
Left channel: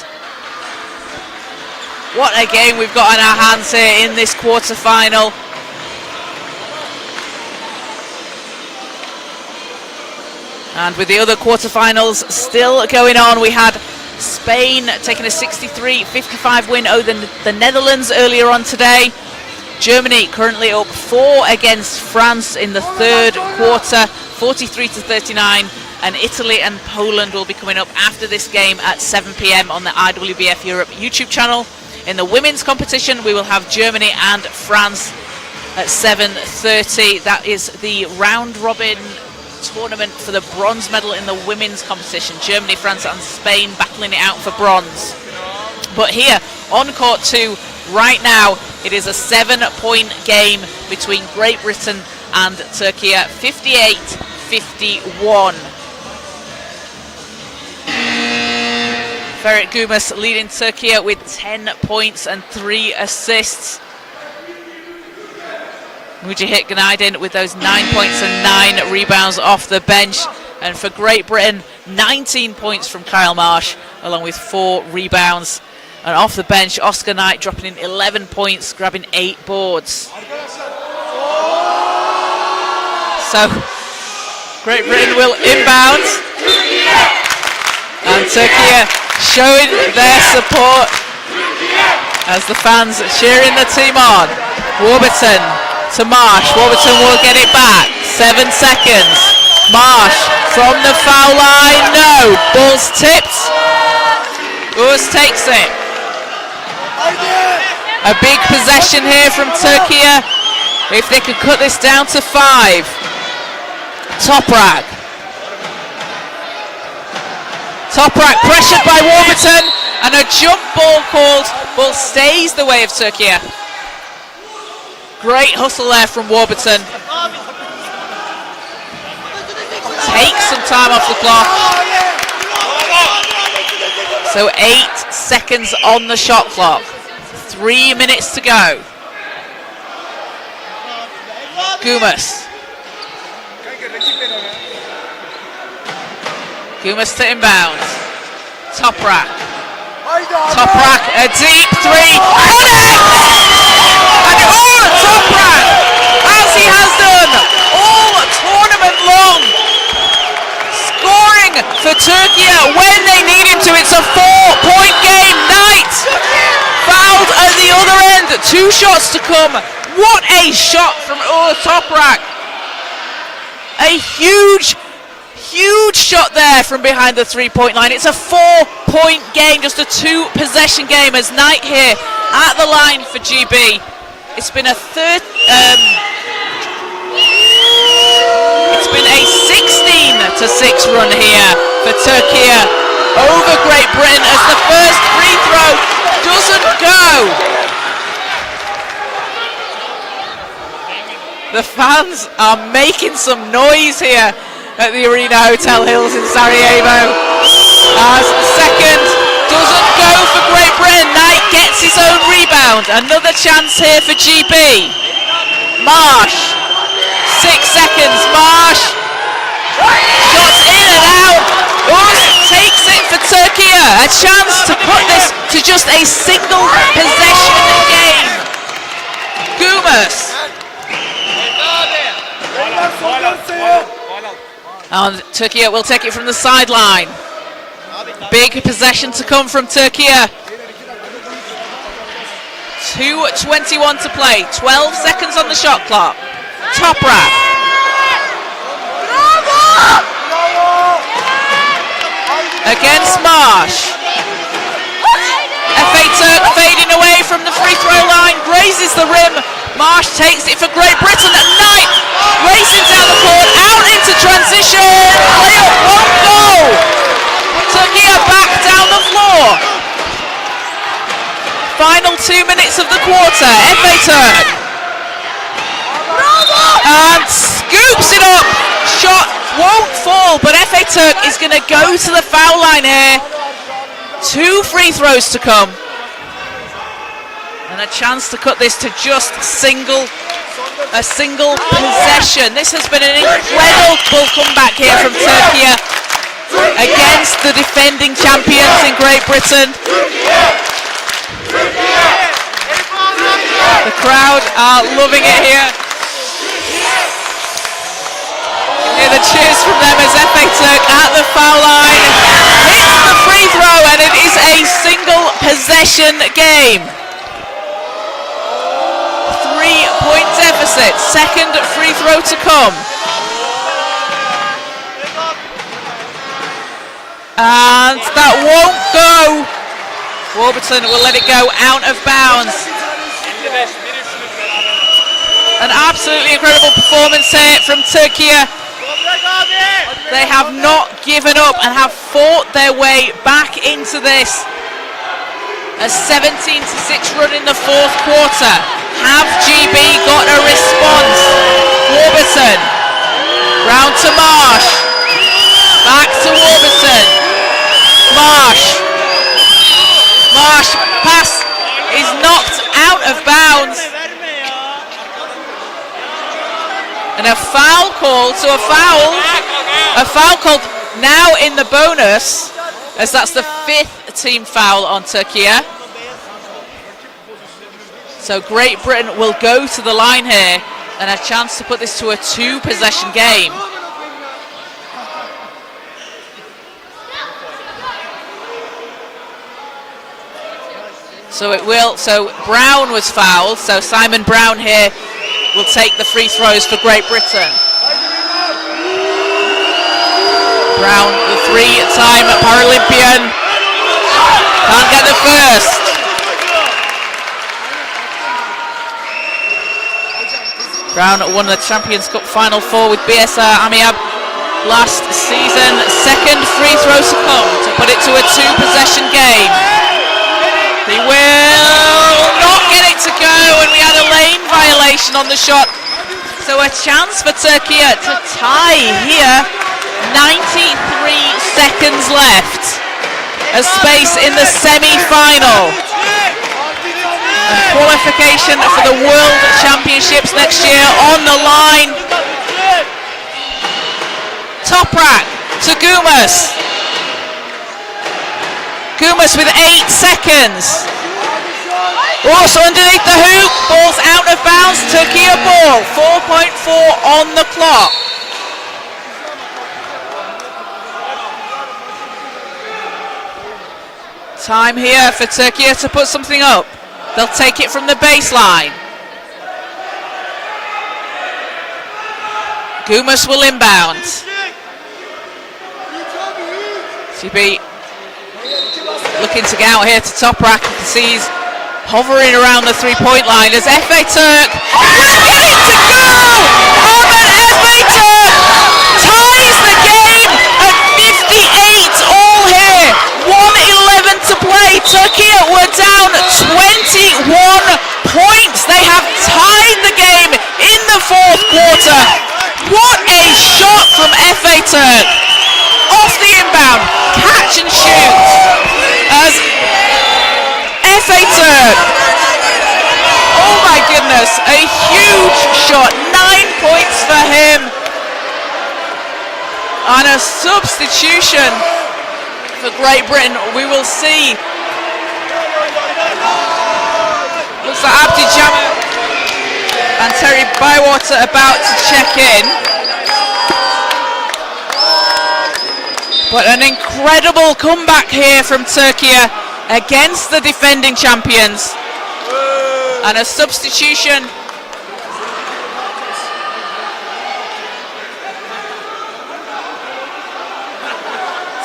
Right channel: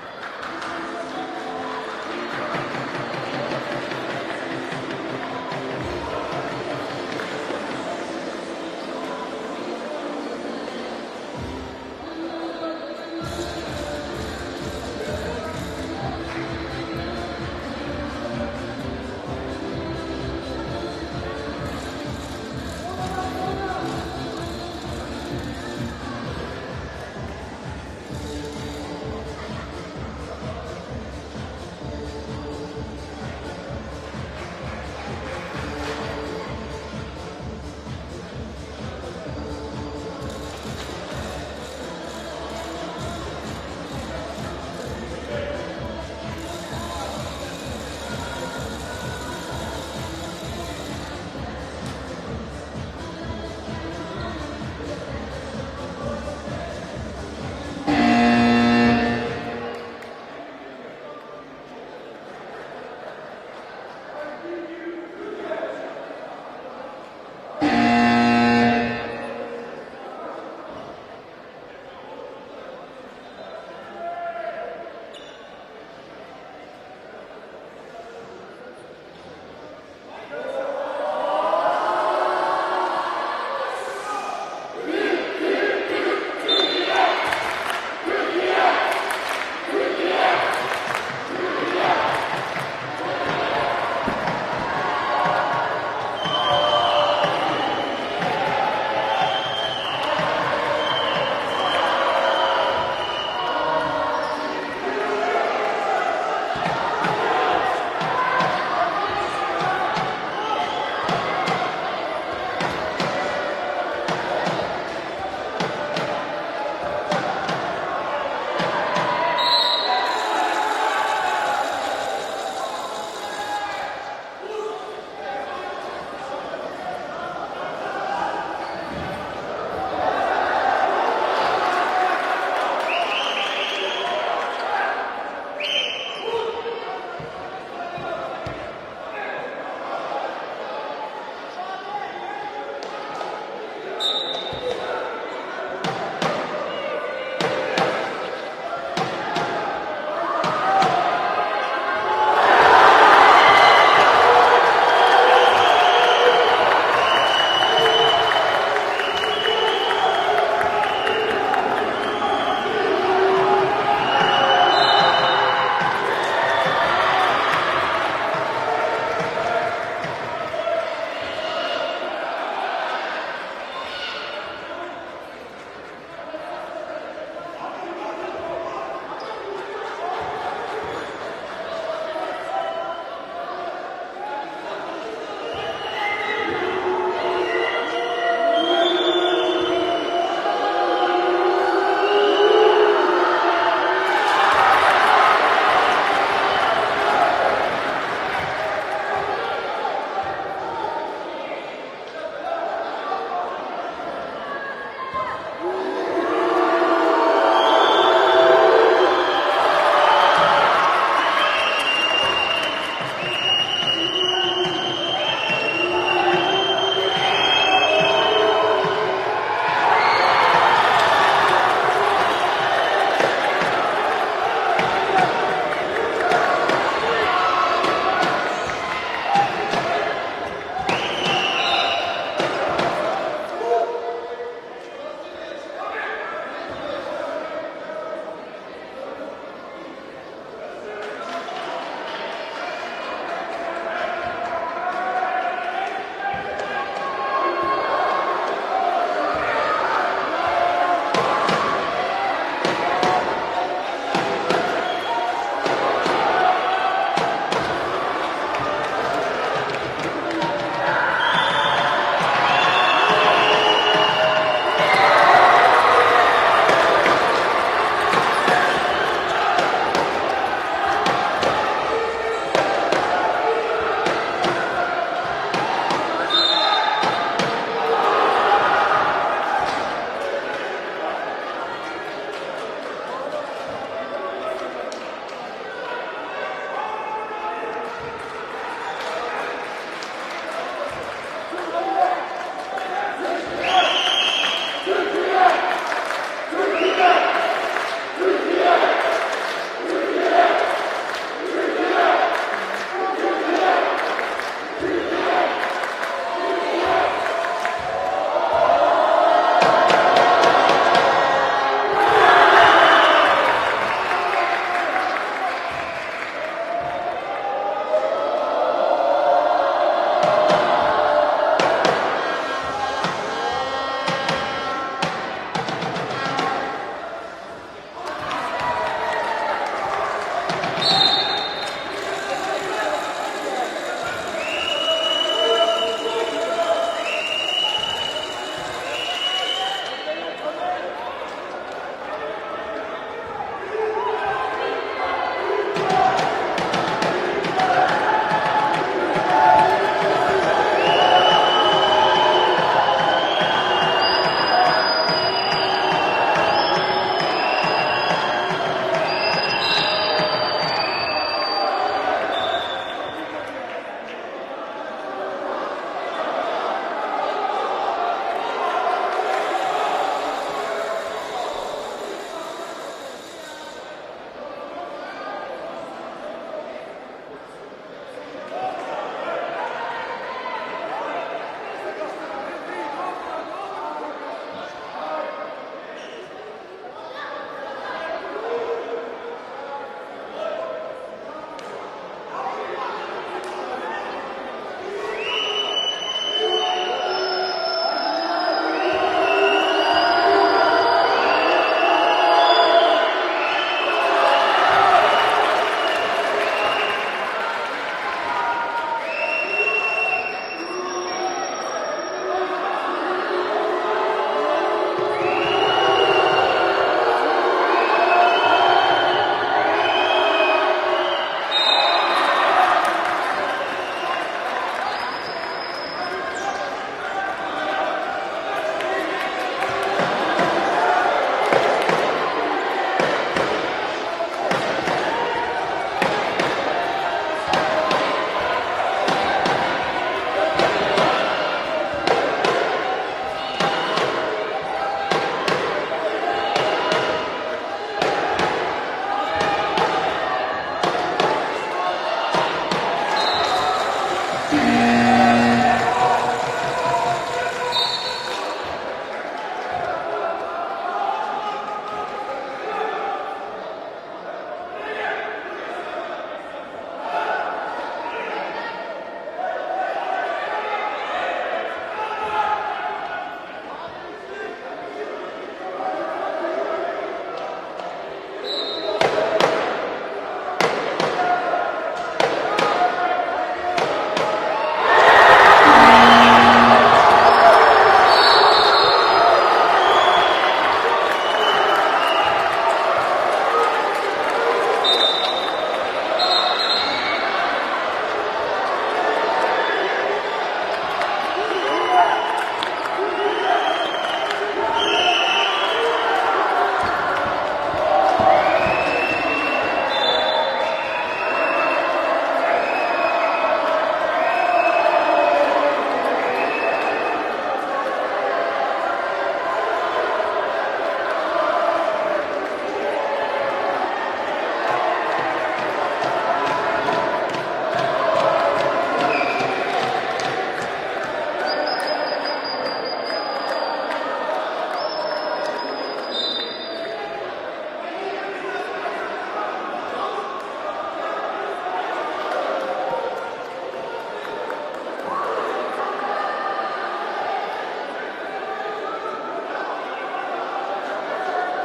What a game we've got on our hands here in this quarter-final. And with the other quarterfinals still going on, we had Spain taking a 63-55 win over the Netherlands earlier on today. Germany currently up 4 against France in the third quarter, 43-39. And Italy and Poland will be coming up after this game at 7 p.m. on the IWBF Europe YouTube channel. In the women's competition, we will have Germany and France at 7:30. That is the round-robin tournament for the bronze medal in the women's competition. Germany, France and Spain battling it out for bronze. But here on court 2 right now, it is a 7-point game between Great Britain and Turkey, 58-51. Ferit Gumas leading Turkey with 10 points and 3 assists. Mujahid Ganaydin with those 9 points and 9 rebounds off the bench. And for Great Britain, 19 points from Kyle Marsh, along with 4 rebounds. And off the bench, Oscar Knight dropping in 11 points, grabbing 8 boards. So, Great Britain will inbound. And Turkey showing their support as the fans cheering the team on. Warburton to Marsh. Warburton will get it back. 7 seconds. Marsh from the foul line. No. Ball's tipped. Urs takes it. A big possession here from Turkey. If they could cut this down to 5. Toprak. Toprak pressured by Warburton, and a jump ball called. Ball stays the way of Turkey. Great hustle there from Warburton. Takes some time off the clock. So 8 seconds on the shot clock. 3 minutes to go. Gumas. Gumas to inbounds. Toprak. Toprak, a deep three. And Toprak, as he has done all tournament long, scoring for Türkiye when they need him to. It's a 4-point game. Knight fouled at the other end. 2 shots to come. What a shot from Toprak. A huge shot there from behind the 3-point line. It's a 4-point game, just a 2-possession game as Knight here at the line for GB. It's been a 16 to 6 run here for Türkiye over Great Britain as the first free throw doesn't go. The fans are making some noise here at the Arena Hotel Hills in Sarajevo. As the second doesn't go for Great Britain. Knight gets his own rebound. Another chance here for GB. Marsh, 6 seconds. Marsh, shots in and out. Uz takes it for Türkiye. A chance to put this to just a single possession game. Gumas. And Türkiye will take it from the sideline. Big possession to come from Türkiye. 2:21 to play. 12 seconds on the shot clock. Toprak. Against Marsh. FA Turk fading away from the free throw line. Raises the rim. Marsh takes it for Great Britain. And Knight racing down the court. Out into transition. Layup won't go. Türkiye back down the floor. Final 2 minutes of the quarter. FA Turk. And scoops it up. Shot won't fall, but FA Turk is going to go to the foul line here. 2 free throws to come. And a chance to cut this to just a single possession. This has been an incredible comeback here from Türkiye against the defending champions in Great Britain. The crowd are loving it here. Hear the cheers from them as FA Turk at the foul line hits the free throw, and it is a single possession game. 3-point deficit. Second free throw to come. And that won't go. Warburton will let it go out of bounds. An absolutely incredible performance here from Türkiye. They have not given up and have fought their way back into this. A 17-6 run in the 4th quarter. Have GB got a response? Warburton. Round to Marsh. Back to Warburton. Marsh. Marsh pass is knocked out of bounds. And a foul call, so a foul called now in the bonus, as that's the 5th team foul on Türkiye. So Great Britain will go to the line here and a chance to put this to a 2-possession game. So it will, so Brown was fouled, so Simon Brown here will take the free throws for Great Britain. Brown, the 3-time Paralympian, can't get the first. Brown won the Champions Cup Final 4 with BSR Amiab last season. Second free throws to come to put it to a 2-possession game. They will not get it to go, and we had a lane violation on the shot. So a chance for Türkiye to tie here. 93 seconds left. A space in the semi-final. Qualification for the World Championships next year on the line. Toprak to Gumas. Gumas with 8 seconds. Also underneath the hoop, ball's out of bounds, Türkiye ball, 4.4 on the clock. Time here for Türkiye to put something up. They'll take it from the baseline. Gumas will inbound. GB looking to get out here to top rack. You can see he's hovering around the three-point line as FA Turk will get it to go! FA Turk ties the game at 58 all here. 1:11 to play. Türkiye were down 21 points. They have tied the game in the fourth quarter. What a shot from FA Turk. Off the inbound, catch and shoot. As FA Turk, oh my goodness, a huge shot, 9 points for him. And a substitution for Great Britain, we will see. Looks like Abdi Jammer and Terry Bywater about to check in. But an incredible comeback here from Türkiye against the defending champions. And a substitution.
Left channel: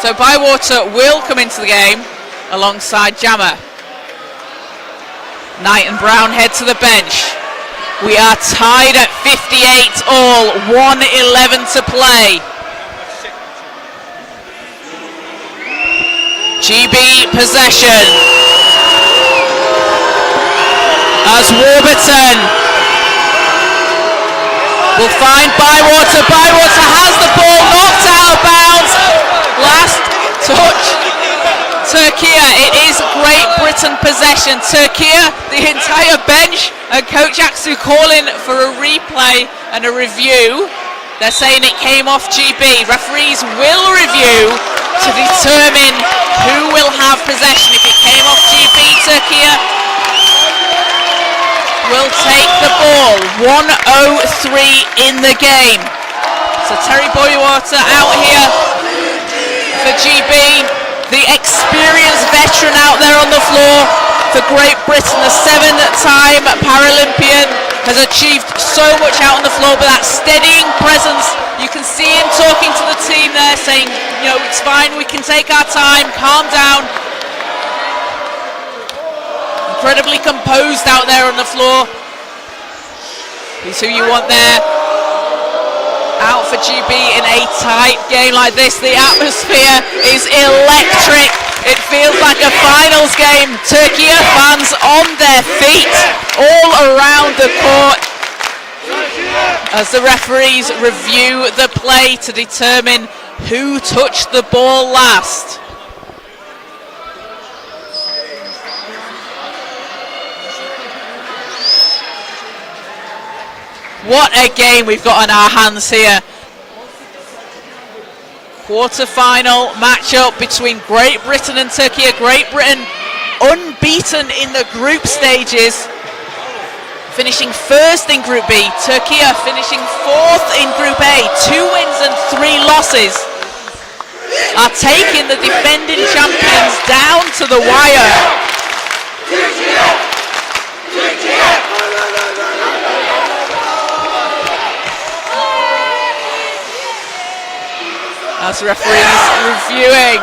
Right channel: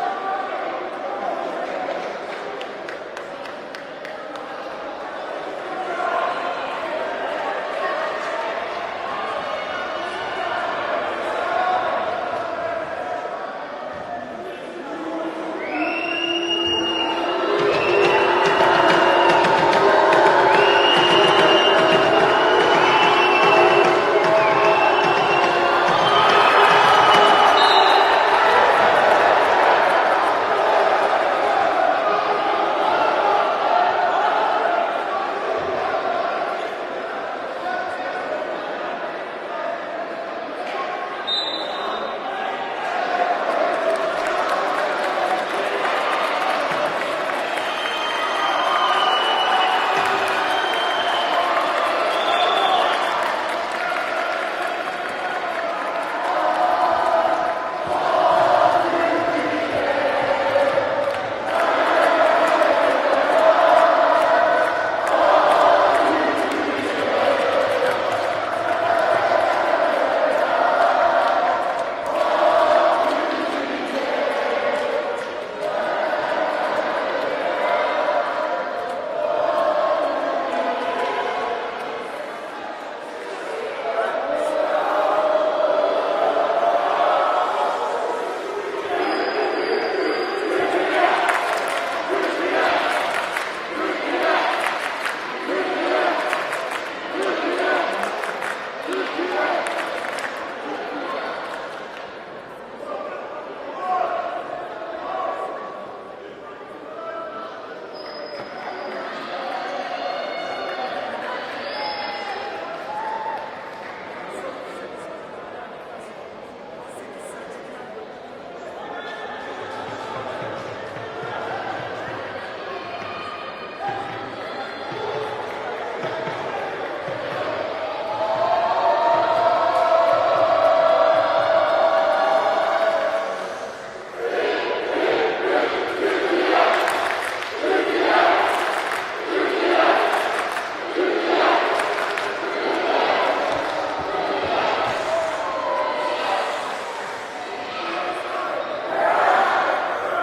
So Bywater will come into the game alongside Jammer. Knight and Brown head to the bench. We are tied at 58 all, 1:11 to play. GB possession as Warburton will find Bywater. Bywater has the ball, knocked out of bounds. Last touch, Türkiye. It is Great Britain possession. Türkiye, the entire bench, and Coach Aksu calling for a replay and a review. They're saying it came off GB. Referees will review to determine who will have possession. If it came off GB, Türkiye will take the ball. 1:03 in the game. So Terry Bywater out here for GB. The experienced veteran out there on the floor for Great Britain. The 7-time Paralympian has achieved so much out on the floor, but that steadying presence, you can see him talking to the team there, saying, you know, it's fine, we can take our time, calm down. Incredibly composed out there on the floor. He's who you want there. Out for GB in a tight game like this. The atmosphere is electric. It feels like a finals game. Türkiye fans on their feet all around the court as the referees review the play to determine who touched the ball last. What a game we've got on our hands here. Quarter-final matchup between Great Britain and Türkiye. Great Britain unbeaten in the group stages, finishing first in Group B. Türkiye finishing fourth in Group A. 2 wins and 3 losses. Are taking the defending champions down to the wire. As referees reviewing.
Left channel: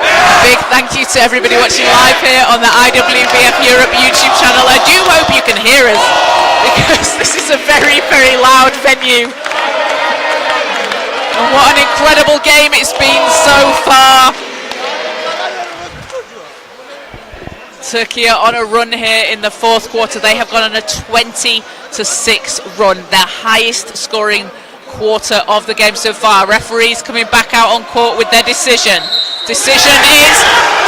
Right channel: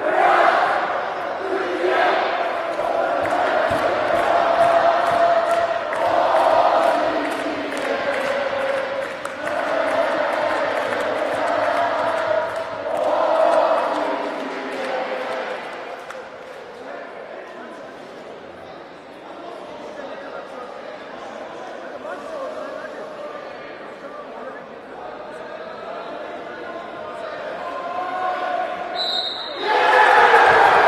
A big thank you to everybody watching live here on the IWBF Europe YouTube channel. I do hope you can hear us, because this is a very, very loud venue. And what an incredible game it's been so far. Türkiye on a run here in the fourth quarter. They have gone on a 20-6 run, their highest scoring quarter of the game so far. Referees coming back out on court with their decision. Decision is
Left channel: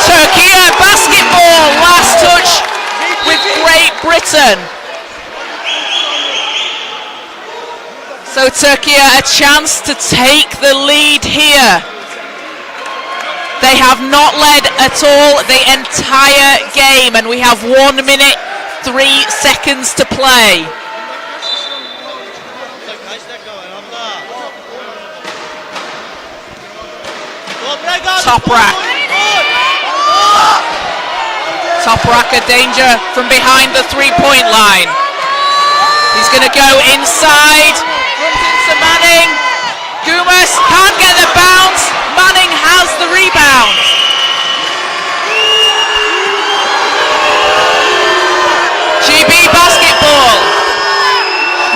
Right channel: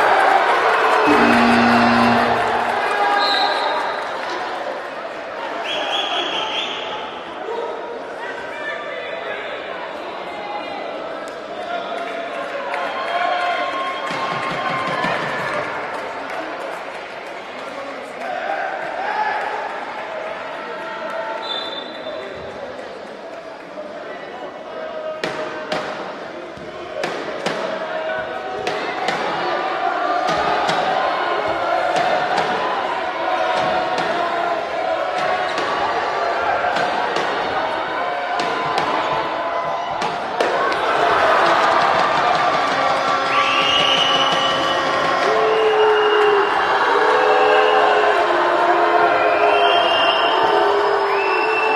Türkiye basketball. Last touch with Great Britain. So Türkiye a chance to take the lead here. They have not led at all the entire game, and we have 1 minute 3 seconds to play. Toprak. Toprak a danger from behind the 3-point line. He's going to go inside. Runs into Manning. Gumas can't get the bounce. Manning has the rebound. GB basketball.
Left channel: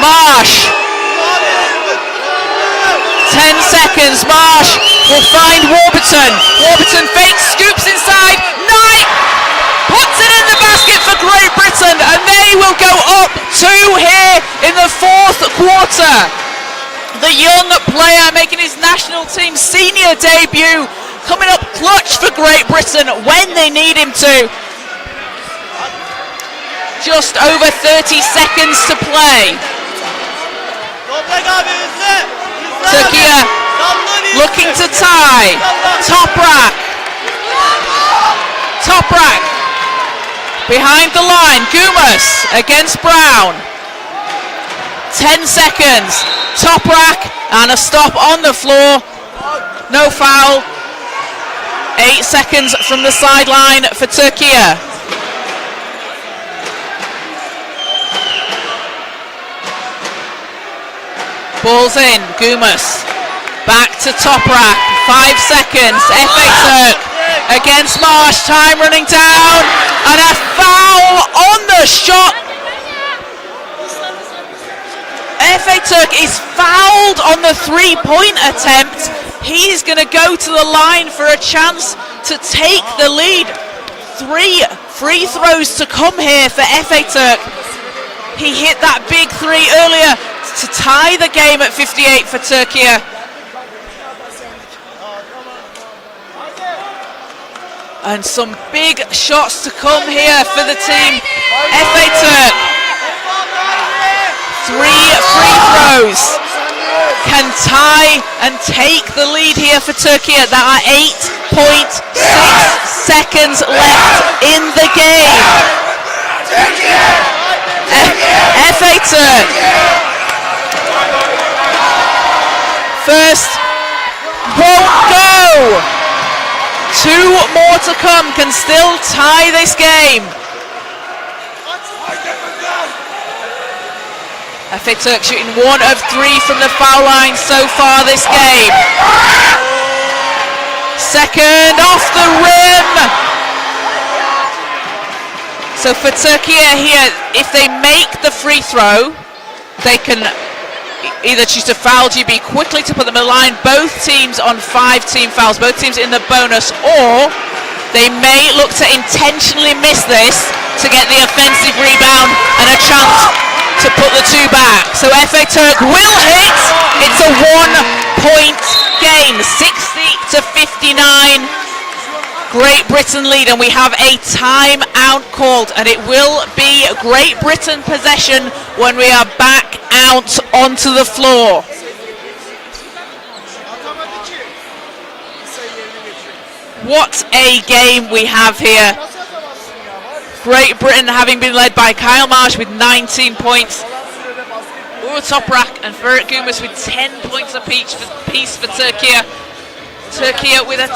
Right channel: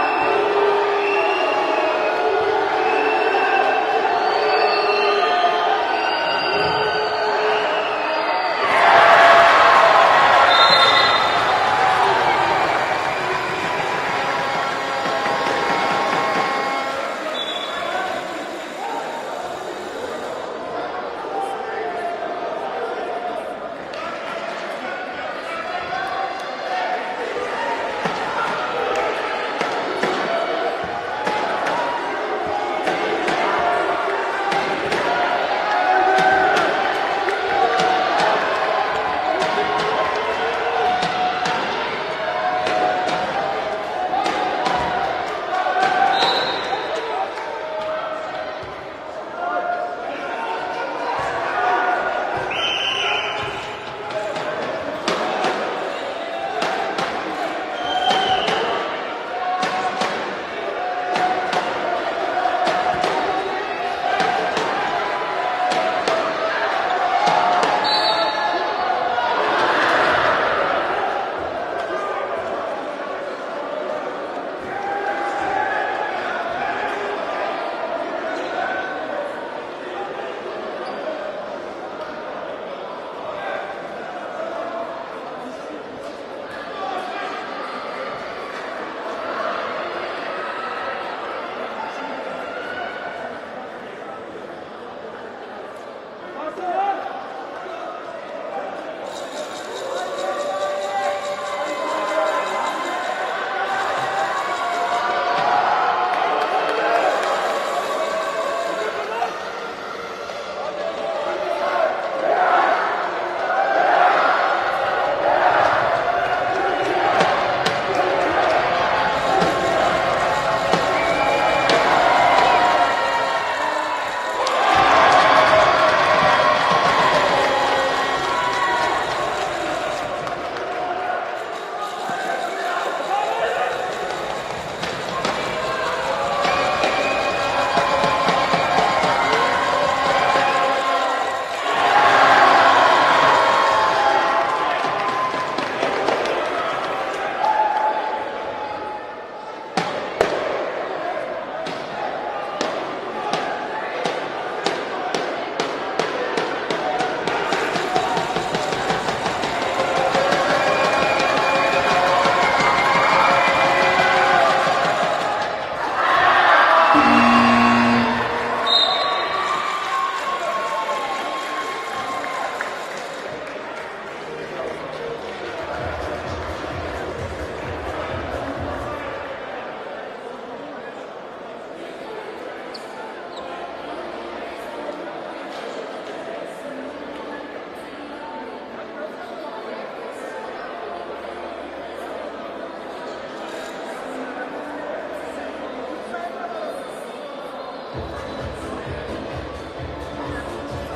Marsh. 10 seconds. Marsh will find Warburton. Warburton fakes, scoops inside. Knight puts it in the basket for Great Britain, and they will go up 2 here in the 4th quarter. The young player making his national team senior debut, coming up clutch for Great Britain when they need him to. Just over 30 seconds to play. Türkiye looking to tie. Toprak. Toprak behind the line. Gumas against Brown. 10 seconds. Toprak and a stop on the floor. No foul. 8 seconds from the sideline for Türkiye. Ball's in. Gumas back to Toprak. 5 seconds. FA Türk against Marsh. Time running down, and a foul on the shot. FA Türk is fouled on the 3-point attempt. He's going to go to the line for a chance to take the lead. 3 free throws to come here for FA Türk. He hit that big 3 earlier to tie the game at 58 for Türkiye. And some big shots to come here for the team. FA Türk. 3 free throws can tie and take the lead here for Türkiye. There are 8.6 seconds left in the game. FA Türk. First won't go. 2 more to come, can still tie this game. FA Türk shooting 1 of 3 from the foul line so far this game. Second off the rim. So for Türkiye here, if they make the free throw, they can either choose to foul GB quickly to put them in line, both teams on 5 team fouls, both teams in the bonus, or they may look to intentionally miss this to get the offensive rebound and a chance to put the 2 back. So FA Türk will hit. It's a 1-point game, 60 to 59. Great Britain lead, and we have a timeout called, and it will be Great Britain possession when we are back out onto the floor. What a game we have here. Great Britain having been led by Kyle Marsh with 19 points. Toprak and Ferit Gumas with 10 points apiece for Türkiye. Türkiye with a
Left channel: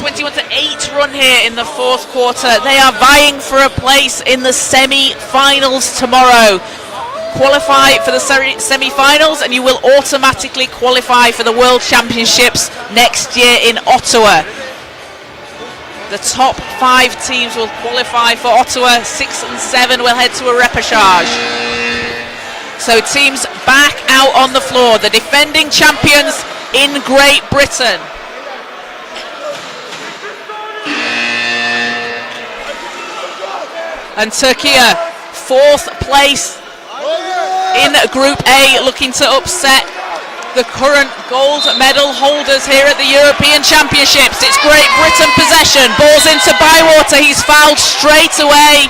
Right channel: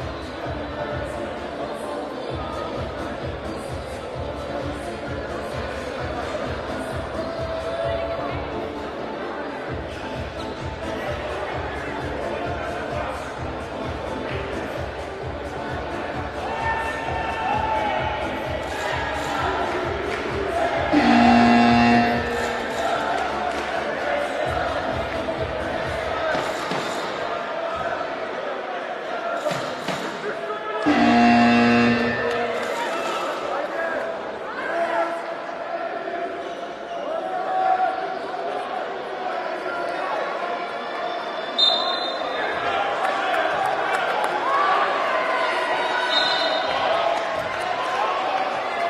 21 to 8 run here in the 4th quarter. They are vying for a place in the semi-finals tomorrow. Qualify for the semi-finals and you will automatically qualify for the World Championships next year in Ottawa. The top 5 teams will qualify for Ottawa. 6 and 7 will head to a repechage. So teams back out on the floor. The defending champions in Great Britain. And Türkiye, 4th place in Group A, looking to upset the current gold medal holders here at the European Championships. It's Great Britain possession. Ball's into Bywater. He's fouled straight away.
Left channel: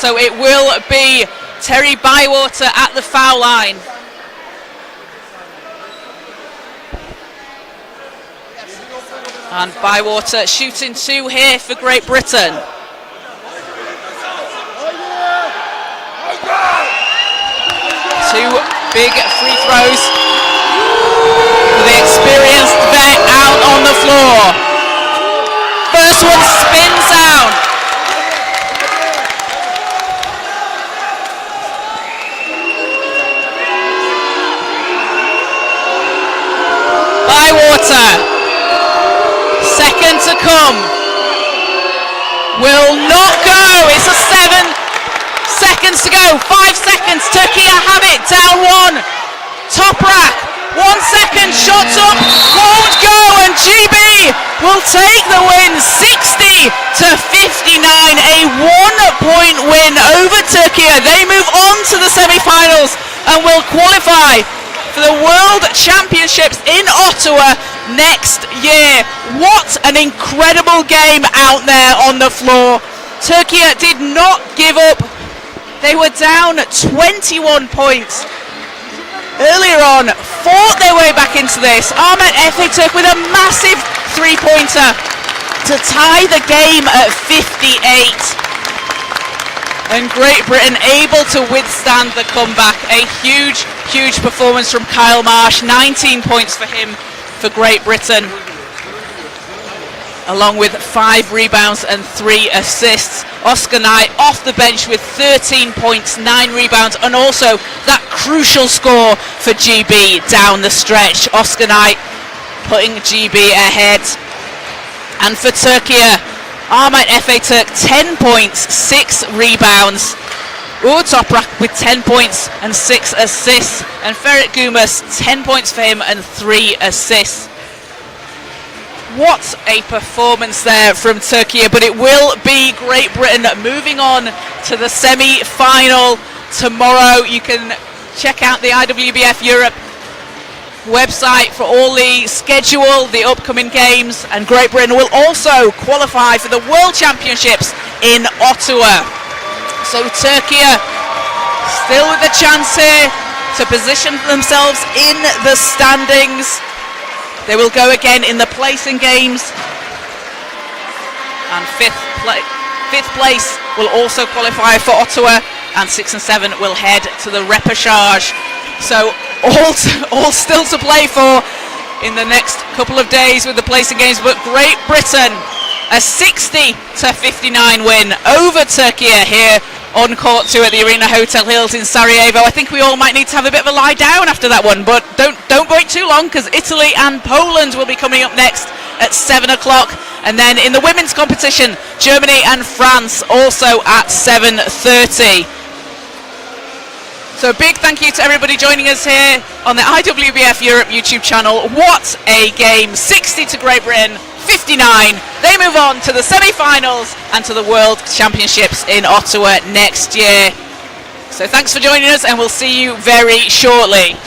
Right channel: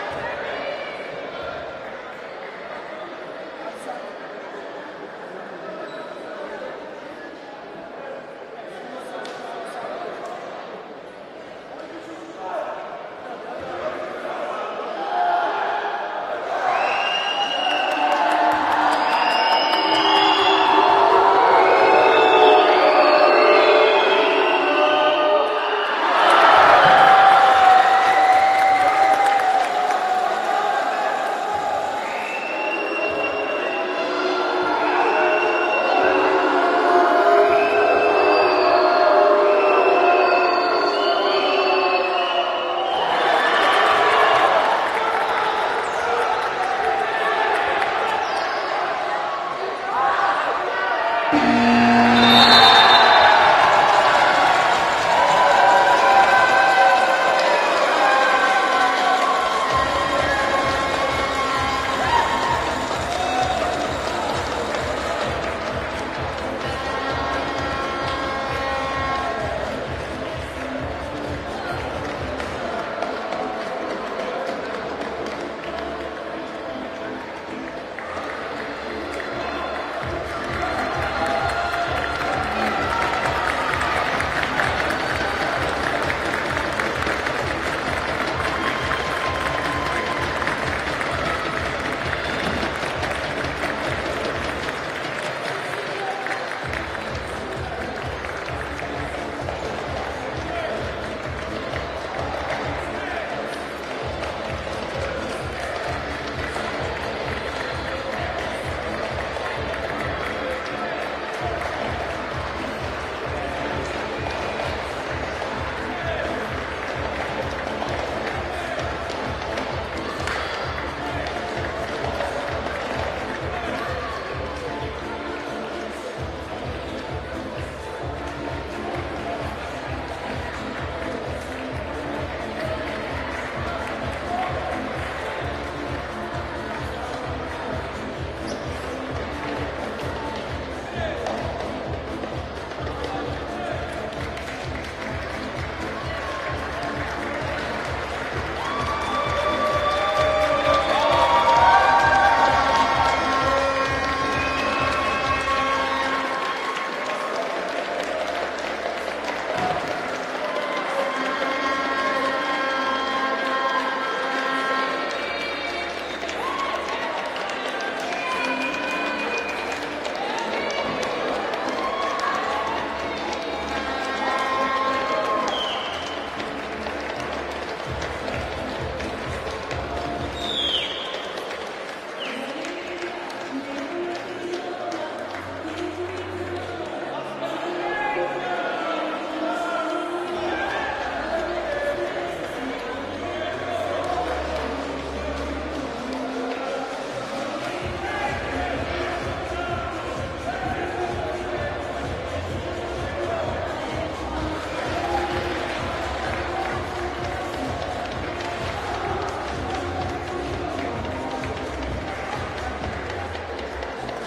So it will be Terry Bywater at the foul line. And Bywater shooting 2 here for Great Britain. Two big free throws for the experienced vet out on the floor. First one spins out. Bywater, second to come, will not go. It's a 7 seconds to go. 5 seconds. Turkey have it. Down 1. Top rack. 1 second. Shots up. Won't go. And GB will take the win. 60-59. A 1-point win over Turkey. They move on to the semi-finals and will qualify for the World Championships in Ottawa next year. What an incredible game out there on the floor. Turkey did not give up. They were down 21 points earlier on, fought their way back into this. Ahmet Efe Turk with a massive three-pointer to tie the game at 58. And Great Britain able to withstand the comeback. A huge, huge performance from Kyle Marsh. 19 points for him for Great Britain, along with 5 rebounds and 3 assists. Oscar Knight off the bench with 13 points, 9 rebounds, and also that crucial score for GB down the stretch. Oscar Knight putting GB ahead. And for Turkey, Ahmet Efe Turk 10 points, 6 rebounds. Uğur Toprak with 10 points and 6 assists. And Ferit Gumas, 10 points for him and 3 assists. What a performance there from Turkey, but it will be Great Britain moving on to the semi-final tomorrow. You can check out the IWBF Europe website for all the schedule, the upcoming games, and Great Britain will also qualify for the World Championships in Ottawa. So Turkey still with the chance here to position themselves in the standings. They will go again in the placing games, and fifth place will also qualify for Ottawa, and 6 and 7 will head to the repechage. So all still to play for in the next couple of days with the placing games, but Great Britain a 60-59 win over Turkey here on court 2 at the Arena Hotel Hills in Sarajevo. I think we all might need to have a bit of a lie down after that one, but don't wait too long, because Italy and Poland will be coming up next at 7 o'clock. And then in the women's competition, Germany and France also at 7:30. So a big thank you to everybody joining us here on the IWBF Europe YouTube channel. What a game. 60 to Great Britain, 59. They move on to the semi-finals and to the World Championships in Ottawa next year. So thanks for joining us, and we'll see you very shortly.